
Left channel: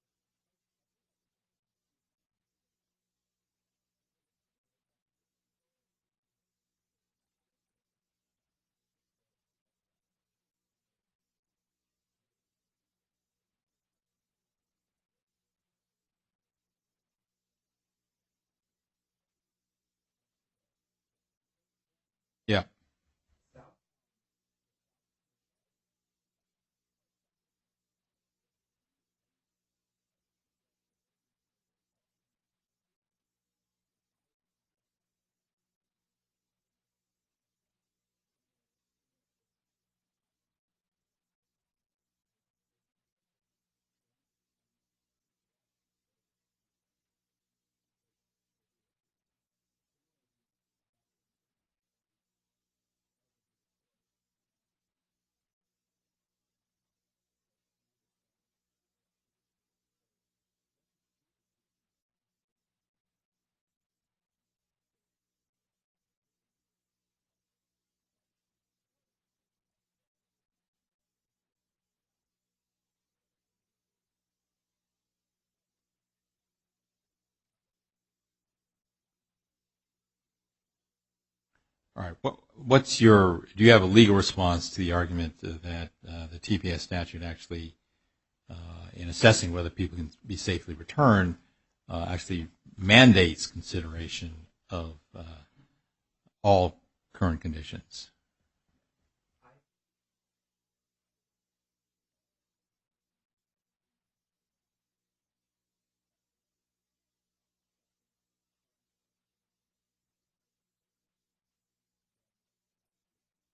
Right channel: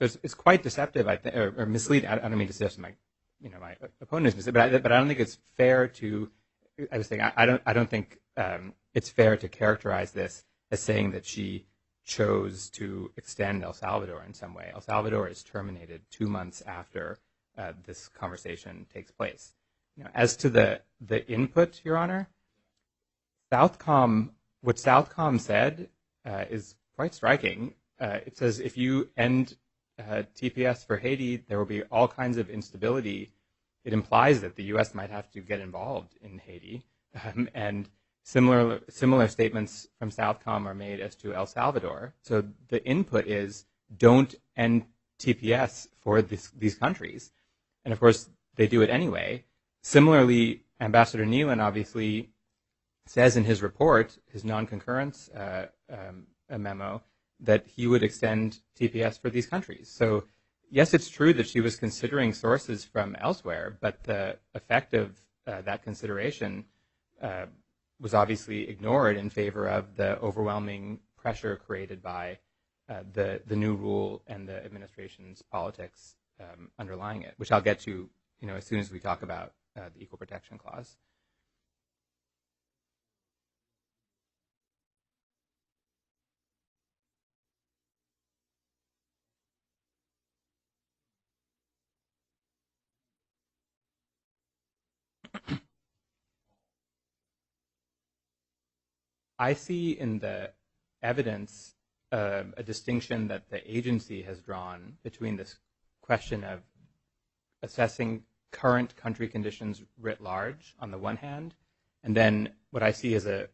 So it's quite deceptive, or misleading. I don't mean to suggest my opponent is misleading, but I don't think it's fair to. I was saying I don't think it's fair to characterize this as saying that she chose to extend El Salvador in some way. El Salvador is terminated 2 months after this conversation takes place. As to the input, Your Honor, yeah, what Southcom said is quite striking. It says if you end TPS for Haiti, there will be all kinds of instability. It implies that the U.S. might have to get involved in Haiti, and similar statements from Southcom are made as to El Salvador. So the input is don't end TPS for these countries, and of course they do it anyway. Similarly, Ambassador Nealon obviously says in his report, his non-concurrence memo, that he would extend TPS for these countries. So yes, it's true that she was considering sources from elsewhere, but the effect of that consideration was obviously ignored in favor of the overwhelming pressure created by the new rule and the administration's politics underlying it, which I'll get to as soon as we talk about the Equal Protection Clause. All right. Do you have a legal response to the argument that the TPS statute actually, in assessing whether people can be safely returned, actually mandates consideration of all current conditions? I see in the evidence a distinction that the agency has drawn between this question of assessing current country conditions writ large on the one hand, and then what I see is a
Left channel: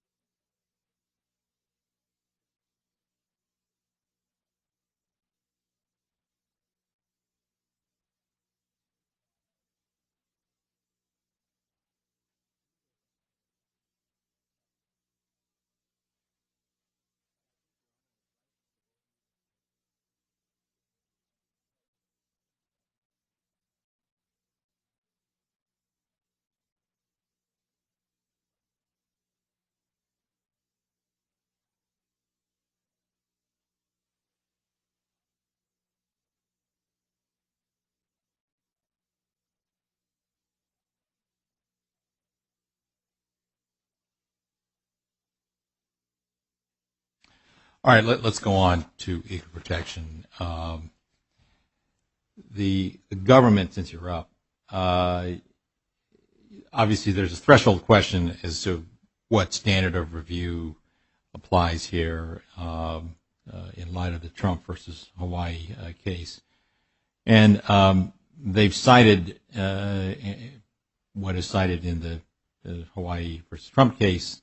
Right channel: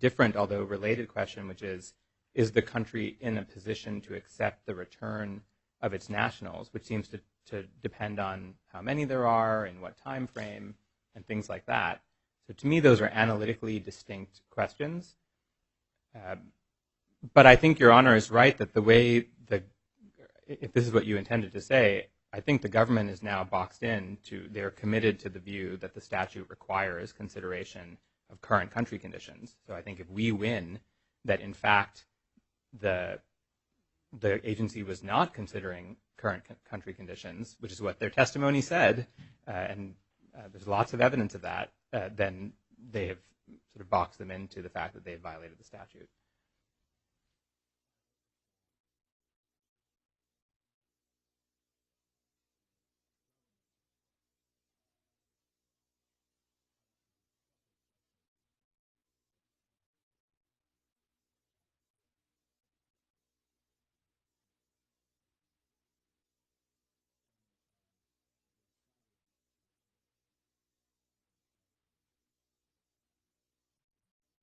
different, although related question, which is the country in a position to accept the return of its nationals, which seems to depend on how many there are and what time frame and things like that. So to me, those are analytically distinct questions. But I think Your Honor is right that if this is what you intended to say, I think the government is now boxed in they're committed to the view that the statute requires consideration of current country conditions. So I think if we win that in fact the agency was not considering current country conditions, which is what their testimony said, and there's lots of evidence of that, then they have sort of boxed them into the fact that they have violated the statute. All right, let's go on to equal protection. the government, since you're up, obviously there's a threshold question as to what standard of review applies here in light of the Trump versus Hawaii case. And they've cited what is cited in the Hawaii versus Trump case,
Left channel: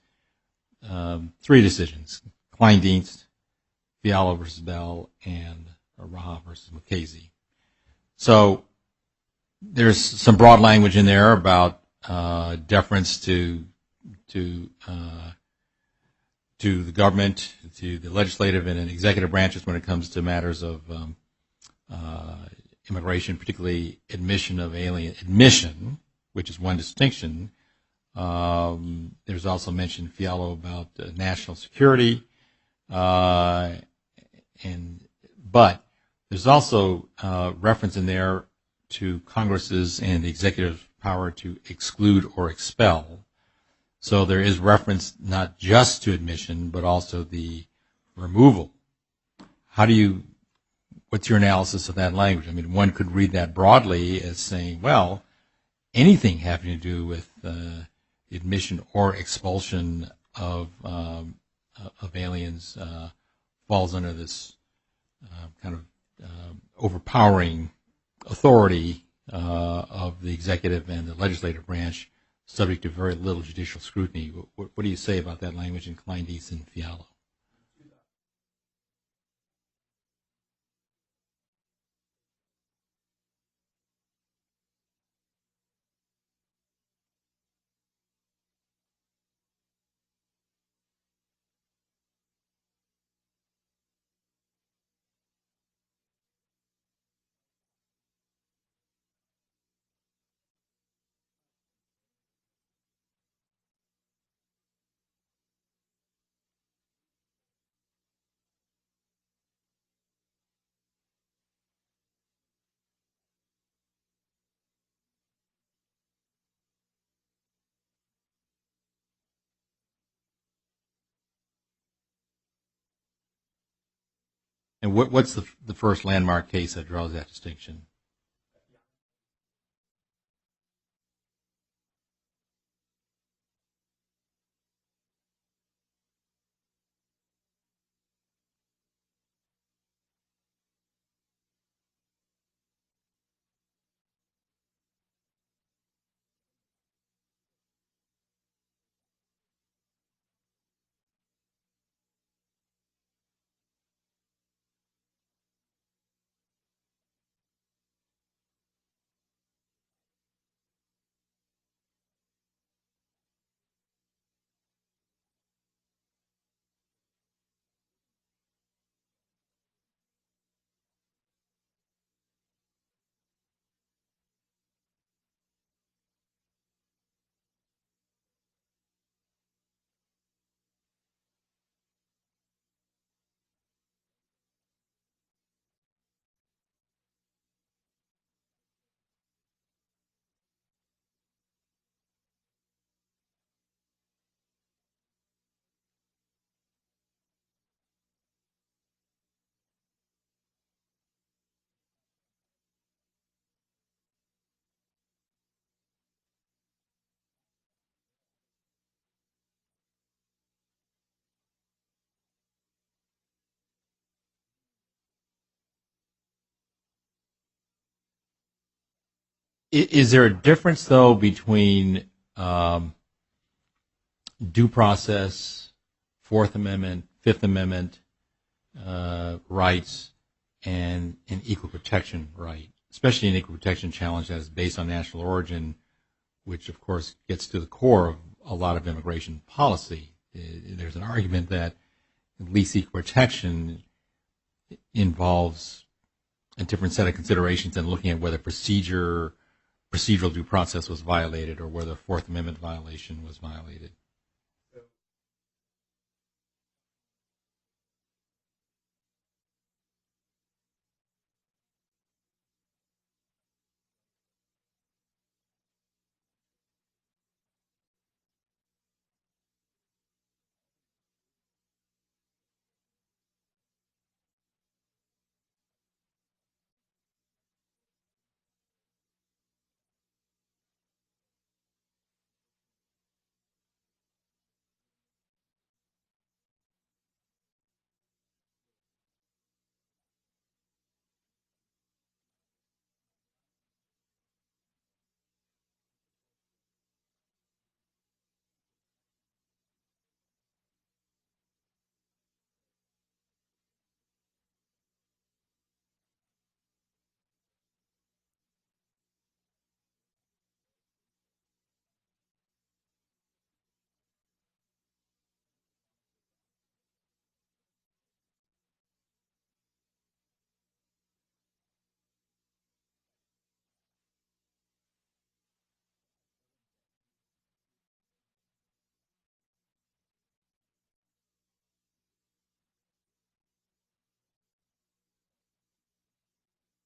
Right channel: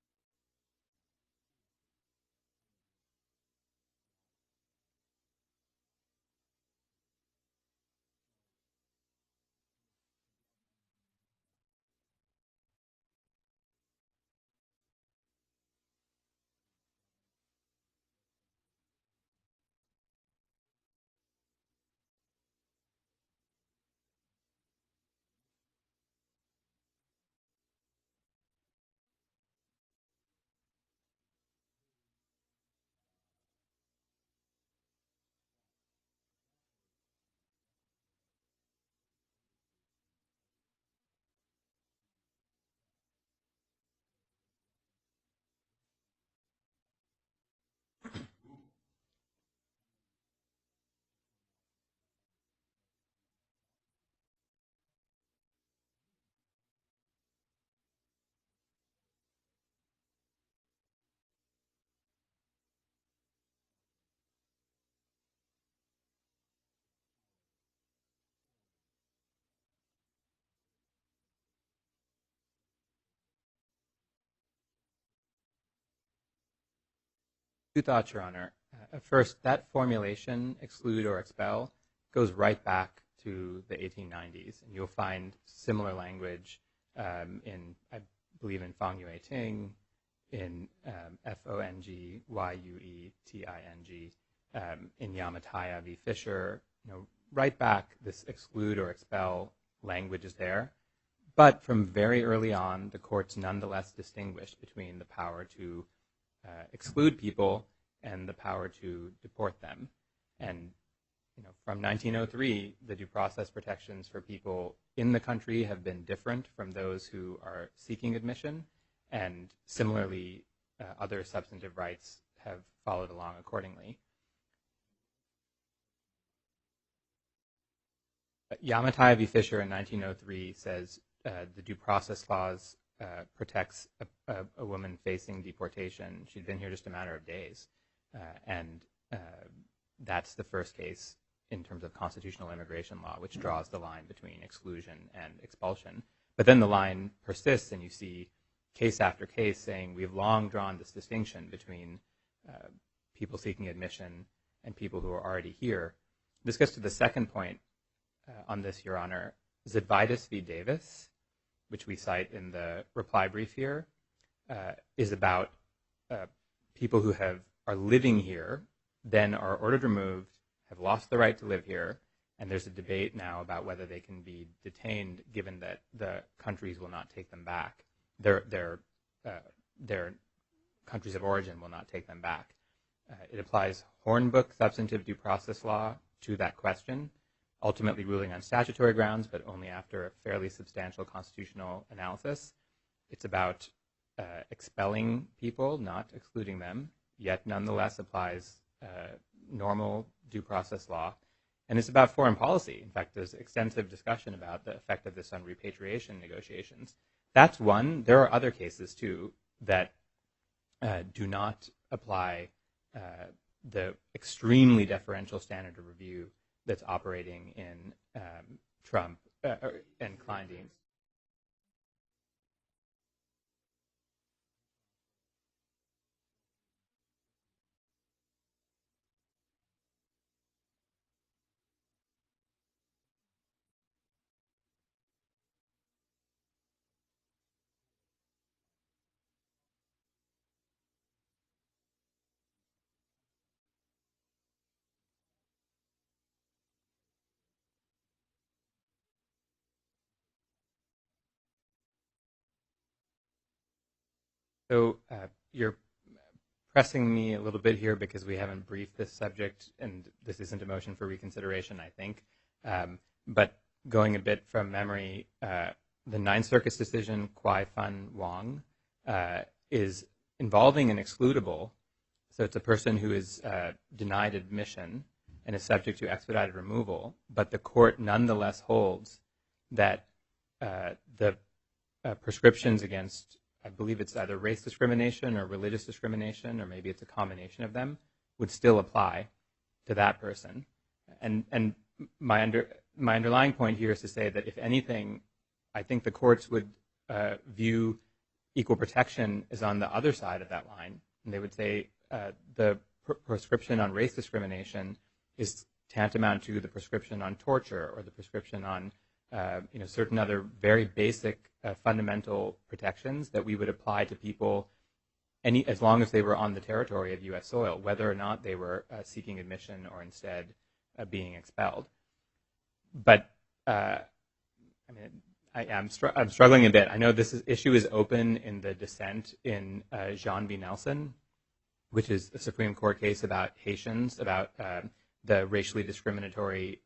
3 decisions: Kleindienst, Fiala versus Bell, and Raha versus Mukasey. So there's some broad language in there about deference to the government, to the legislative and executive branches when it comes to matters of immigration, particularly admission of alien admission, which is one distinction. There's also mentioned Fiala about national security, but there's also reference in there to Congress's and the executive power to exclude or expel. So there is reference not just to admission, but also the removal. What's your analysis of that language? I mean, one could read that broadly as saying, well, anything having to do with admission or expulsion of aliens falls under this kind of overpowering authority of the executive and the legislative branch, subject to very little judicial scrutiny. What do you say about that language in Kleindienst and Fiala? 2 thoughts, Your Honor. First, that formulation, exclude or expel, goes right back to the 1890s, and you'll find similar language in, I believe, in Fong Yue Ting, in Fongyueting, in Yamataya v. Fisher. Right back, this exclude or expel language is there. But from very early on, the courts nonetheless distinguished between the power to exclude people and the power to deport them. And from 1903, the due process protections for people in the country have been different from those who are seeking admission, and similarly, other substantive rights have followed along accordingly. And what's the first landmark case that draws that distinction? Yamataya v. Fisher in 1903 says the due process clause protects a woman facing deportation. She'd been here just a matter of days. And that's the first case in terms of constitutional immigration law, which draws the line between exclusion and expulsion. But then the line persists, and you see case after case saying we've long drawn this distinction between people seeking admission and people who are already here. This gets to the second point on this, Your Honor. Zidvitas v. Davis, which we cite in the reply brief here, is about people who are living here, then are ordered removed, have lost the right to live here, and there's a debate now about whether they can be detained given that the countries will not take them back. Their countries of origin will not take them back. It applies Hornbook substantive due process law to that question, ultimately ruling on statutory grounds, but only after a fairly substantial constitutional analysis. It's about expelling people, not excluding them, yet nonetheless applies normal due process law. And it's about foreign policy. In fact, there's extensive discussion about the effect of this on repatriation negotiations. That's one. There are other cases, too, that do not apply the extremely deferential standard of review that's operating in Trump. Is there a difference, though, between due process, Fourth Amendment, Fifth Amendment rights, and an equal protection right, especially an equal protection challenge that is based on national origin, which, of course, gets to the core of a lot of immigration policy? There's an argument that at least equal protection involves a different set of considerations than looking at whether procedural due process was violated or whether Fourth Amendment violation was violated. So you're pressing me a little bit here because we haven't briefed this subject, and this isn't a motion for reconsideration, I think. But going a bit from memory, the Ninth Circuit's decision, Kwai Fun Wong, is involving an excludable. So it's a person who is denied admission and is subject to expedited removal, but the court nonetheless holds that the prescriptions against, I believe it's either race discrimination or religious discrimination, or maybe it's a combination of them, would still apply to that person. And my underlying point here is to say that if anything, I think the courts would view equal protection as on the other side of that line, and they would say the prescription on race discrimination is tantamount to the prescription on torture or the prescription on certain other very basic fundamental protections that we would apply to people as long as they were on the territory of U.S. soil, whether or not they were seeking admission or instead being expelled. But I'm struggling a bit. I know this issue is open in the dissent in Jean v. Nielsen, which is a Supreme Court case about Haitians, about the racially discriminatory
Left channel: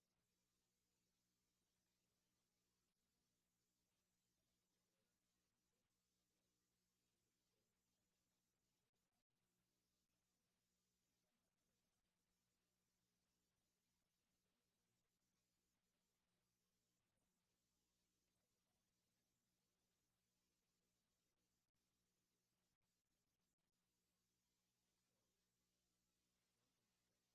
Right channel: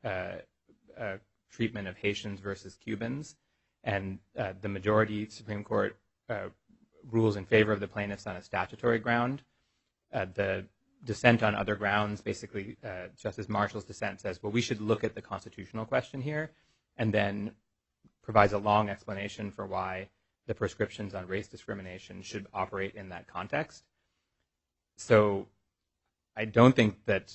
treatment of Haitians versus Cubans. And the majority Supreme Court rules in favor of the plaintiffs on a statutory ground. The dissent on other grounds, basically Justice Marshall's dissent says, well, we should look at the constitutional question here, and then provides a long explanation for why the prescriptions on race discrimination should operate in that context. So I don't think that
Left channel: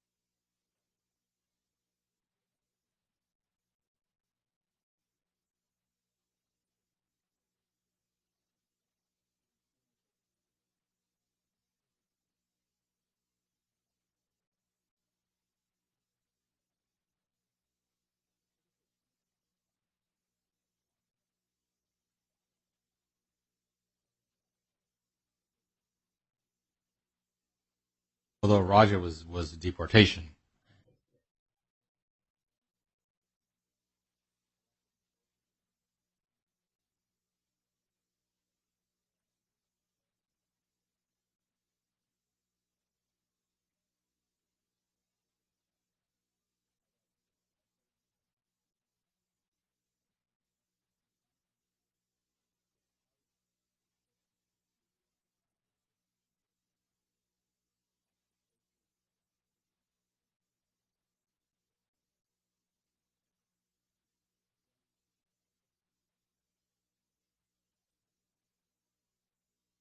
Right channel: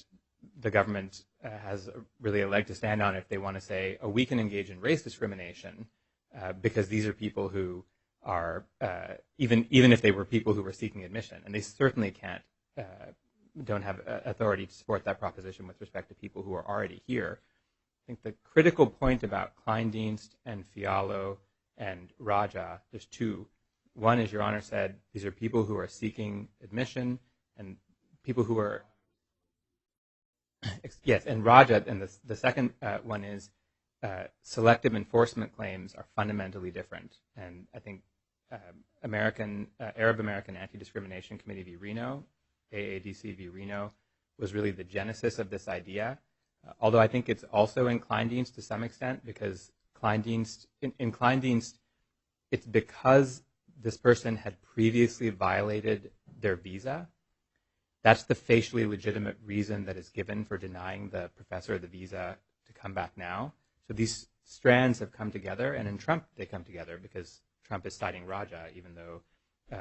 the government has really a leg to stand on if they want to say, oh, we can engage in race discrimination because these are people who are, even if they were people who were seeking admission, and they certainly don't have authority to support that proposition with respect to people who are already here. I think the critical point about Kleindienst and Fialo and Raja, there's two. One, as Your Honor said, these are people who are seeking admission, and people who are... Raja was deportation. Yes, and Raja, and the second one is selective enforcement claims are fundamentally different. And I think Arab American Anti-Discrimination Committee v. Reno, AADC v. Reno, was really the genesis of this idea. Although I think it's also in Kleindienst to some extent, because in Kleindienst, it's because this person had previously violated their visa. That's the facially legitimate reason that is given for denying the professor the visa to come back now. So these strands have come together, and in Trump they come together because Trump is citing Raja, even though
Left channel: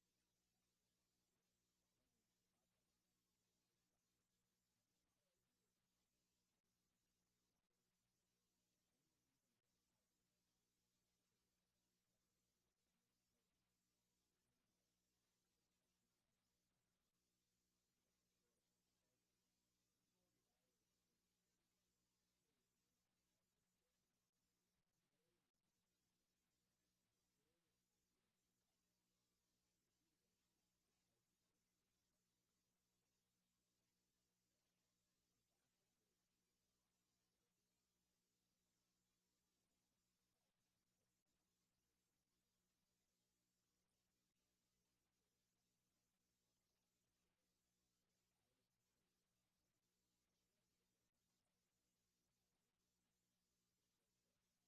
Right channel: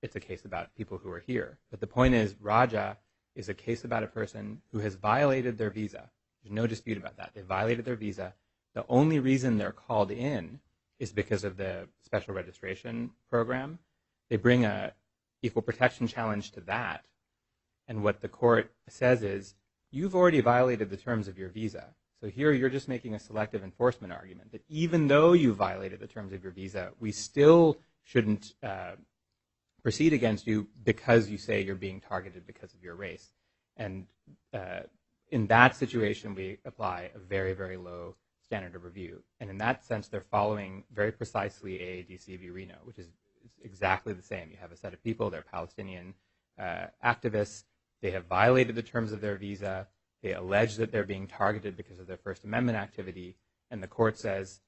it's a case about people who are here. But the point is, Raja is a case about a person who has violated their visa. There's no dispute about that. They violated their visa. The only reason they're called in is because of the special registration program. They bring a equal protection challenge to that. And what the court says is, you've already violated the terms of your visa. So here you're just making a selective enforcement argument that even though you violated the terms of your visa, we still shouldn't proceed against you because you say you're being targeted because of your race. And in that situation, we apply a very, very low standard of review. And in that sense, they're following very precisely AADC v. Reno, which is exactly the same. You have a set of people, they're Palestinian activists. They have violated the terms of their visa. They allege that they're being targeted because of their First Amendment activity. And the court says,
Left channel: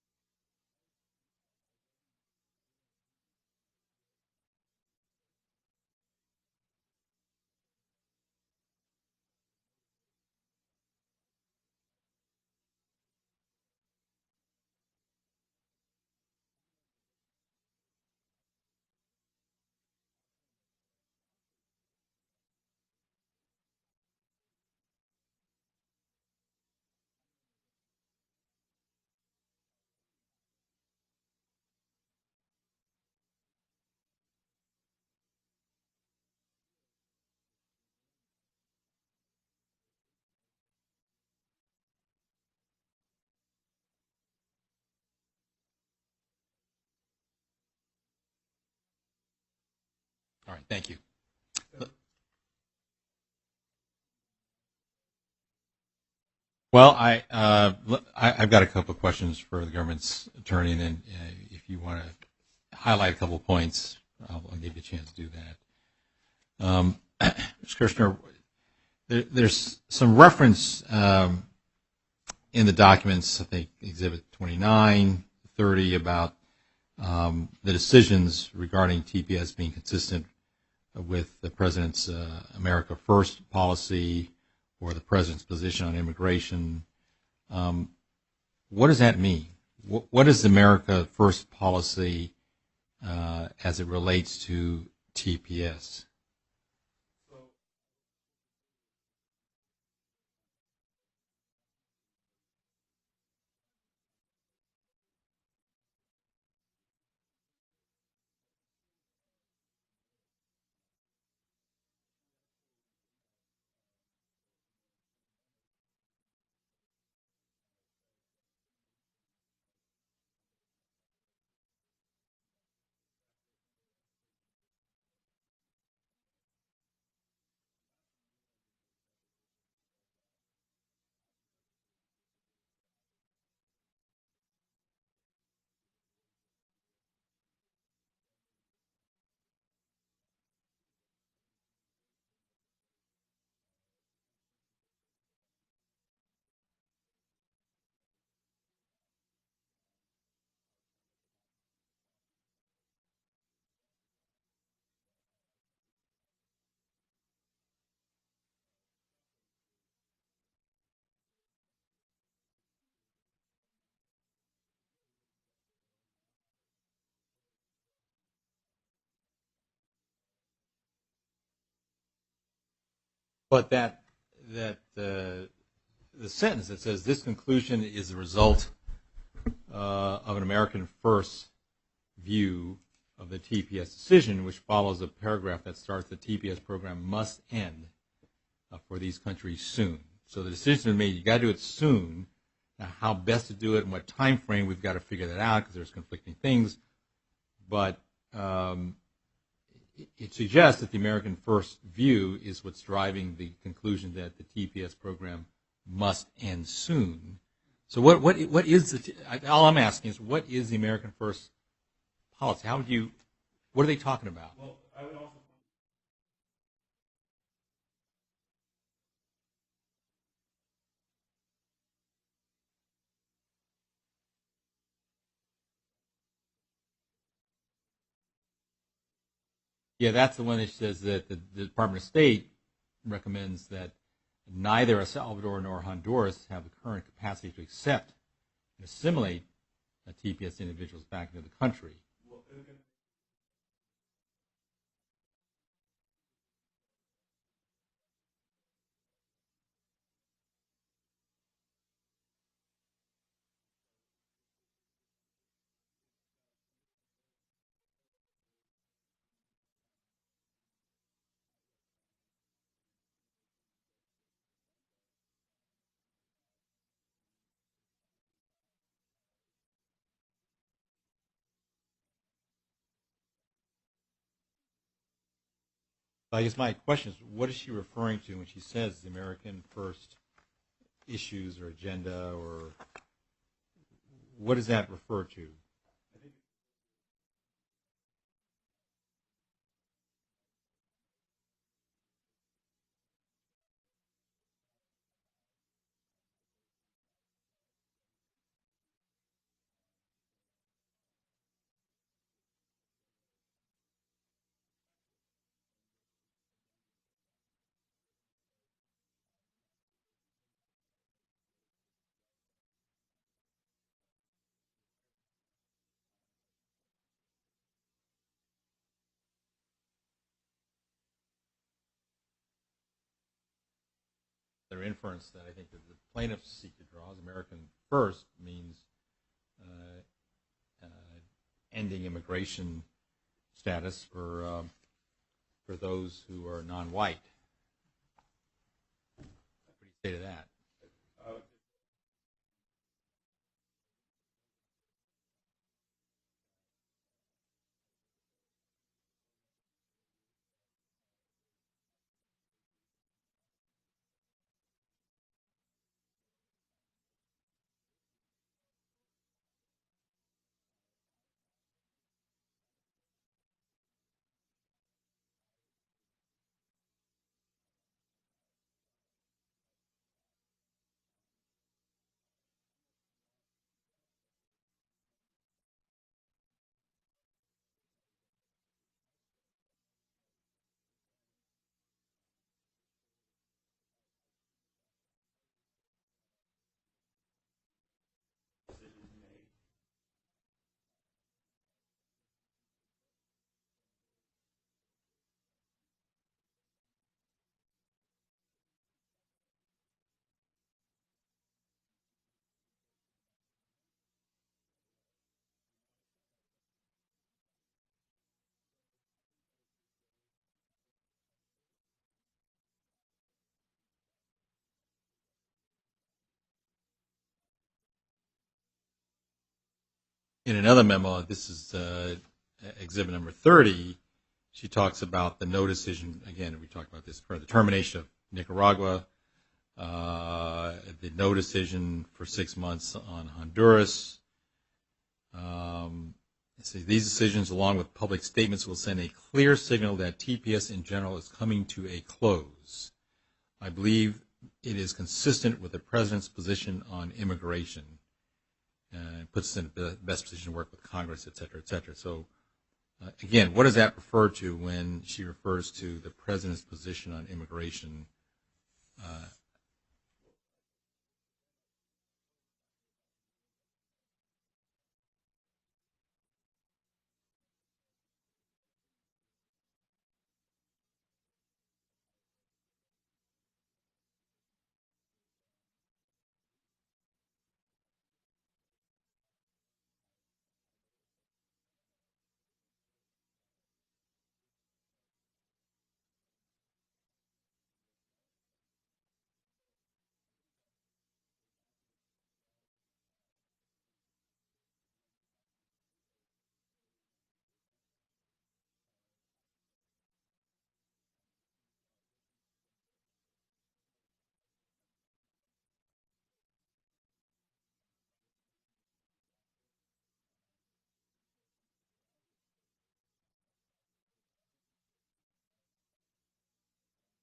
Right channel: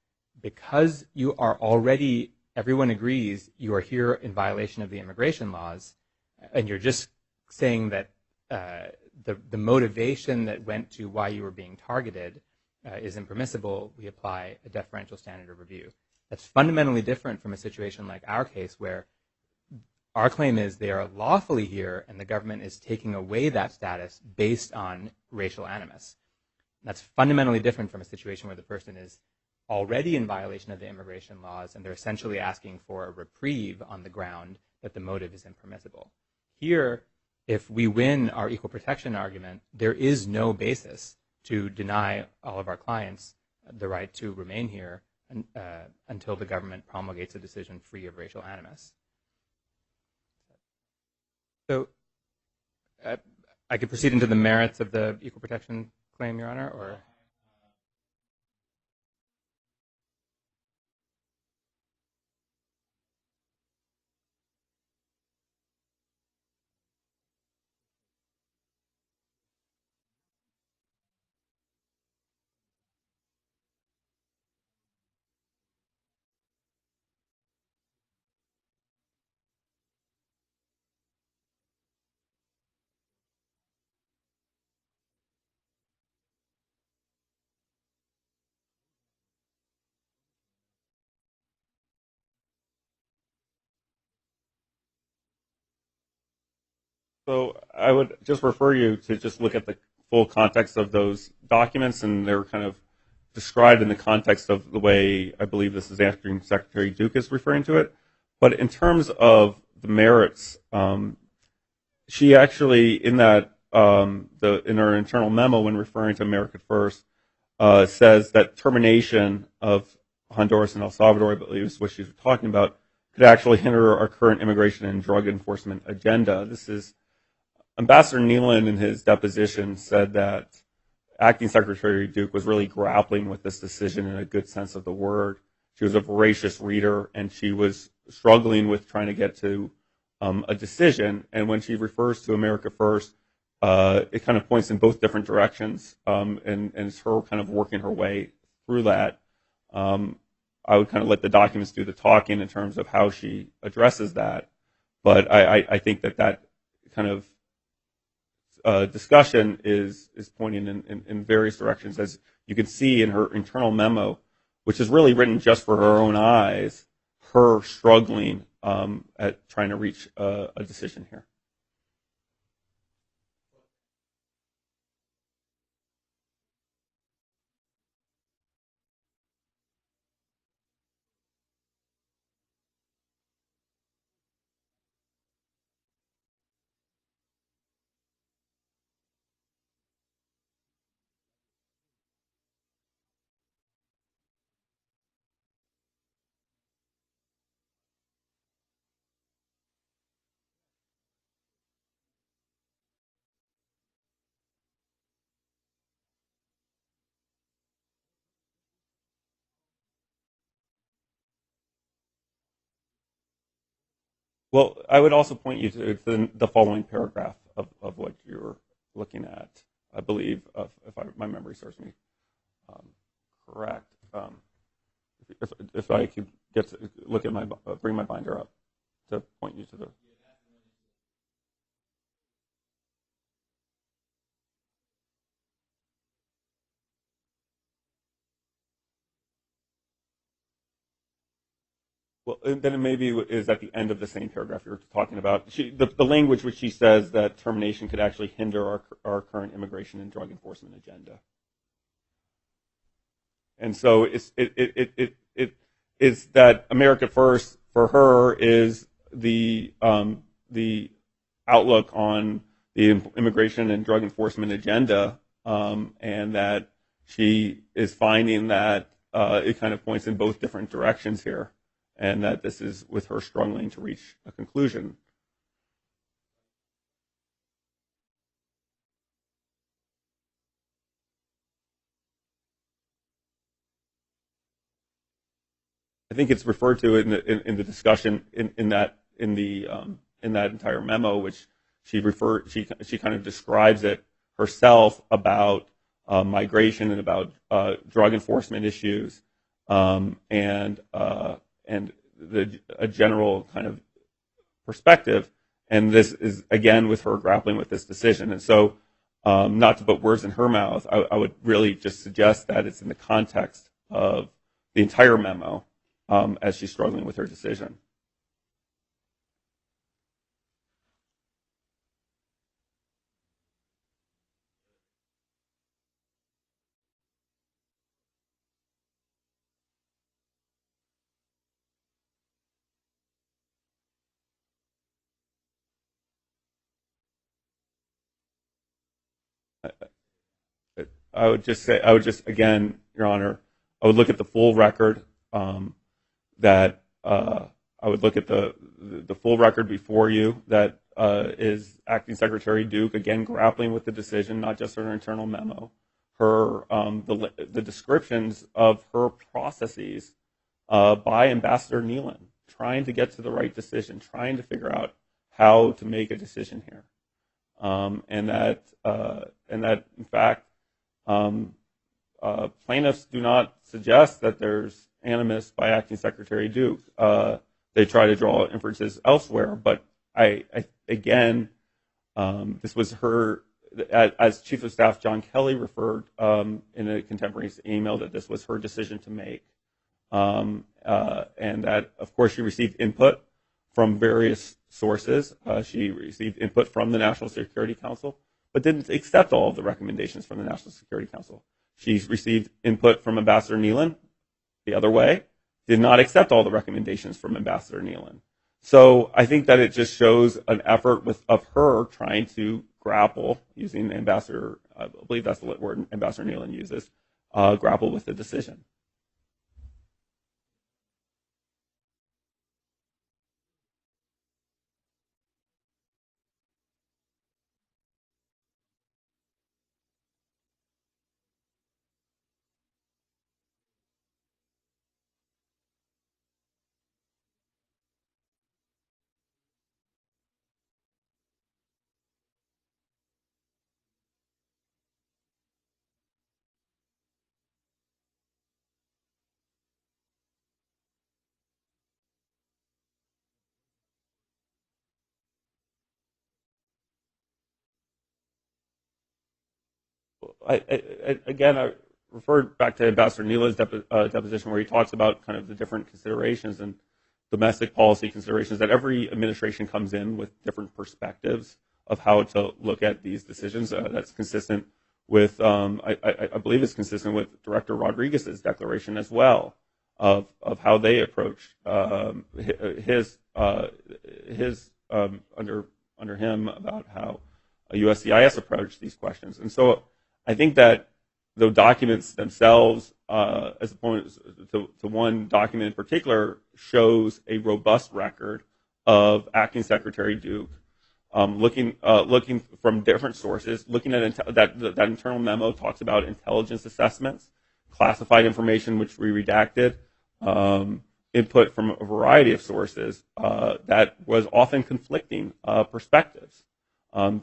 because you are already, everyone agrees, you are here in violation of the immigration laws, and you're just saying that the motivation that went to why you were being targeted is impermissible, we apply a deferential standard of review. That's fundamentally different from a situation like our case, where our claim is they are lawfully here and the government is taking away that status based on racial animus. That's fundamentally different from a situation where the person is already in violation of the immigration laws and they're essentially asking for a reprieve on the ground that the motive is impermissible. Here, if we win our equal protection argument, there is no basis to deny all of our clients the right to remain here until the government promulgates a decision free of racial animus. All right, thank you. So I could proceed into the merits of the equal protection claim, Your Honor? Well, I've got a couple of questions for the government's attorney, and then if you want to highlight a couple of points, I'll give you a chance to do that. Mr. Kirshner, there's some reference in the documents, I think Exhibit 29, 30, about the decisions regarding TPS being consistent with the President's America First policy or the President's position on immigration. what does that mean? What is America First policy as it relates to TPS? So I would just refer you to just look at the full context of those documents, and they're kind of described in the context of the way I believe this is Acting Secretary Duke is referring to it. But in terms of the merits, she actually, in that in her internal memo when referring to America First, says that termination of Honduras and El Salvador, I believe is what she's talking about, could actually hinder our current immigration and drug enforcement agenda. This is Ambassador Nealon in his deposition said that Acting Secretary Duke was really grappling with this decision in a good sense of the word. She was a voracious reader, and she was struggling with trying to get to a decision. And when she refers to America First, it kind of points in both different directions, and it's her kind of working her way through that. I would kind of let the documents do the talking in terms of how she addresses that. But I think that kind of discussion is pointing in various directions, as you can see in her internal memo, which is really written just for her own eyes, her struggling at trying to reach a decision here. But the sentence that says this conclusion is the result of an American First view of the TPS decision, which follows a paragraph that starts the TPS program must end for these countries soon. So the decision is made, you got to do it soon. Now, how best to do it and what time frame, we've got to figure that out because there's conflicting things. But it suggests that the American First view is what's driving the conclusion that the TPS program must end soon. So what is all I'm asking is, what is the American First policy? What are they talking about? Well, I would also point you to the following paragraph of what you're looking at, I believe, my memory serves me correct. If I could get to look at bring my binder up to point you to the. Yeah, that's the one that says that the Department of State recommends that neither El Salvador nor Honduras have the current capacity to accept and assimilate TPS individuals back into the country. Well, then it maybe is at the end of the same paragraph you're talking about. The language which she says that termination could actually hinder our current immigration and drug enforcement agenda. And so it's that America First for her is the outlook on the immigration and drug enforcement agenda, and that she is finding that it kind of points in both different directions here, and that this is with her struggling to reach a conclusion. I guess my question is, what is she referring to when she says the American First issues or agenda, or what does that refer to? I think it's referred to in the discussion in that entire memo, which she kind of describes it herself about migration and about drug enforcement issues, and a general kind of perspective. And this is, again, with her grappling with this decision. And so, not to put words in her mouth, I would really just suggest that it's in the context of the entire memo as she's struggling with her decision. Their inference that I think that the plaintiffs seek to draw as American First means ending immigration status for those who are non-white. Say to that. I would just again, Your Honor, I would look at the full record. I would look at the full record before you. That is Acting Secretary Duke again grappling with the decision, not just her internal memo. Her the descriptions of her processes by Ambassador Nealon, trying to get to the right decision, trying to figure out how to make a decision here, and that in fact plaintiffs do not suggest that there's animus by Acting Secretary Duke. They try to draw inferences elsewhere, but I again, this was her as Chief of Staff John Kelly referred in a contemporaneous email, that this was her decision to make, and that, of course, she received input from various sources. She received input from the National Security Council, but didn't accept all of the recommendations from the National Security Council. She received input from Ambassador Nealon the other way, did not accept all the recommendations from Ambassador Nealon. So I think that it just shows an effort of her trying to grapple, using Ambassador, I believe that's the word Ambassador Nealon uses, grapple with the decision. In another memo, this is exhibit number 30, she talks about the no decision, again, we talked about this, for the termination of Nicaragua, the no decision for 6 months on Honduras. These decisions, along with public statements, will send a clear signal that TPS in general is coming to a close. I believe it is consistent with the President's position on immigration. It puts us in the best position to work with Congress, et cetera, et cetera. So, again, what does that refer to when she refers to the President's position on immigration? I referred back to Ambassador Nealon's deposition, where he talks about kind of the different considerations and domestic policy considerations, that every administration comes in with different perspectives of how to look at these decisions. That's consistent with, I believe it's consistent with Director Rodriguez's declaration as well, of how they approach his under him about how a USCIS approached these questions. And so I think that the documents themselves, as opposed to one document in particular, shows a robust record of Acting Secretary Duke looking from different sources, looking at that internal memo talks about intelligence assessments, classified information which we redacted, input from a variety of sources that was often conflicting perspectives.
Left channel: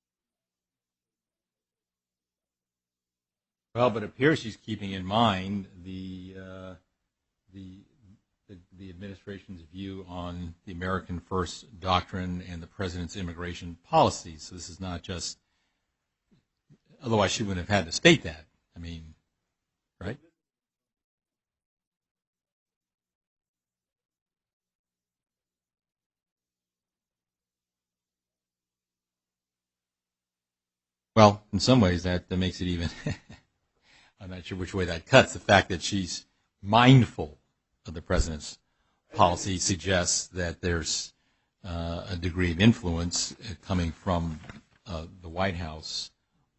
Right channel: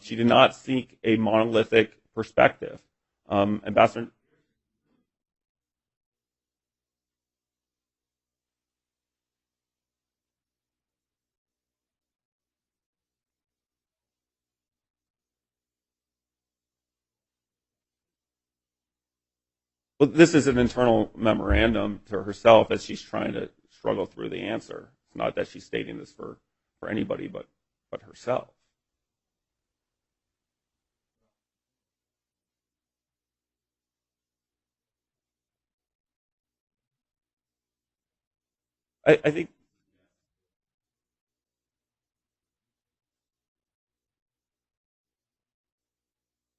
She did not seek a monolithic perspective. But it appears she's keeping in mind the administration's view on the American First Doctrine and the President's immigration policy. So this is not just, otherwise she wouldn't have had to state that. I mean, well, this is an internal memorandum to herself as she's trying to struggle through the answer. It's not that she's stating this for anybody but herself. Well, in some ways that makes it even, I'm not sure which way that cuts. The fact that she's mindful of the President's policy suggests that there's a degree of influence coming from the White House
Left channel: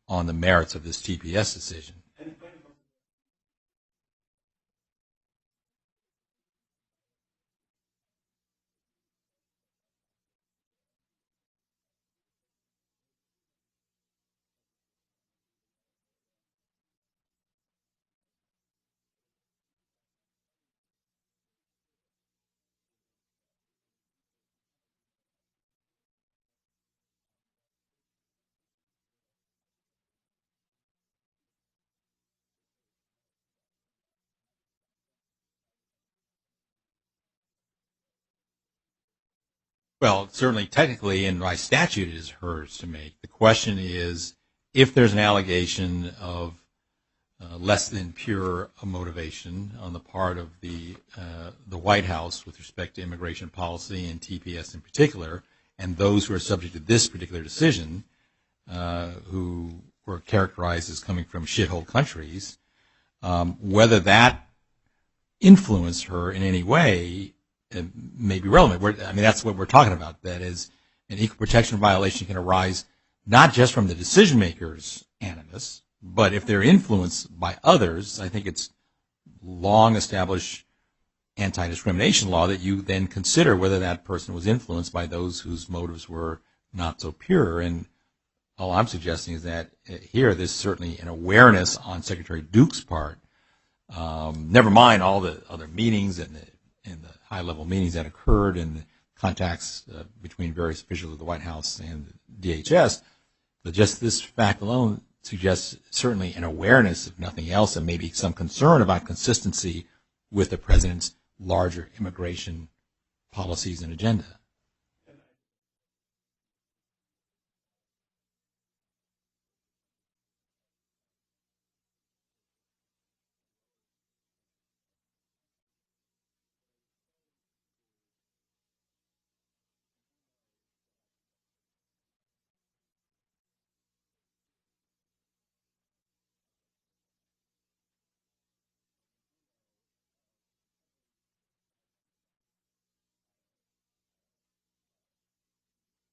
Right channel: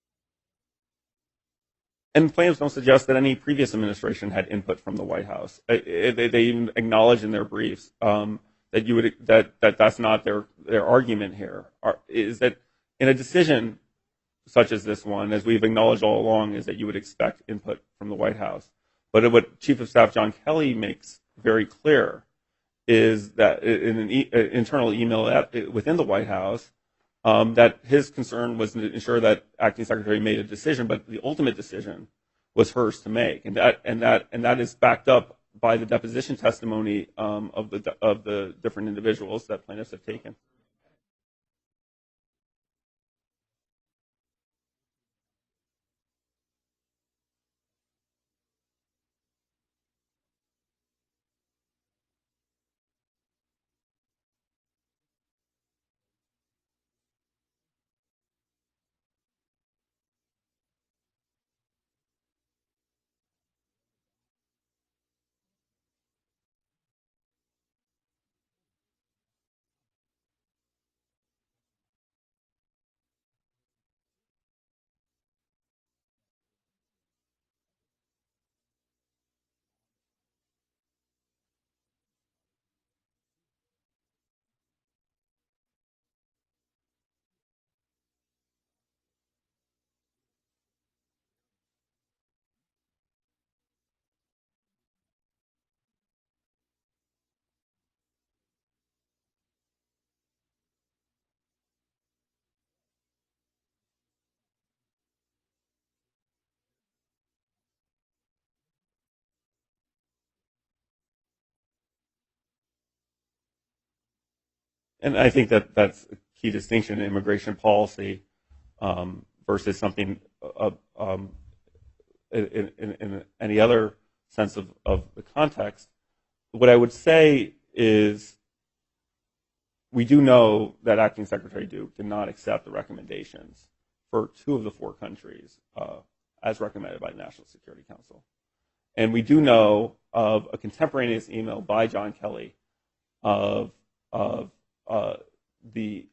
on the merits of this TPS decision. And plaintiffs don't suggest that any previous administration had input from the White House. They even acknowledge in their briefs that that's not their argument here. Is that in a decision such as this one, as we've acknowledged all along, is that you would expect input from the White House. But what Chief of Staff John Kelly makes very clear is that in an internal email within the White House, that his concern was to ensure that Acting Secretary made a decision, but the ultimate decision was hers to make, and that is backed up by the deposition testimony of the different individuals that plaintiffs have taken. Certainly technically and by statute it is hers to make. The question is, if there's an allegation of less than pure motivation on the part of the White House with respect to immigration policy and TPS in particular, and those who are subject to this particular decision, who were characterized as coming from shithole countries, whether that influenced her in any way may be relevant. That's what we're talking about. That is, an equal protection violation can arise not just from the decision maker's animus, but if they're influenced by others. I think it's long established anti-discrimination law that you then consider whether that person was influenced by those whose motives were not so pure. And all I'm suggesting is that here there's certainly an awareness on Secretary Duke's part, never mind all the other meetings and the high-level meetings that occurred and the contacts between various officials of the White House and DHS, but just this fact alone suggests certainly an awareness, if nothing else, and maybe some concern about consistency with the President's larger immigration policies and agenda. And I think that that's a key distinction in immigration policy versus something in any other sense of the context. What I would say is we do know that Acting Secretary Duke did not accept the recommendations for 2 of the 4 countries as recommended by the National Security Council. And we do know of a contemporaneous email by John Kelly of the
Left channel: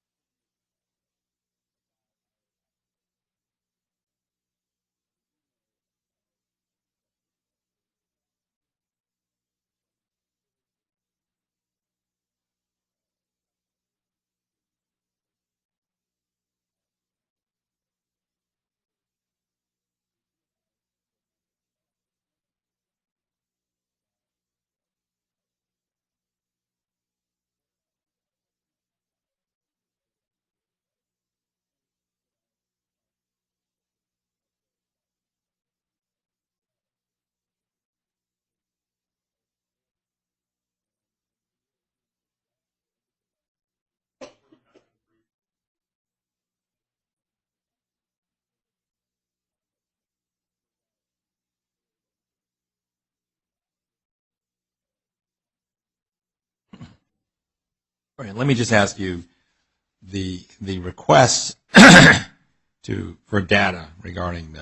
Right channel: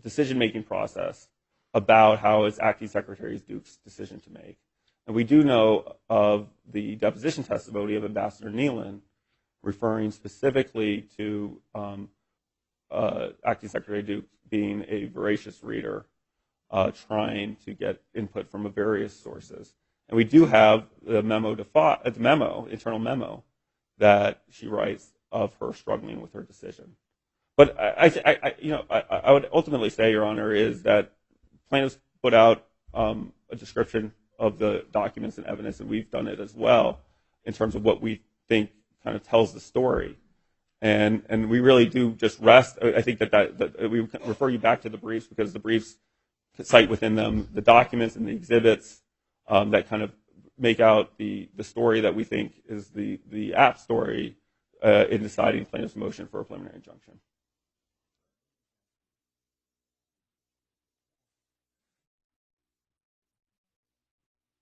decision-making process about how it's Acting Secretary Duke's decision to make. And we do know of the deposition testimony of Ambassador Nealon referring specifically to Acting Secretary Duke being a voracious reader, trying to get input from various sources. And we do have the internal memo that she writes of her struggling with her decision. But I would ultimately say, Your Honor, is that plaintiffs put out a description of the documents and evidence, and we've done it as well in terms of what we think kind of tells the story. And we really do just rest. I think that we refer you back to the briefs because the briefs cite within them the documents and the exhibits that kind of make out the story that we think is the apt story in deciding plaintiff's motion for a preliminary injunction. All right, let me just ask you the request for data regarding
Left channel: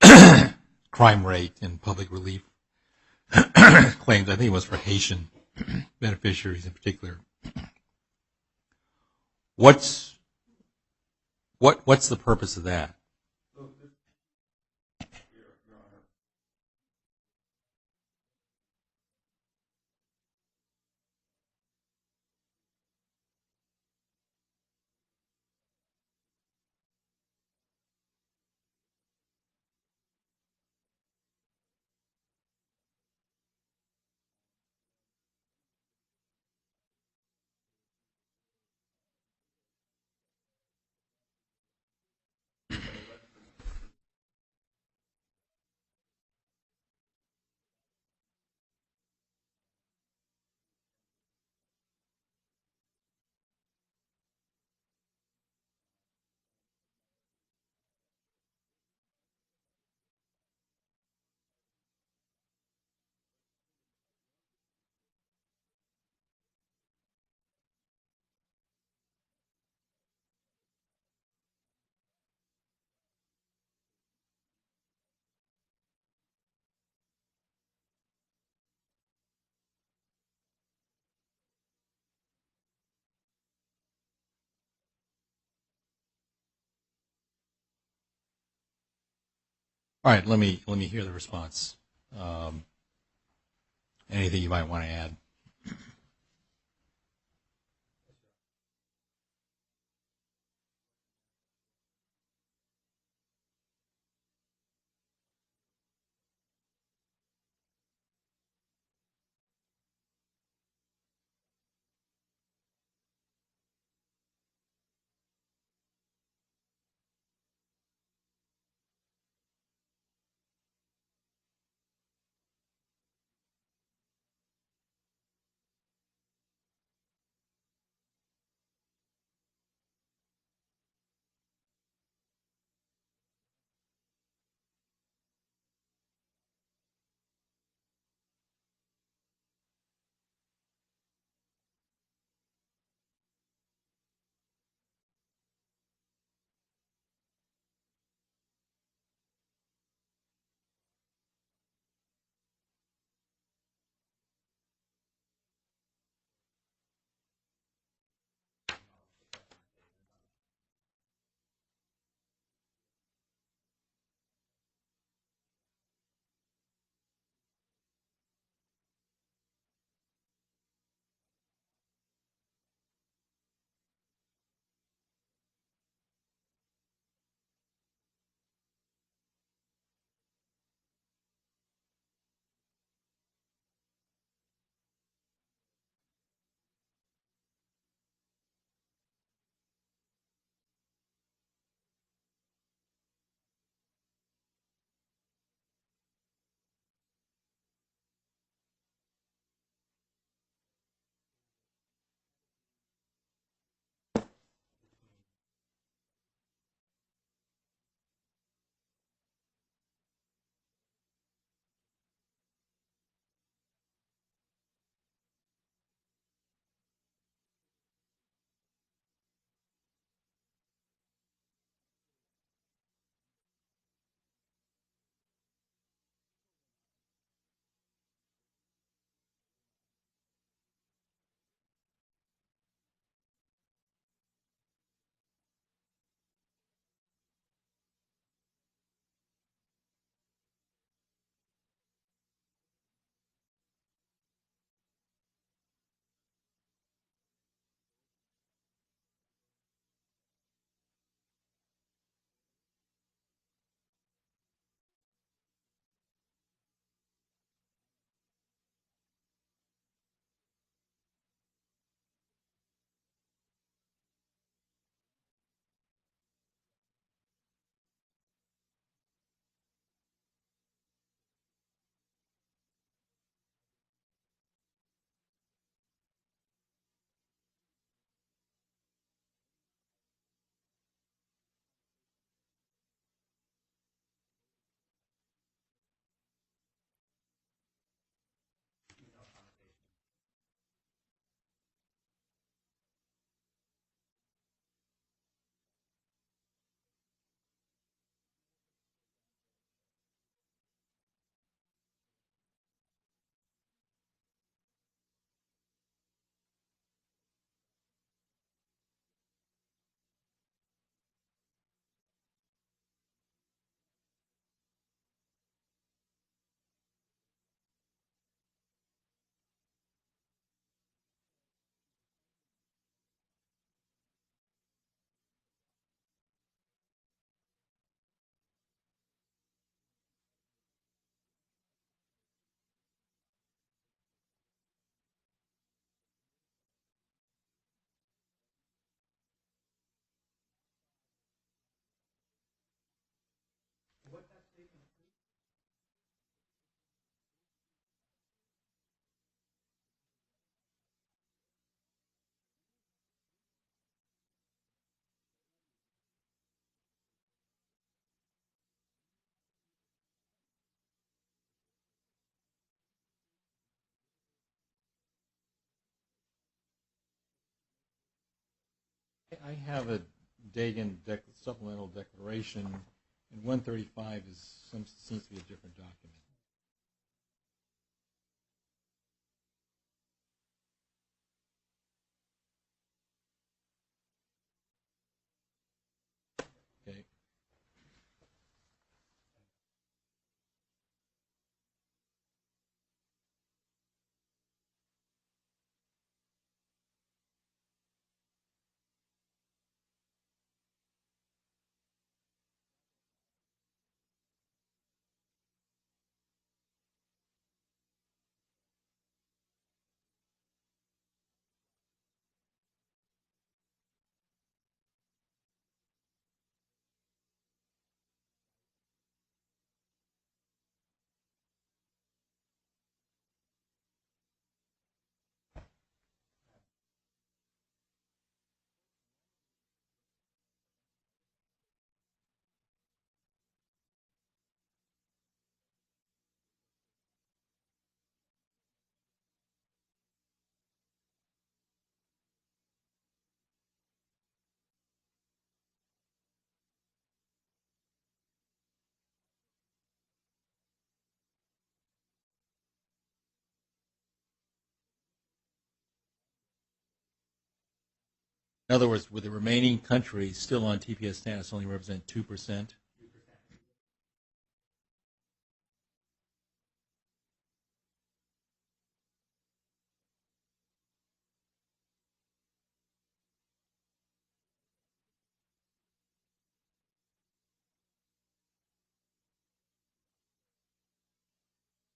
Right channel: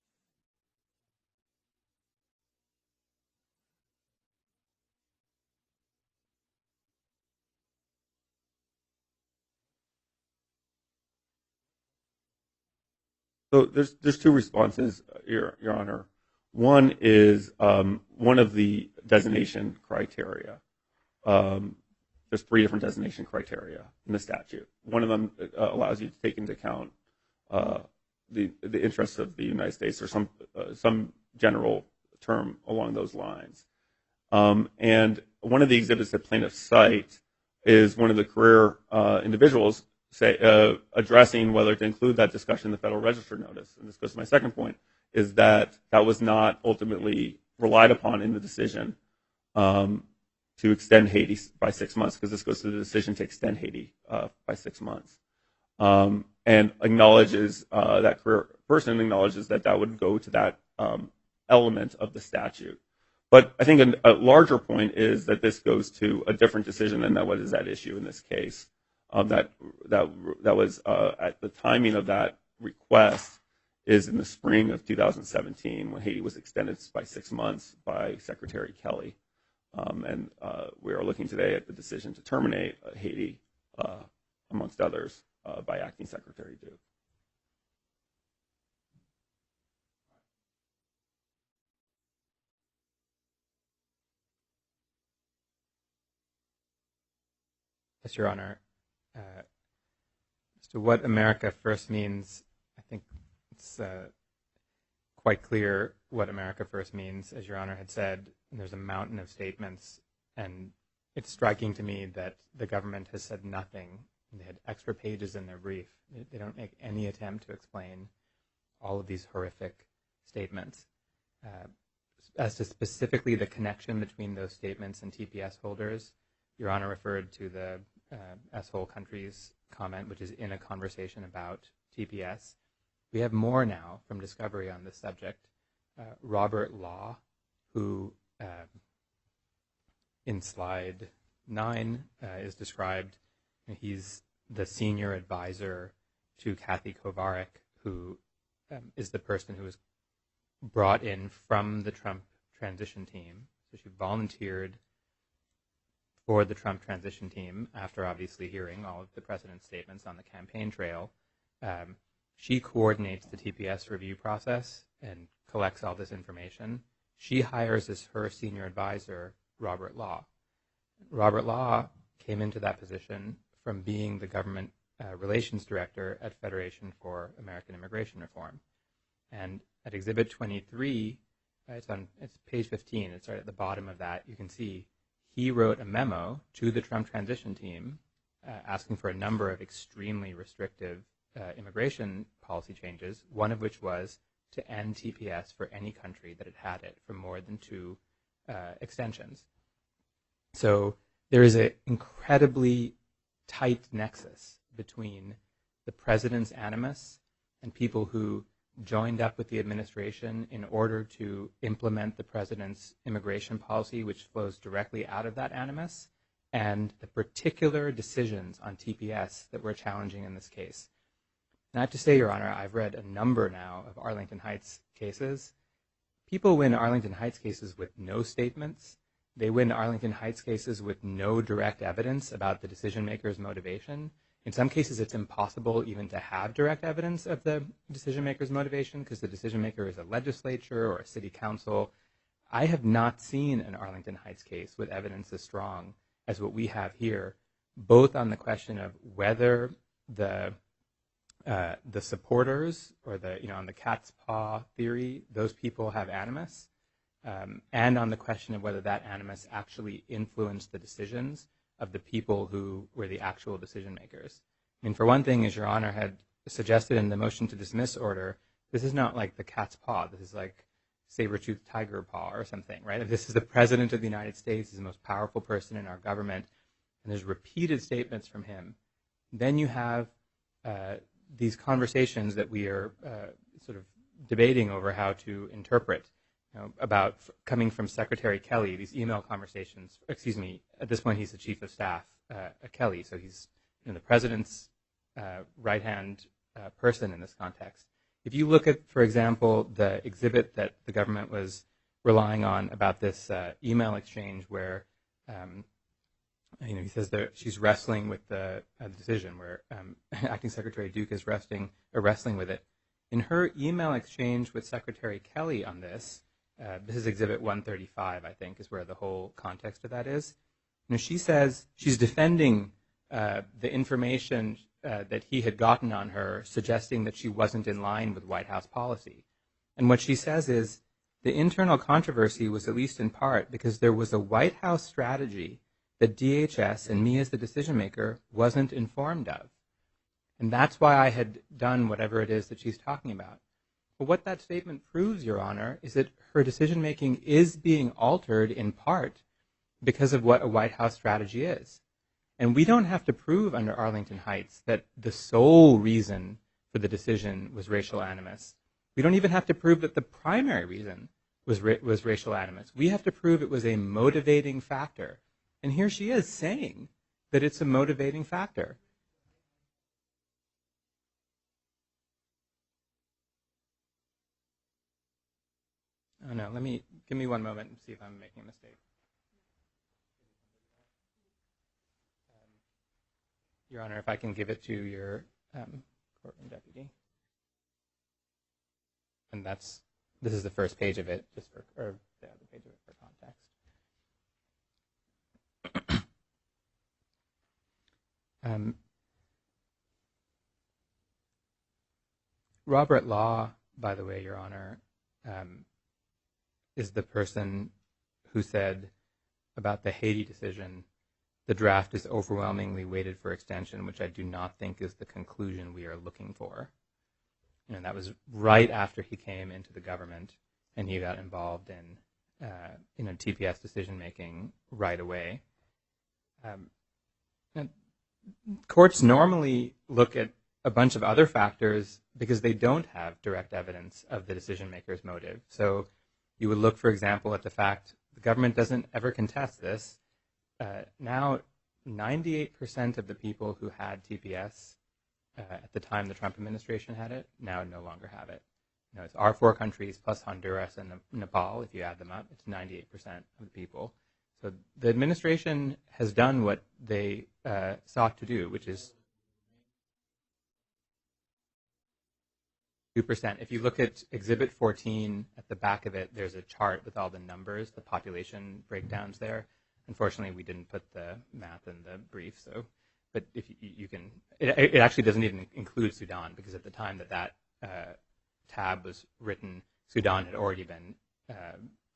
the crime rate and public relief claims. I think it was for Haitian beneficiaries in particular. What's the purpose of that? So there's 2 responses, Your Honor. One is one of the designation criteria. There's 3 different designation criteria in the statute. One of them allows you to take into account the interests of the United States or some general term along those lines. And one of the exhibits that plaintiffs cite is one of the career individuals addressing whether to include that discussion in the Federal Register notice. And this goes to my second point, is that was not ultimately relied upon in the decision to extend Haiti by 6 months, because this goes to the decision to extend Haiti by 6 months. And acknowledges that career person acknowledges that would go to that element of the statute. But I think a larger point is that this goes to a different decision than what is at issue in this case. That was at the timing of that request is in the spring of 2017 when Haiti was extended by 6 months by Secretary Kelly. And we are looking today at the decision to terminate Haiti, amongst others, by Acting Secretary Duke. All right, let me hear the response. Anything you might want to add? Yes, Your Honor. As to what America First means, I think it's quite clear what America First means. As Your Honor had said, there's a mountain of statements, and it's striking to me that the government has said nothing. They had extra pages in their brief. They don't make any attempt to explain all of these horrific statements. As to specifically the connection between those statements and TPS holders, Your Honor referred to the S-hole countries comment, which is in a conversation about TPS. We have more now from discovery on this subject. Robert Law, who in slide 9 is described, he's the senior advisor to Kathy Kovarik, who is the person who was brought in from the Trump transition team. So she volunteered for the Trump transition team after obviously hearing all of the president's statements on the campaign trail. She coordinates the TPS review process and collects all this information. She hires as her senior advisor Robert Law. Robert Law came into that position from being the government relations director at Federation for American Immigration Reform. And at Exhibit 23, it's page 15, it's right at the bottom of that, you can see he wrote a memo to the Trump transition team asking for a number of extremely restrictive immigration policy changes, one of which was to end TPS for any country that had it for more than 2 extensions. So there is an incredibly tight nexus between the president's animus and people who joined up with the administration in order to implement the president's immigration policy, which flows directly out of that animus, and the particular decisions on TPS that we're challenging in this case. And I have to say, Your Honor, I've read a number now of Arlington Heights cases. People win Arlington Heights cases with no statements. They win Arlington Heights cases with no direct evidence about the decision maker's motivation. In some cases, it's impossible even to have direct evidence of the decision maker's motivation because the decision maker is a legislature or a city council. I have not seen an Arlington Heights case with evidence as strong as what we have here, both on the question of whether the supporters or on the cat's paw theory, those people have animus, and on the question of whether that animus actually influenced the decisions of the people who were the actual decision makers. I mean, for one thing, as Your Honor had suggested in the motion to dismiss order, this is not like the cat's paw. This is like saber-toothed tiger paw or something, right? This is the President of the United States. He's the most powerful person in our government, and there's repeated statements from him. Then you have these conversations that we are sort of debating over how to interpret, about coming from Secretary Kelly, these email conversations. Excuse me, at this point he's the Chief of Staff, Kelly, so he's the President's right-hand person in this context. If you look at, for example, the exhibit that the government was relying on about this email exchange where he says that she's wrestling with the decision where Acting Secretary Duke is wrestling with it. In her email exchange with Secretary Kelly on this is Exhibit 135, I think, is where the whole context of that is. She says she's defending the information that he had gotten on her, suggesting that she wasn't in line with White House policy. And what she says is the internal controversy was at least in part because there was a White House strategy that DHS and me as the decision maker wasn't informed of. And that's why I had done whatever it is that she's talking about. But what that statement proves, Your Honor, is that her decision making is being altered in part because of what a White House strategy is. And we don't have to prove under Arlington Heights that the sole reason for the decision was racial animus. We don't even have to prove that the primary reason was racial animus. We have to prove it was a motivating factor. And here she is saying that it's a motivating factor. I have a Dagan supplemental declaration, and 135 seems to be a different document. Oh no, give me one moment and see if I'm making a mistake. Your Honor, if I can give it to your courtroom deputy. Okay. And this is the first page of it, just for the page of it for context. Robert Law, by the way, Your Honor, is the person who said about the Haiti decision, the draft is overwhelmingly weighted for extension, which I do not think is the conclusion we are looking for. And that was right after he came into the government and he got involved in TPS decision making right away. Courts normally look at a bunch of other factors because they don't have direct evidence of the decision maker's motive. So you would look, for example, at the fact the government doesn't ever contest this. Now, 98% of the people who had TPS at the time the Trump administration had it now no longer have it. It's our 4 countries plus Honduras and Nepal. If you add them up, it's 98% of the people. So the administration has done what they sought to do, which is... In other words, with the remaining countries still on TPS status only represent 2%? 2%. If you look at Exhibit 14, at the back of it, there's a chart with all the numbers, the population breakdowns there. Unfortunately, we didn't put the math in the brief, but if you can... It actually doesn't even include Sudan, because at the time that tab was written, Sudan had already been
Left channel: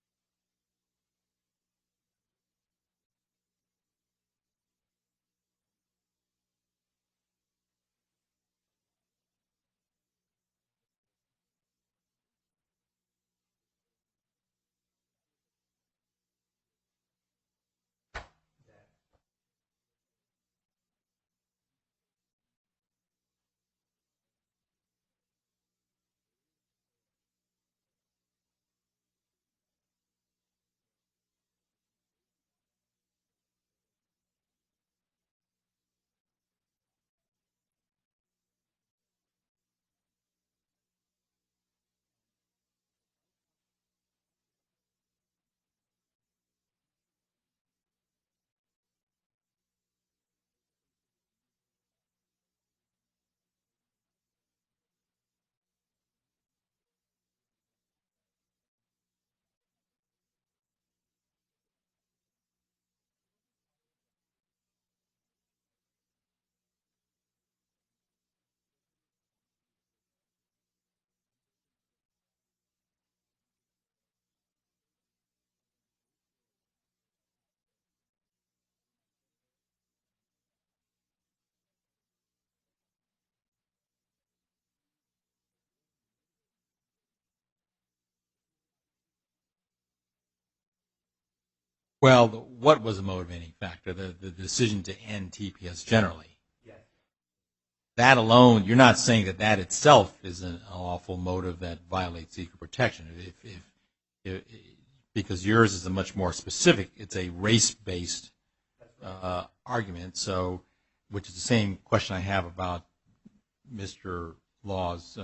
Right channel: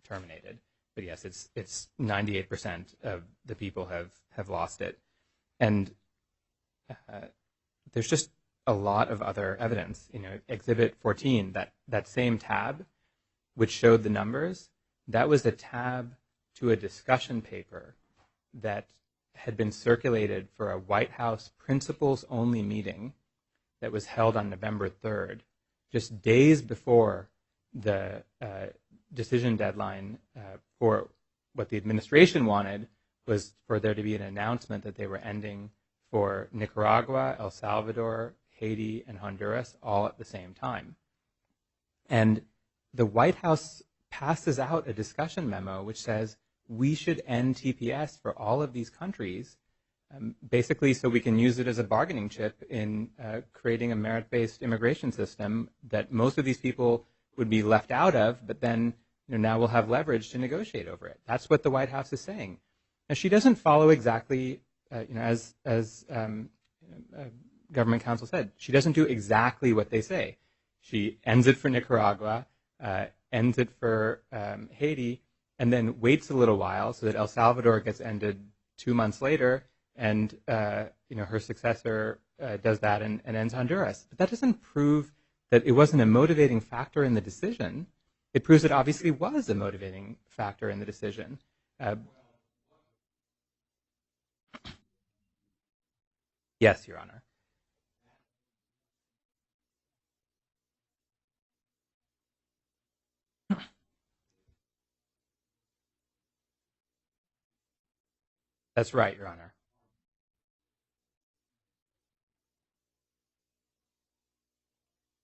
terminated. But yes, it's 98% of the people have lost it. And there's just a lot of other evidence. Exhibit 14, that same tab, which showed the numbers, that was a tab to a discussion paper that had been circulated for a White House principals-only meeting that was held on November 3rd, just days before the decision deadline for what the administration wanted was for there to be an announcement that they were ending for Nicaragua, El Salvador, Haiti, and Honduras all at the same time. And the White House passes out a discussion memo which says we should end TPS for all of these countries, basically so we can use it as a bargaining chip in creating a merit-based immigration system that most of these people would be left out of, but then now we'll have leverage to negotiate over it. That's what the White House is saying. Now, she doesn't follow exactly, as government counsel said, she doesn't do exactly what they say. She ends it for Nicaragua, ends it for Haiti, and then waits a little while so that El Salvador gets ended 2 months later, and her successor does that and ends Honduras. But that doesn't prove that it wasn't a motivating factor in the decision. It proves it obviously was a motivating factor in the decision. What was a motivating factor? The decision to end TPS generally. Yes, Your Honor. That alone, you're not saying that itself is an awful motive that violates equal protection. Because yours is a much more specific, it's a race-based That's right. Argument. So, which is the same question I have about Mr. Law's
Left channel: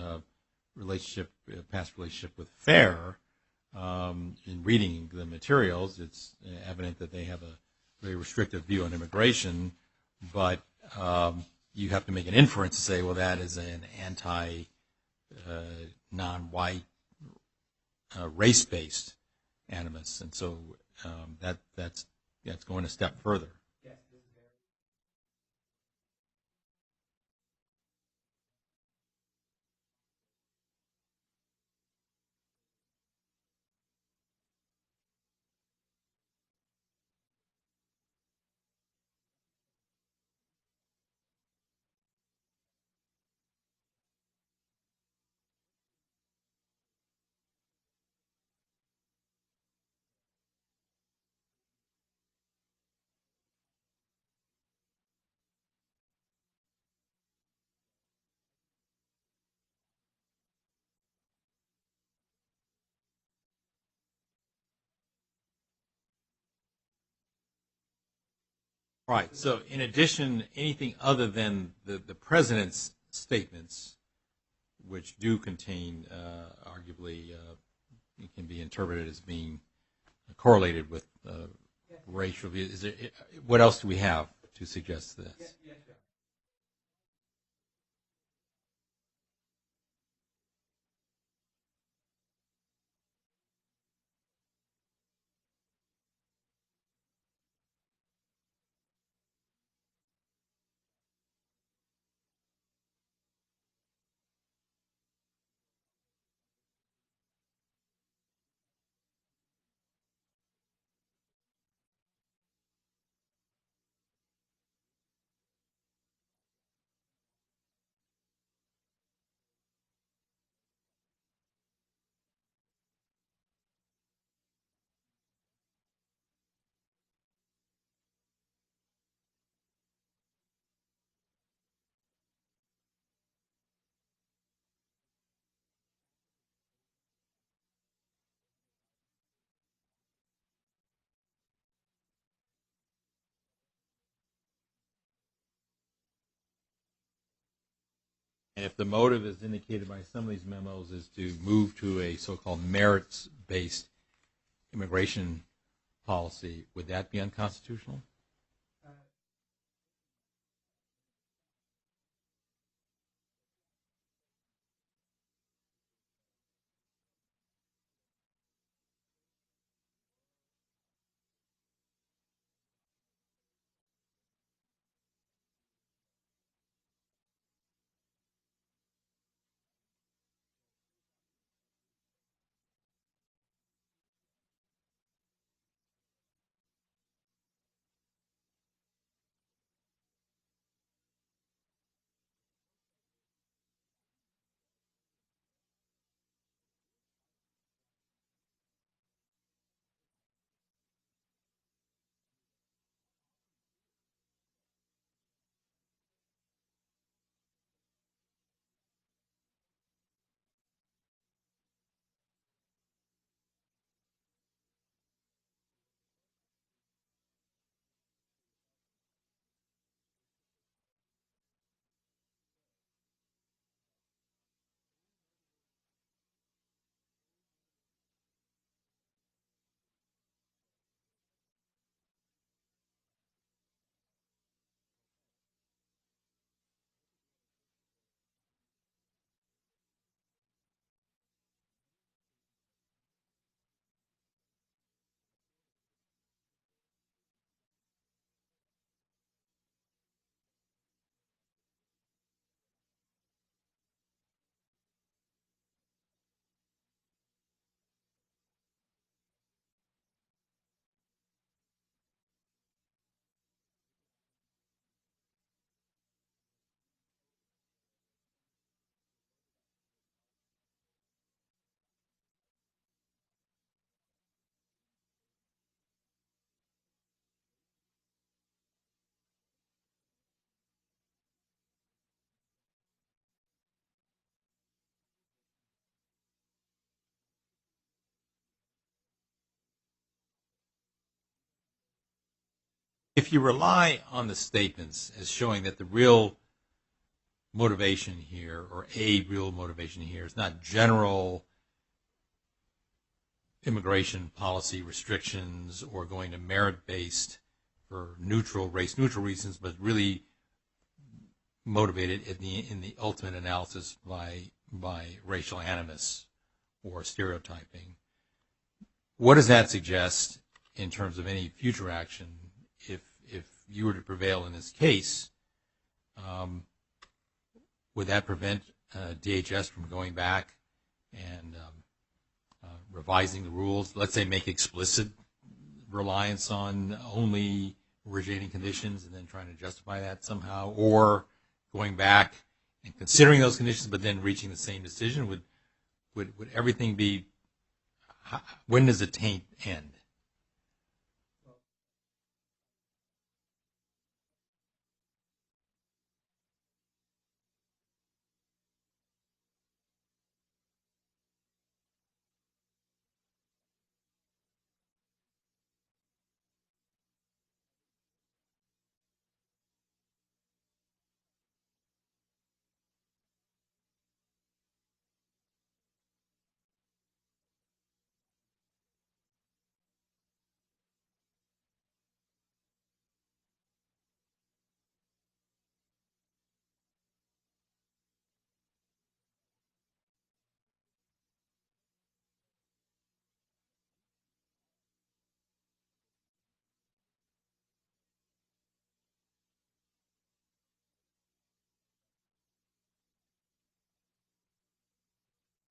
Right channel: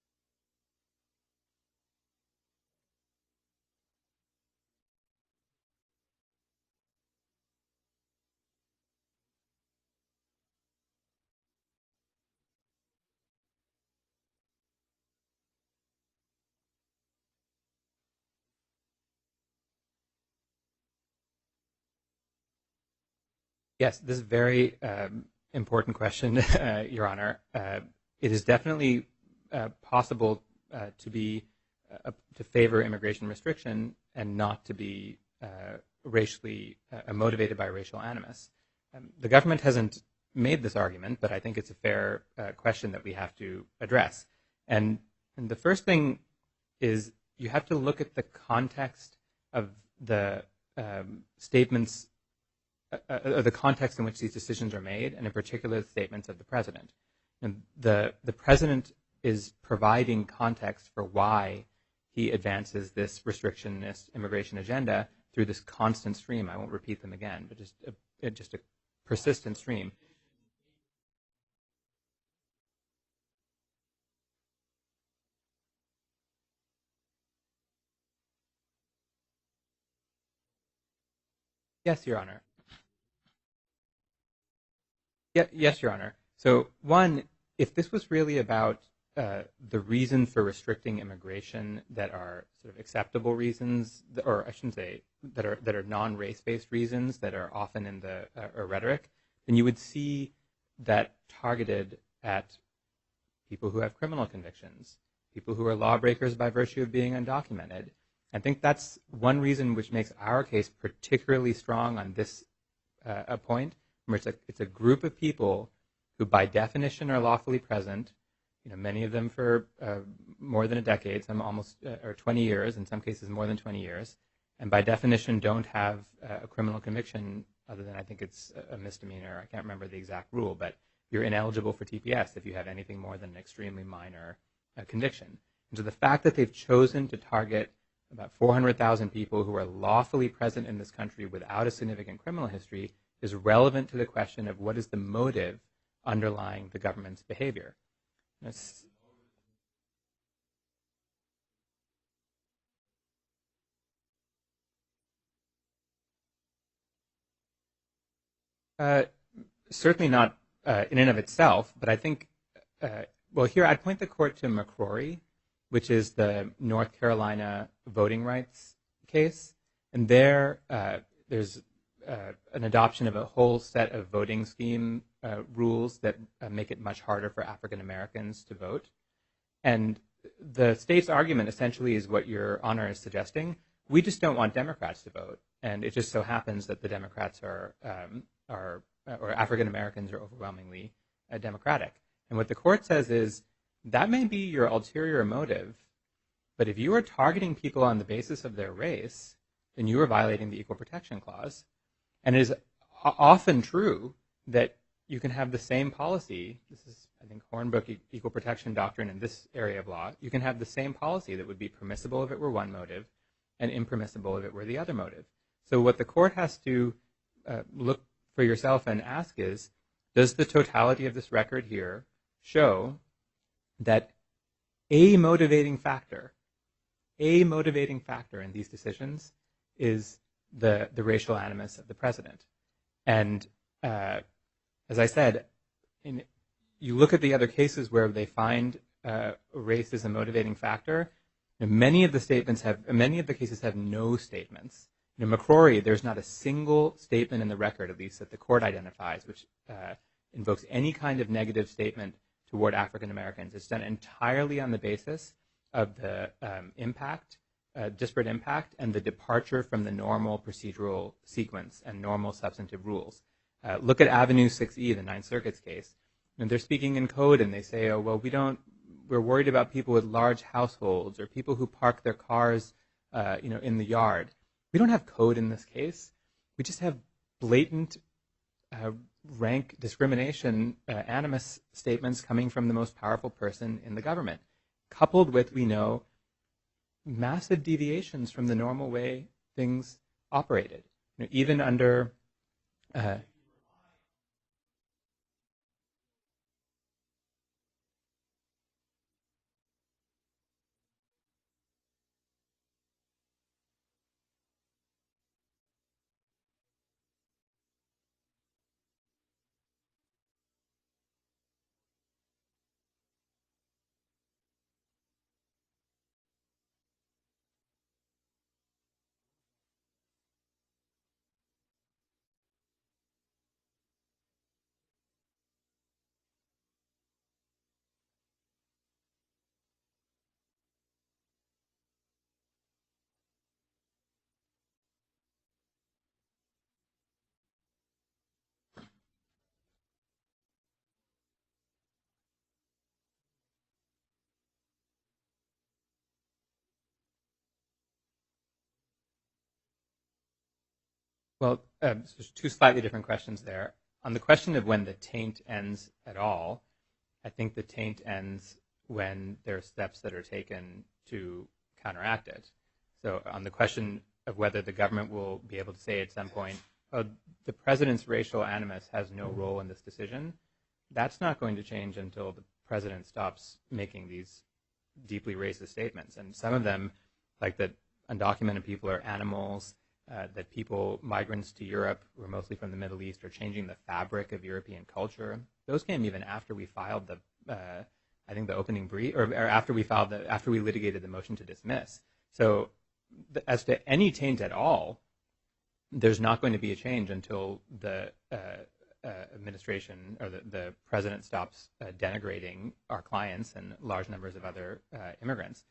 past relationship with FAIR. In reading the materials, it's evident that they have a very restrictive view on immigration, but you have to make an inference to say, well, that is an non-white, race-based animus, and so that's going a step further. Yes, this is a very important question, Your Honor. It is definitely possible to favor immigration restriction and not to be racially motivated by racial animus. The government hasn't made this argument, but I think it's a fair question that we have to address. And the first thing is you have to look at the context of the statements, the context in which these decisions are made, and in particular the statements of the president. And the president is providing context for why he advances this restrictionist immigration agenda through this constant stream. I won't repeat them again, but just a persistent stream. In addition, anything other than the president's statements, which do contain, arguably, it can be interpreted as being correlated with yes, Your racial Honor. views. What else do we have to suggest this? Yes, Your Honor. So, one, if this was really about the reason for restricting immigration that are sort of acceptable reasons, or I shouldn't say that are non-race-based reasons that are often in the rhetoric, then you would see that targeted at people who have criminal convictions, people who are lawbreakers by virtue of being undocumented. I think that's one reason which makes our case particularly strong on this point, where it's a group of people who by definition are lawfully present, many of them for more than a decade, some almost, or 20 years, in some cases more than 20 years, and by definition don't have a criminal conviction other than I think it's a misdemeanor. I can't remember the exact rule, but you're ineligible for TPS if you have anything more than an extremely minor conviction. And so the fact that they've chosen to target about 400,000 people who are lawfully present in this country without a significant criminal history is relevant to the question of what is the motive underlying the government's behavior. And if the motive is indicated by some of these memos is to move to a so-called merits-based immigration policy, would that be unconstitutional? Certainly not in and of itself, but I think, here I'd point the court to McCrory, which is the North Carolina voting rights case. And there's an adoption of a whole set of voting scheme rules that make it much harder for African Americans to vote. And the state's argument essentially is what Your Honor is suggesting. We just don't want Democrats to vote. And it just so happens that the Democrats or African Americans are overwhelmingly Democratic. And what the court says is that may be your ulterior motive, but if you are targeting people on the basis of their race, then you are violating the Equal Protection Clause. And it is often true that you can have the same policy. This is, I think, Hornbook equal protection doctrine in this area of law. You can have the same policy that would be permissible if it were one motive and impermissible if it were the other motive. So what the court has to look for yourself and ask is, does the totality of this record here show that a motivating factor in these decisions is the racial animus of the president? And as I said, you look at the other cases where they find race as a motivating factor. Many of the cases have no statements. In McCrory, there's not a single statement in the record, at least that the court identifies, which invokes any kind of negative statement toward African Americans. It's done entirely on the basis of the disparate impact, and the departure from the normal procedural sequence and normal substantive rules. Look at Avenue 6E, the Ninth Circuit's case. And they're speaking in code, and they say, oh, well, we're worried about people with large households or people who park their cars, in the yard. We don't have code in this case. We just have blatant rank discrimination, animus statements coming from the most powerful person in the government, coupled with, we know, massive deviations from the normal way things operated. Even under... if you rely on the statements as showing that the real motivation here, or a real motivation here, is not general immigration policy restrictions or going to merit-based for race-neutral reasons, but really motivated in the ultimate analysis by racial animus or stereotyping, what does that suggest in terms of any future action if you were to prevail in this case? Would that prevent DHS from going back and revising the rules? Let's say make explicit reliance on only originating conditions and then trying to justify that somehow, or going back and considering those conditions but then reaching the same decision? Would everything be, when does the taint end? Well, there's two slightly different questions there. On the question of when the taint ends at all, I think the taint ends when there are steps that are taken to counteract it. So on the question of whether the government will be able to say at some point, oh, the president's racial animus has no role in this decision, that's not going to change until the president stops making these deeply racist statements. And some of them, like that undocumented people are animals, that migrants to Europe, who are mostly from the Middle East, are changing the fabric of European culture. Those came even after we filed the opening brief, or after we litigated the motion to dismiss. So as to any taint at all, there's not going to be a change until the administration or the president stops denigrating our clients and large numbers of other immigrants.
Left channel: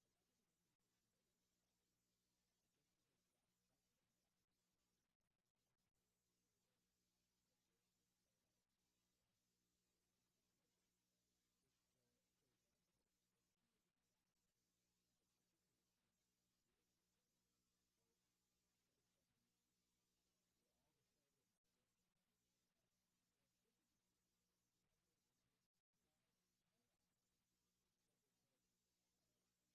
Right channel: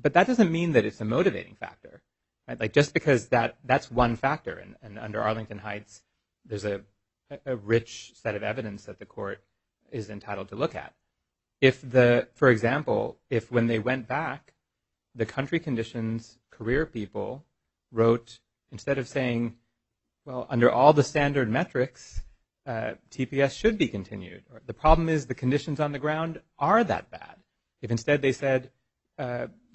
But that doesn't mean that it's a motivating factor. Right? Like, just because that's one factor, and under Arlington Heights, there's a rich set of evidence that the court is entitled to look at. For example, if when they went back, the country conditions career people wrote, instead of saying, well, under all the standard metrics, TPS should be continued, or the problem is the conditions on the ground are that bad. If instead they said,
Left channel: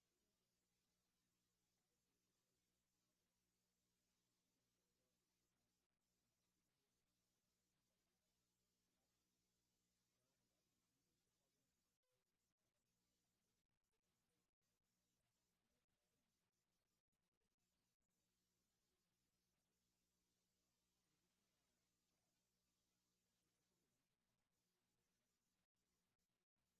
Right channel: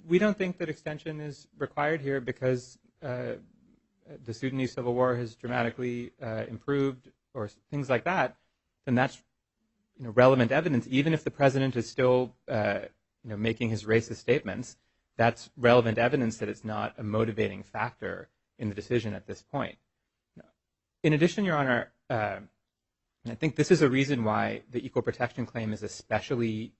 we don't think that extension is required here because the Sudanese civil war has dramatically improved, or things like that, then that's relevant evidence. Even if the president is still making his racist statements, that's relevant evidence that it's not a motivating factor in the decision at this point. In addition, Your Honor, I think this is a reason why the equal protection claim is especially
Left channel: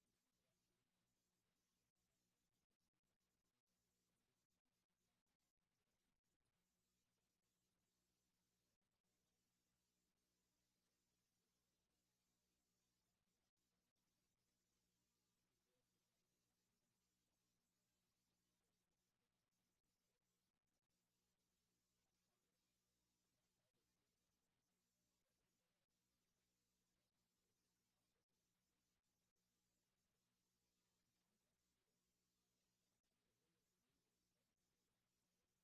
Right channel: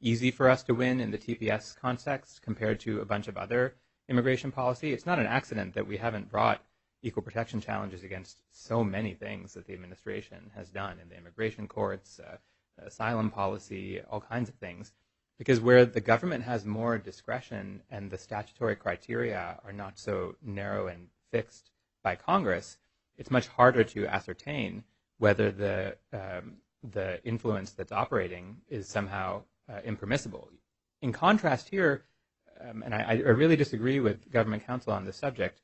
easy for us to win in the TPS context compared to a bunch of other immigration policy. It's not an accident that we haven't brought equal protection challenges against so many things that the administration has done in the immigration courts, asylum policy, all kinds of things. Because where the government has more discretion and the statutory criteria are not so narrow and fixed by Congress, it's much harder to ascertain whether the influence that's operating is somehow impermissible. In contrast here, and I really disagree with government counsel on this subject,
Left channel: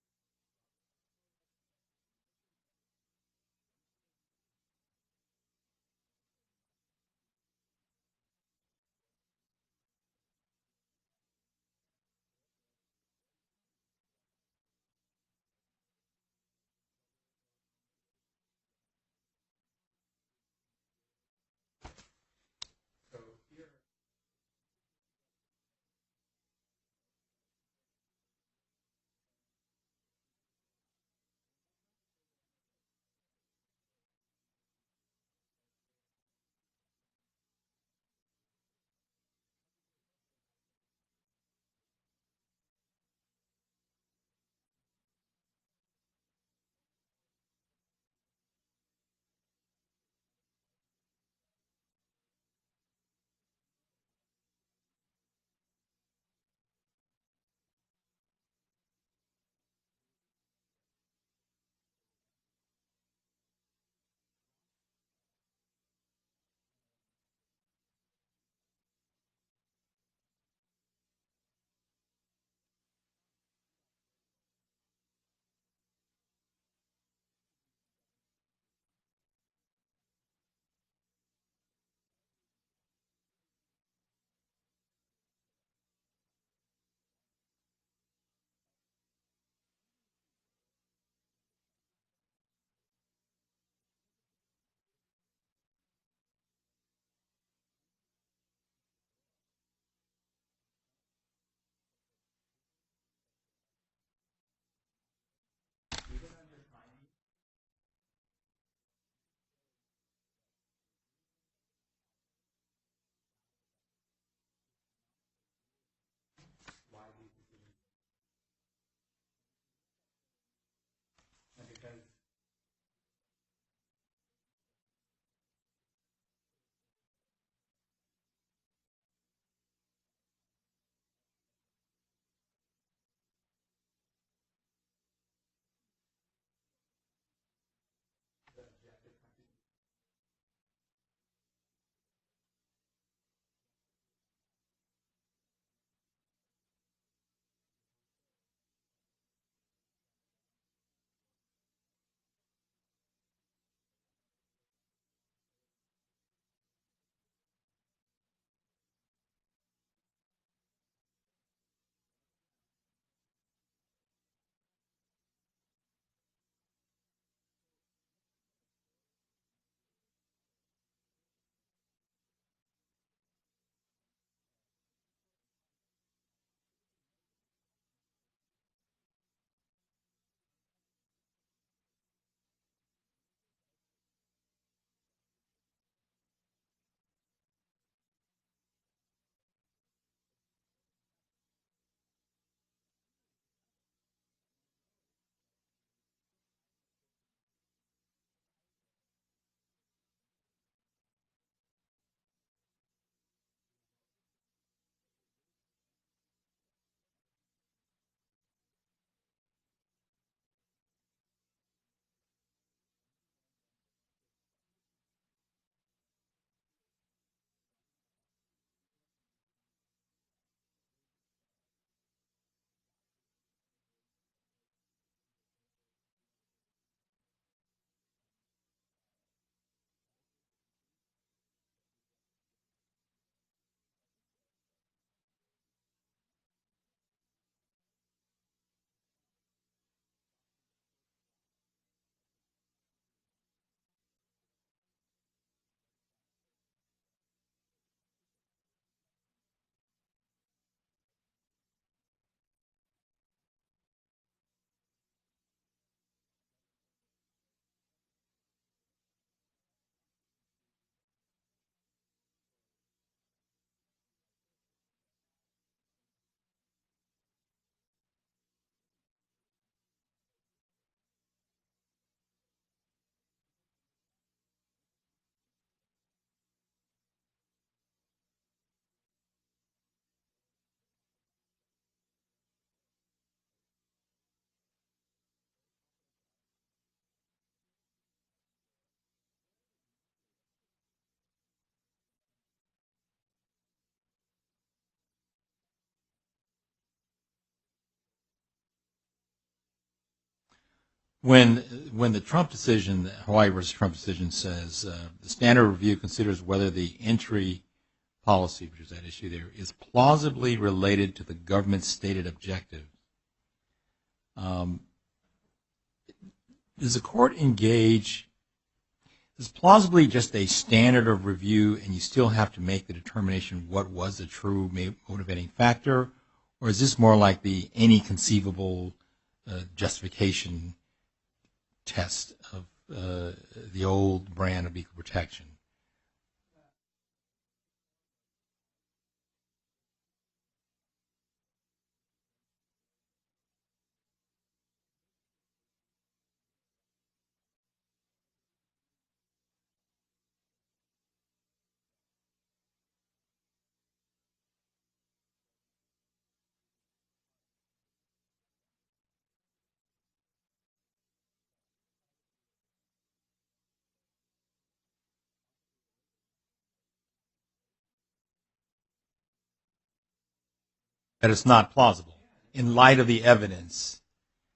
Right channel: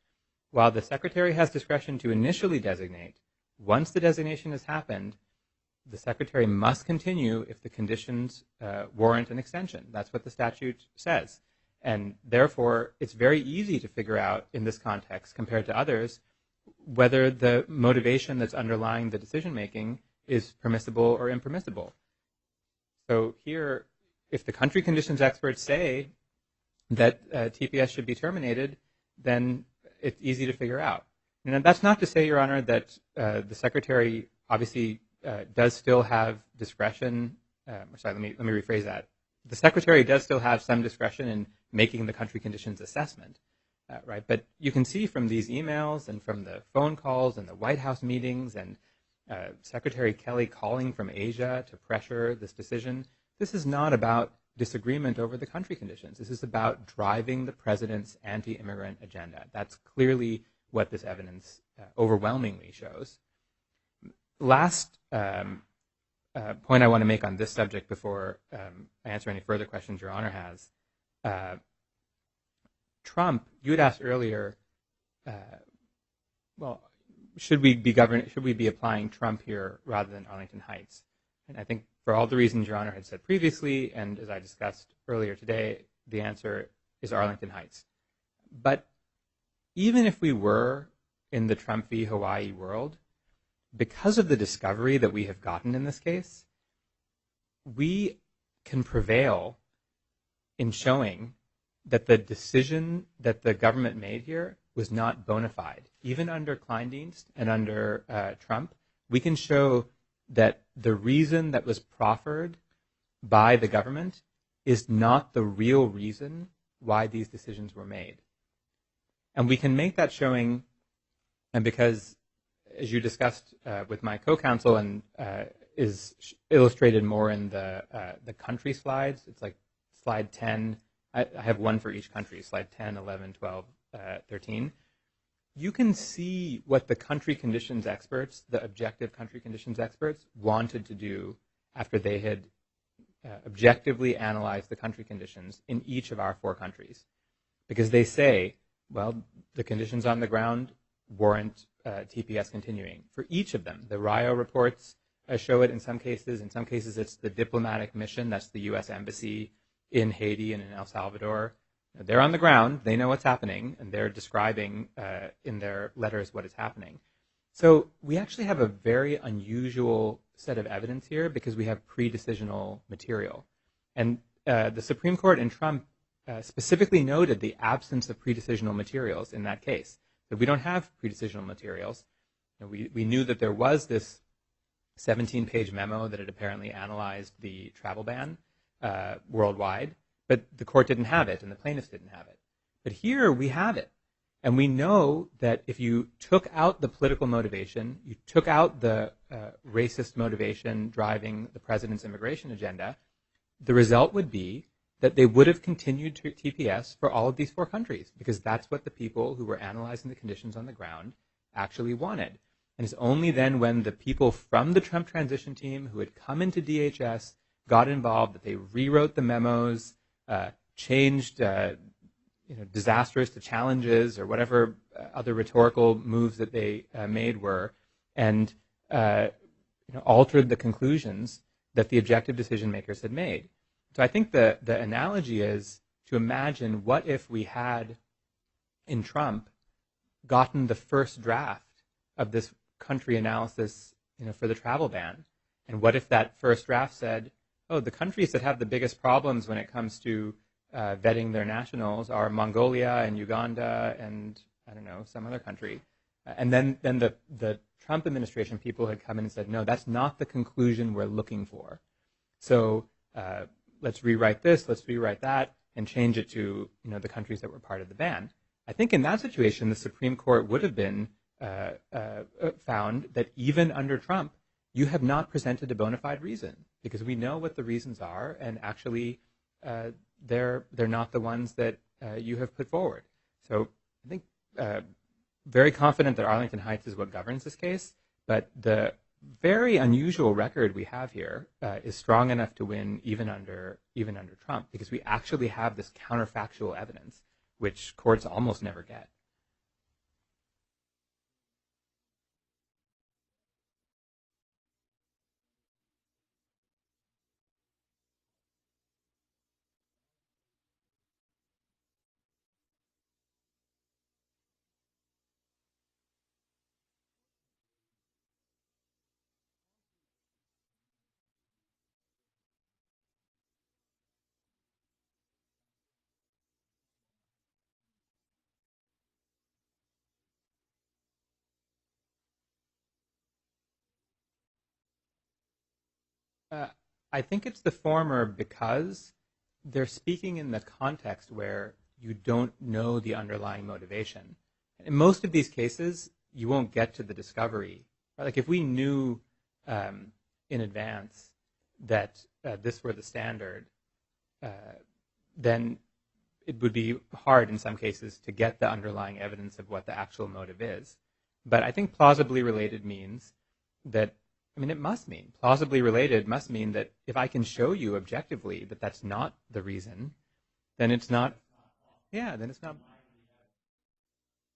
while the secretary has discretion to initially designate, once the designation has happened, the Secretary must continue if the conditions warrant an extension. That's what the statute says. And therefore, it's very easy to figure out in this context, compared to others, whether the motivation that's underlying the decision-making is permissible or impermissible. So here, if the country conditions experts say that TPS should be terminated, then it's easy to figure out. And that's not to say, Your Honor, that the Secretary obviously does still have discretion. Let me rephrase that. The Secretary does still have some discretion in making the country conditions assessment, right? But you can see from these emails and from the phone calls and the White House meetings and Secretary Kelly calling from Asia to pressure this decision, this is not about disagreement over the country conditions. This is about driving the president's anti-immigrant agenda. That's clearly what this evidence overwhelmingly shows. Last point I want to make on this subject before I answer any further questions Your Honor has. Trump, you had asked earlier, should we be applying Trump here rather than Arlington Heights? And I think for all the reasons Your Honor had said previously, and as I discussed earlier today, the answer is Arlington Heights. But even if we were in the Trump v. Hawaii world, because of the discovery that we have gotten in this case, we can prevail in showing that the decision that the government made here was not bona fide. Even under Kleindienst and under Trump, we can show that the reason that was proffered by the government is not the real reason why these decisions were made. And we can make that showing, and because, as you discussed with my co-counsel and is illustrated more in the country slides, it's like slide 10. I have one for each country, slide 10, 11, 12, 13. You can see what the country conditions experts, the objective country conditions experts, wanted to do after they had objectively analyzed the country conditions in each of our 4 countries. Because they say, well, the conditions on the ground warrant TPS continuing. For each of them, the Rio reports show it in some cases. In some cases, it's the diplomatic mission. That's the U.S. Embassy in Haiti and in El Salvador. They're on the ground. They know what's happening, and they're describing in their letters what is happening. So we actually have a very unusual set of evidence here because we have pre-decisional material. And the Supreme Court in Trump specifically noted the absence of pre-decisional materials in that case. So we don't have pre-decisional materials. We knew that there was this 17-page memo that had apparently analyzed the travel ban worldwide, but the court didn't have it and the plaintiffs didn't have it. But here we have it. And we know that if you took out the political motivation, you took out the racist motivation driving the president's immigration agenda, the result would be that they would have continued to TPS for all of these 4 countries because that's what the people who were analyzing the conditions on the ground actually wanted. And it's only then when the people from the Trump transition team who had come into DHS got involved that they rewrote the memos, changed disasters to challenges or whatever other rhetorical moves that they made were, and altered the conclusions that the objective decision makers had made. So I think the analogy is to imagine what if we had, in Trump, gotten the first draft of this country analysis for the travel ban, and what if that first draft said, oh, the countries that have the biggest problems when it comes to vetting their nationals are Mongolia and Uganda and, I don't know, some other country. And then the Trump administration people had come in and said, no, that's not the conclusion we're looking for. So let's rewrite this, let's rewrite that, and change it to the countries that were part of the ban. I think in that situation, the Supreme Court would have been found that even under Trump, you have not presented a bona fide reason because we know what the reasons are, and actually they're not the ones that you have put forward. So I think very confident that Arlington Heights is what governs this case, but the very unusual record we have here is strong enough to win even under Trump because we actually have this counterfactual evidence, which courts almost never get. When the Trump decision, the Hawaii versus Trump decision says the standard review considers whether the entry policy, which is that issue there, is plausibly related to the government's stated objective. Does the court engage, is plausibly just a standard of review and you still have to make the determination what was the true motivating factor, or is this more like the any conceivable justification test of the old brand of equal protection? I think it's the former because they're speaking in the context where you don't know the underlying motivation. In most of these cases, you won't get to the discovery. Like if we knew in advance that this were the standard, then it would be hard in some cases to get the underlying evidence of what the actual motive is. But I think plausibly related means that, I mean, it must mean, plausibly related must mean that if I can show you objectively that that's not the reason, then it's not. That it's not plausible. Yeah, then it's in not light of the evidence.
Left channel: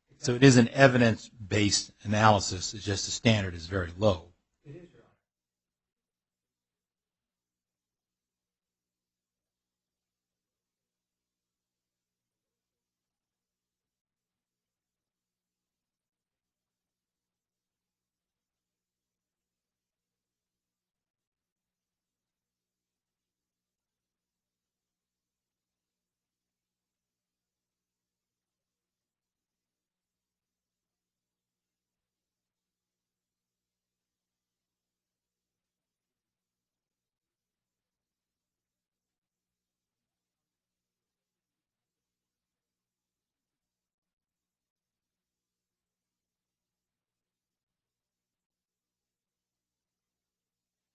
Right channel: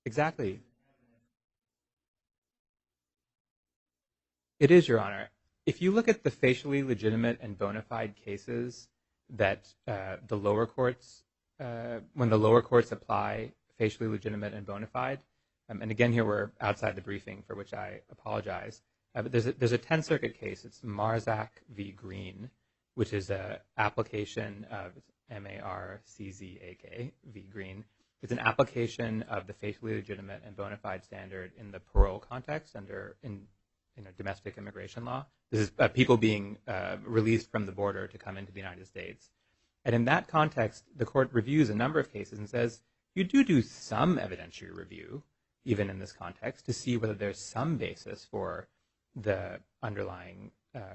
Exactly. So it is an evidence-based analysis. It's just the standard is very low. It is, Your Honor. If you look at the facially legitimate and bona fide cases that the lower courts, when the lower courts apply facially legitimate and bona fide, and again here we're outside the briefing for which I apologize, but there's a 10th Circuit case. It's Marzak v. Green, which is an application of M-A-R-C-Z-A-K v. Green. It's an application of the facially legitimate and bona fide standard in the parole context under in domestic immigration law. This is people being released from the border to come into the United States. And in that context, the court reviews a number of cases and says, you do some evidentiary review, even in this context, to see whether there's some basis for the underlying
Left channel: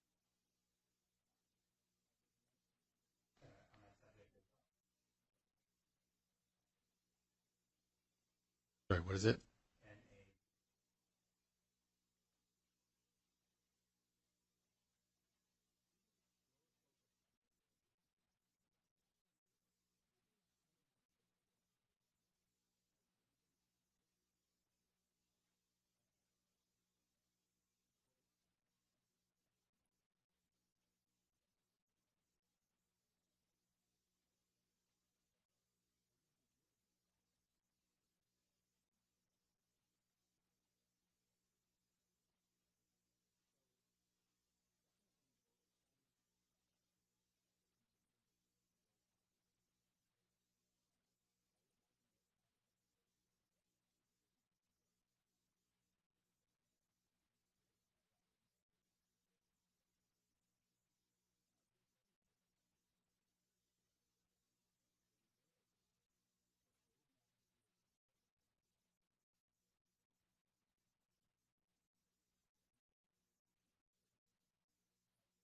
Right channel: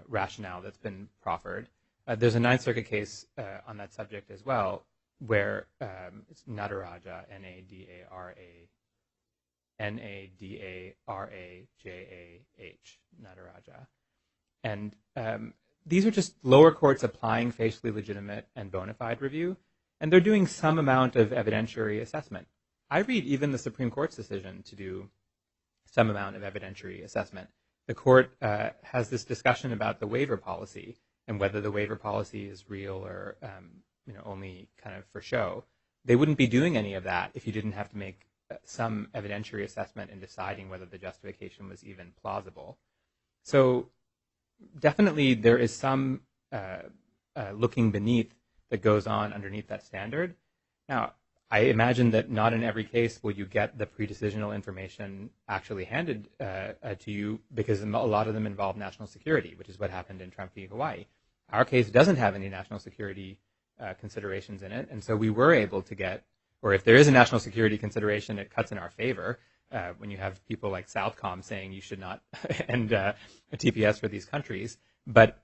rationale that's been proffered. There's a 9th Circuit case on that subject as well, where it's Nadaraja, N-A-D-A-R-A. Sorry, what is it? N-A-D-A-R-A-J-A-H, Nadaraja. And these are just lower courts applying facially legitimate and bona fide review, and they're doing some amount of evidentiary assessment. I read even the Supreme Court's decision to do some amount of evidentiary assessment. The court has this discussion about the waiver policy and whether the waiver policy is real or only kind of for show. They wouldn't be doing any of that if you didn't have to make some evidentiary assessment in deciding whether the justification was even plausible. So definitely there is some looking beneath that goes on underneath that standard. Now, I imagine that not in every case will you get the pre-decisional information actually handed to you, because a lot of them involve national security, which is what happened in Trump v. Hawaii. Our case doesn't have any national security considerations in it, and so we were able to get, or if there is a national security consideration, it cuts in our favor when you have people like Southcom saying you should not end a TPS for these countries. But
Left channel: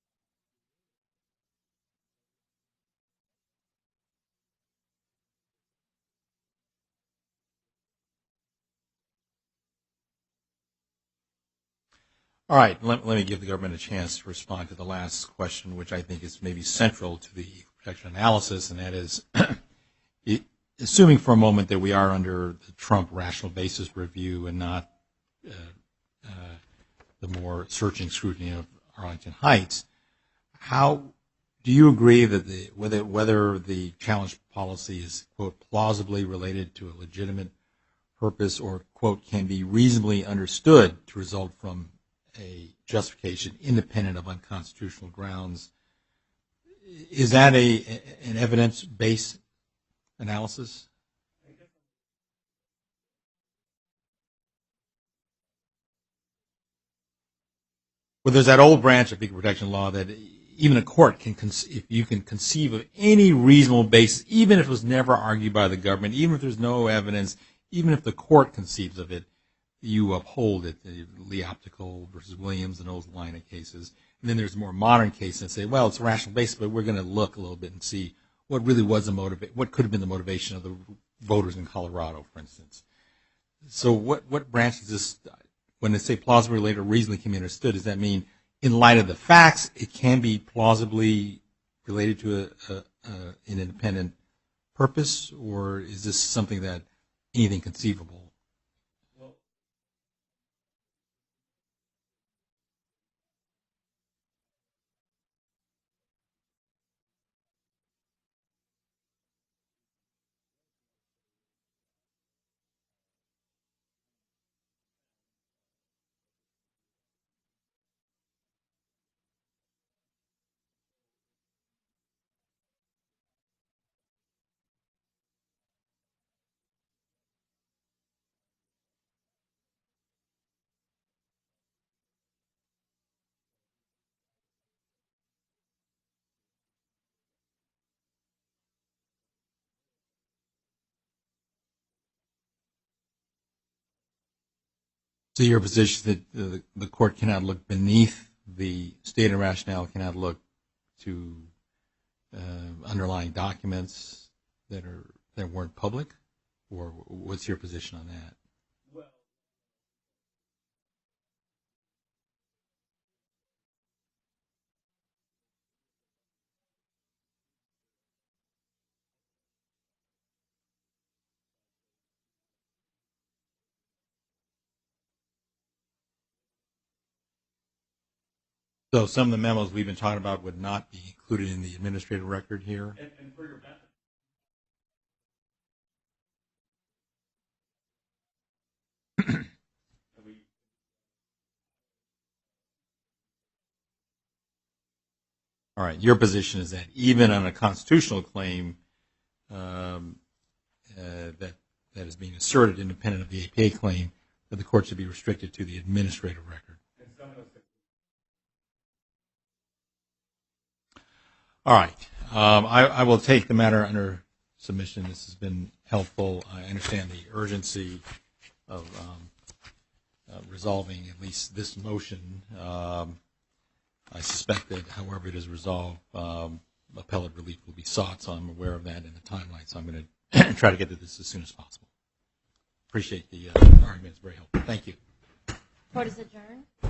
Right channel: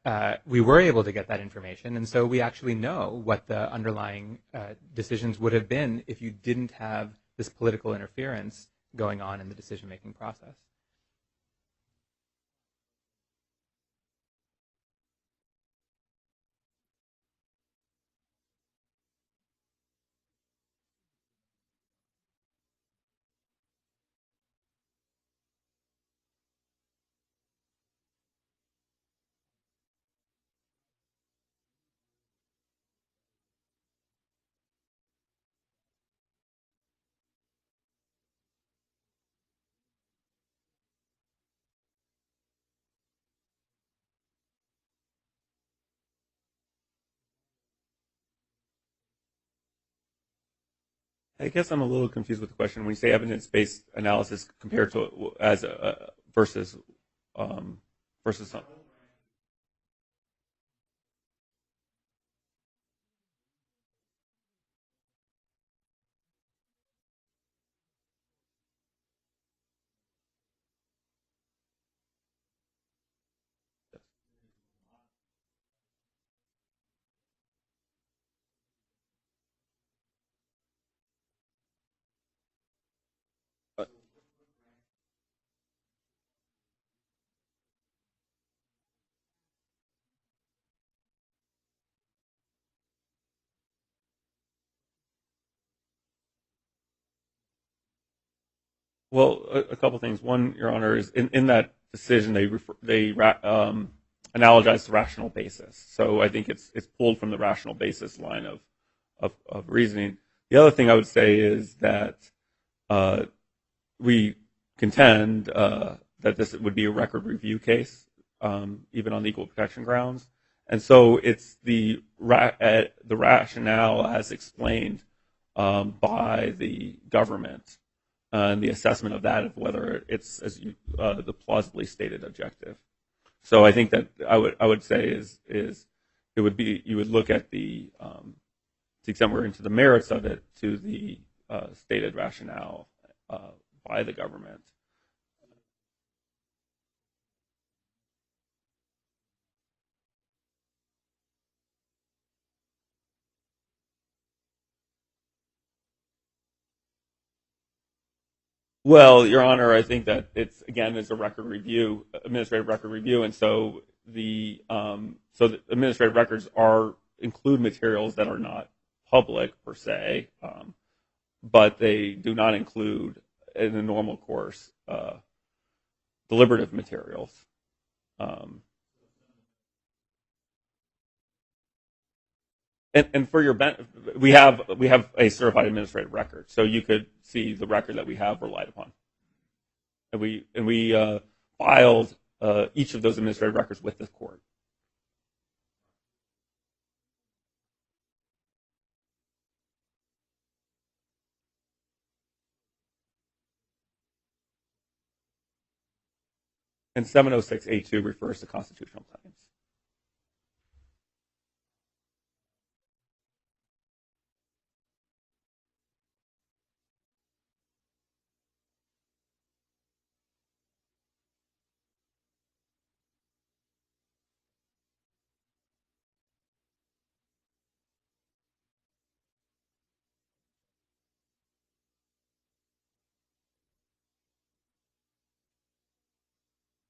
we were able to get that information, and so we actually know what the underlying decisions would have been if you didn't have this political interference going on in the decision-making process. All right, let me give the government a chance to respond to the last question, which I think is maybe central to the protection analysis, and that is, assuming for a moment that we are under the Trump rational basis review and not the more searching scrutiny of Arlington Heights, how do you agree that whether the challenge policy is, quote, plausibly related to a legitimate purpose or, quote, can be reasonably understood to result from a justification independent of unconstitutional grounds? Is that an evidence-based analysis? I guess I'm a little confused with the question. When you say evidence-based analysis compared to versus well, there's that old branch of equal protection law that even a court can, if you can conceive of any reasonable basis, even if it was never argued by the government, even if there's no evidence, even if the court conceives of it, you uphold it, the Lee Optical versus Williams and those line of cases. And then there's more modern cases that say, well, it's a rational basis, but we're going to look a little bit and see what really was what could have been the motivation of the voters in Colorado, for instance. So what branch is this? When they say plausibly related or reasonably can be understood, does that mean in light of the facts it can be plausibly related to an independent purpose, or is this something that anything conceivable Well, a couple things. One, Your Honor, is in that decision they analogize the rational basis. So I think it's pulled from the rational basis line of reasoning. The other thing I would say is that we contend that this would be a record review case, even on the equal protection grounds. And so it's the rationale as explained by the government and the assessment of that, of whether it's the plausibly stated objective. So I think that I would say is it would be, you would look at the to the extent we're into the merits of it, to the stated rationale by the government. So your position that the court cannot look beneath the stated rationale, cannot look to underlying documents that weren't public, or what's your position on that? Well, Your Honor, I think that it's a record review, administrative record review, and so the administrative records include materials that are not public per se, but they do not include in the normal course deliberative materials. So some of the memos we've been talking about would not be included in the administrative record here? And for your benefit, we have a certified administrative record, so you could see the record that we have relied upon. and we filed each of those administrative records with the court. All right. Your position is that even on a constitutional claim that is being asserted independent of the APA claim, that the court should be restricted to the administrative record. And 706A2 refers to constitutional claims. All right. I will take the matter under submission. This has been helpful. I understand the urgency of resolving at least this motion. I suspect that however it is resolved, appellate relief will be sought, so I'm aware of that in the timeline. So I'm going to try to get to this as soon as possible. Appreciate the argument. It's very helpful. Thank you. Court is adjourned.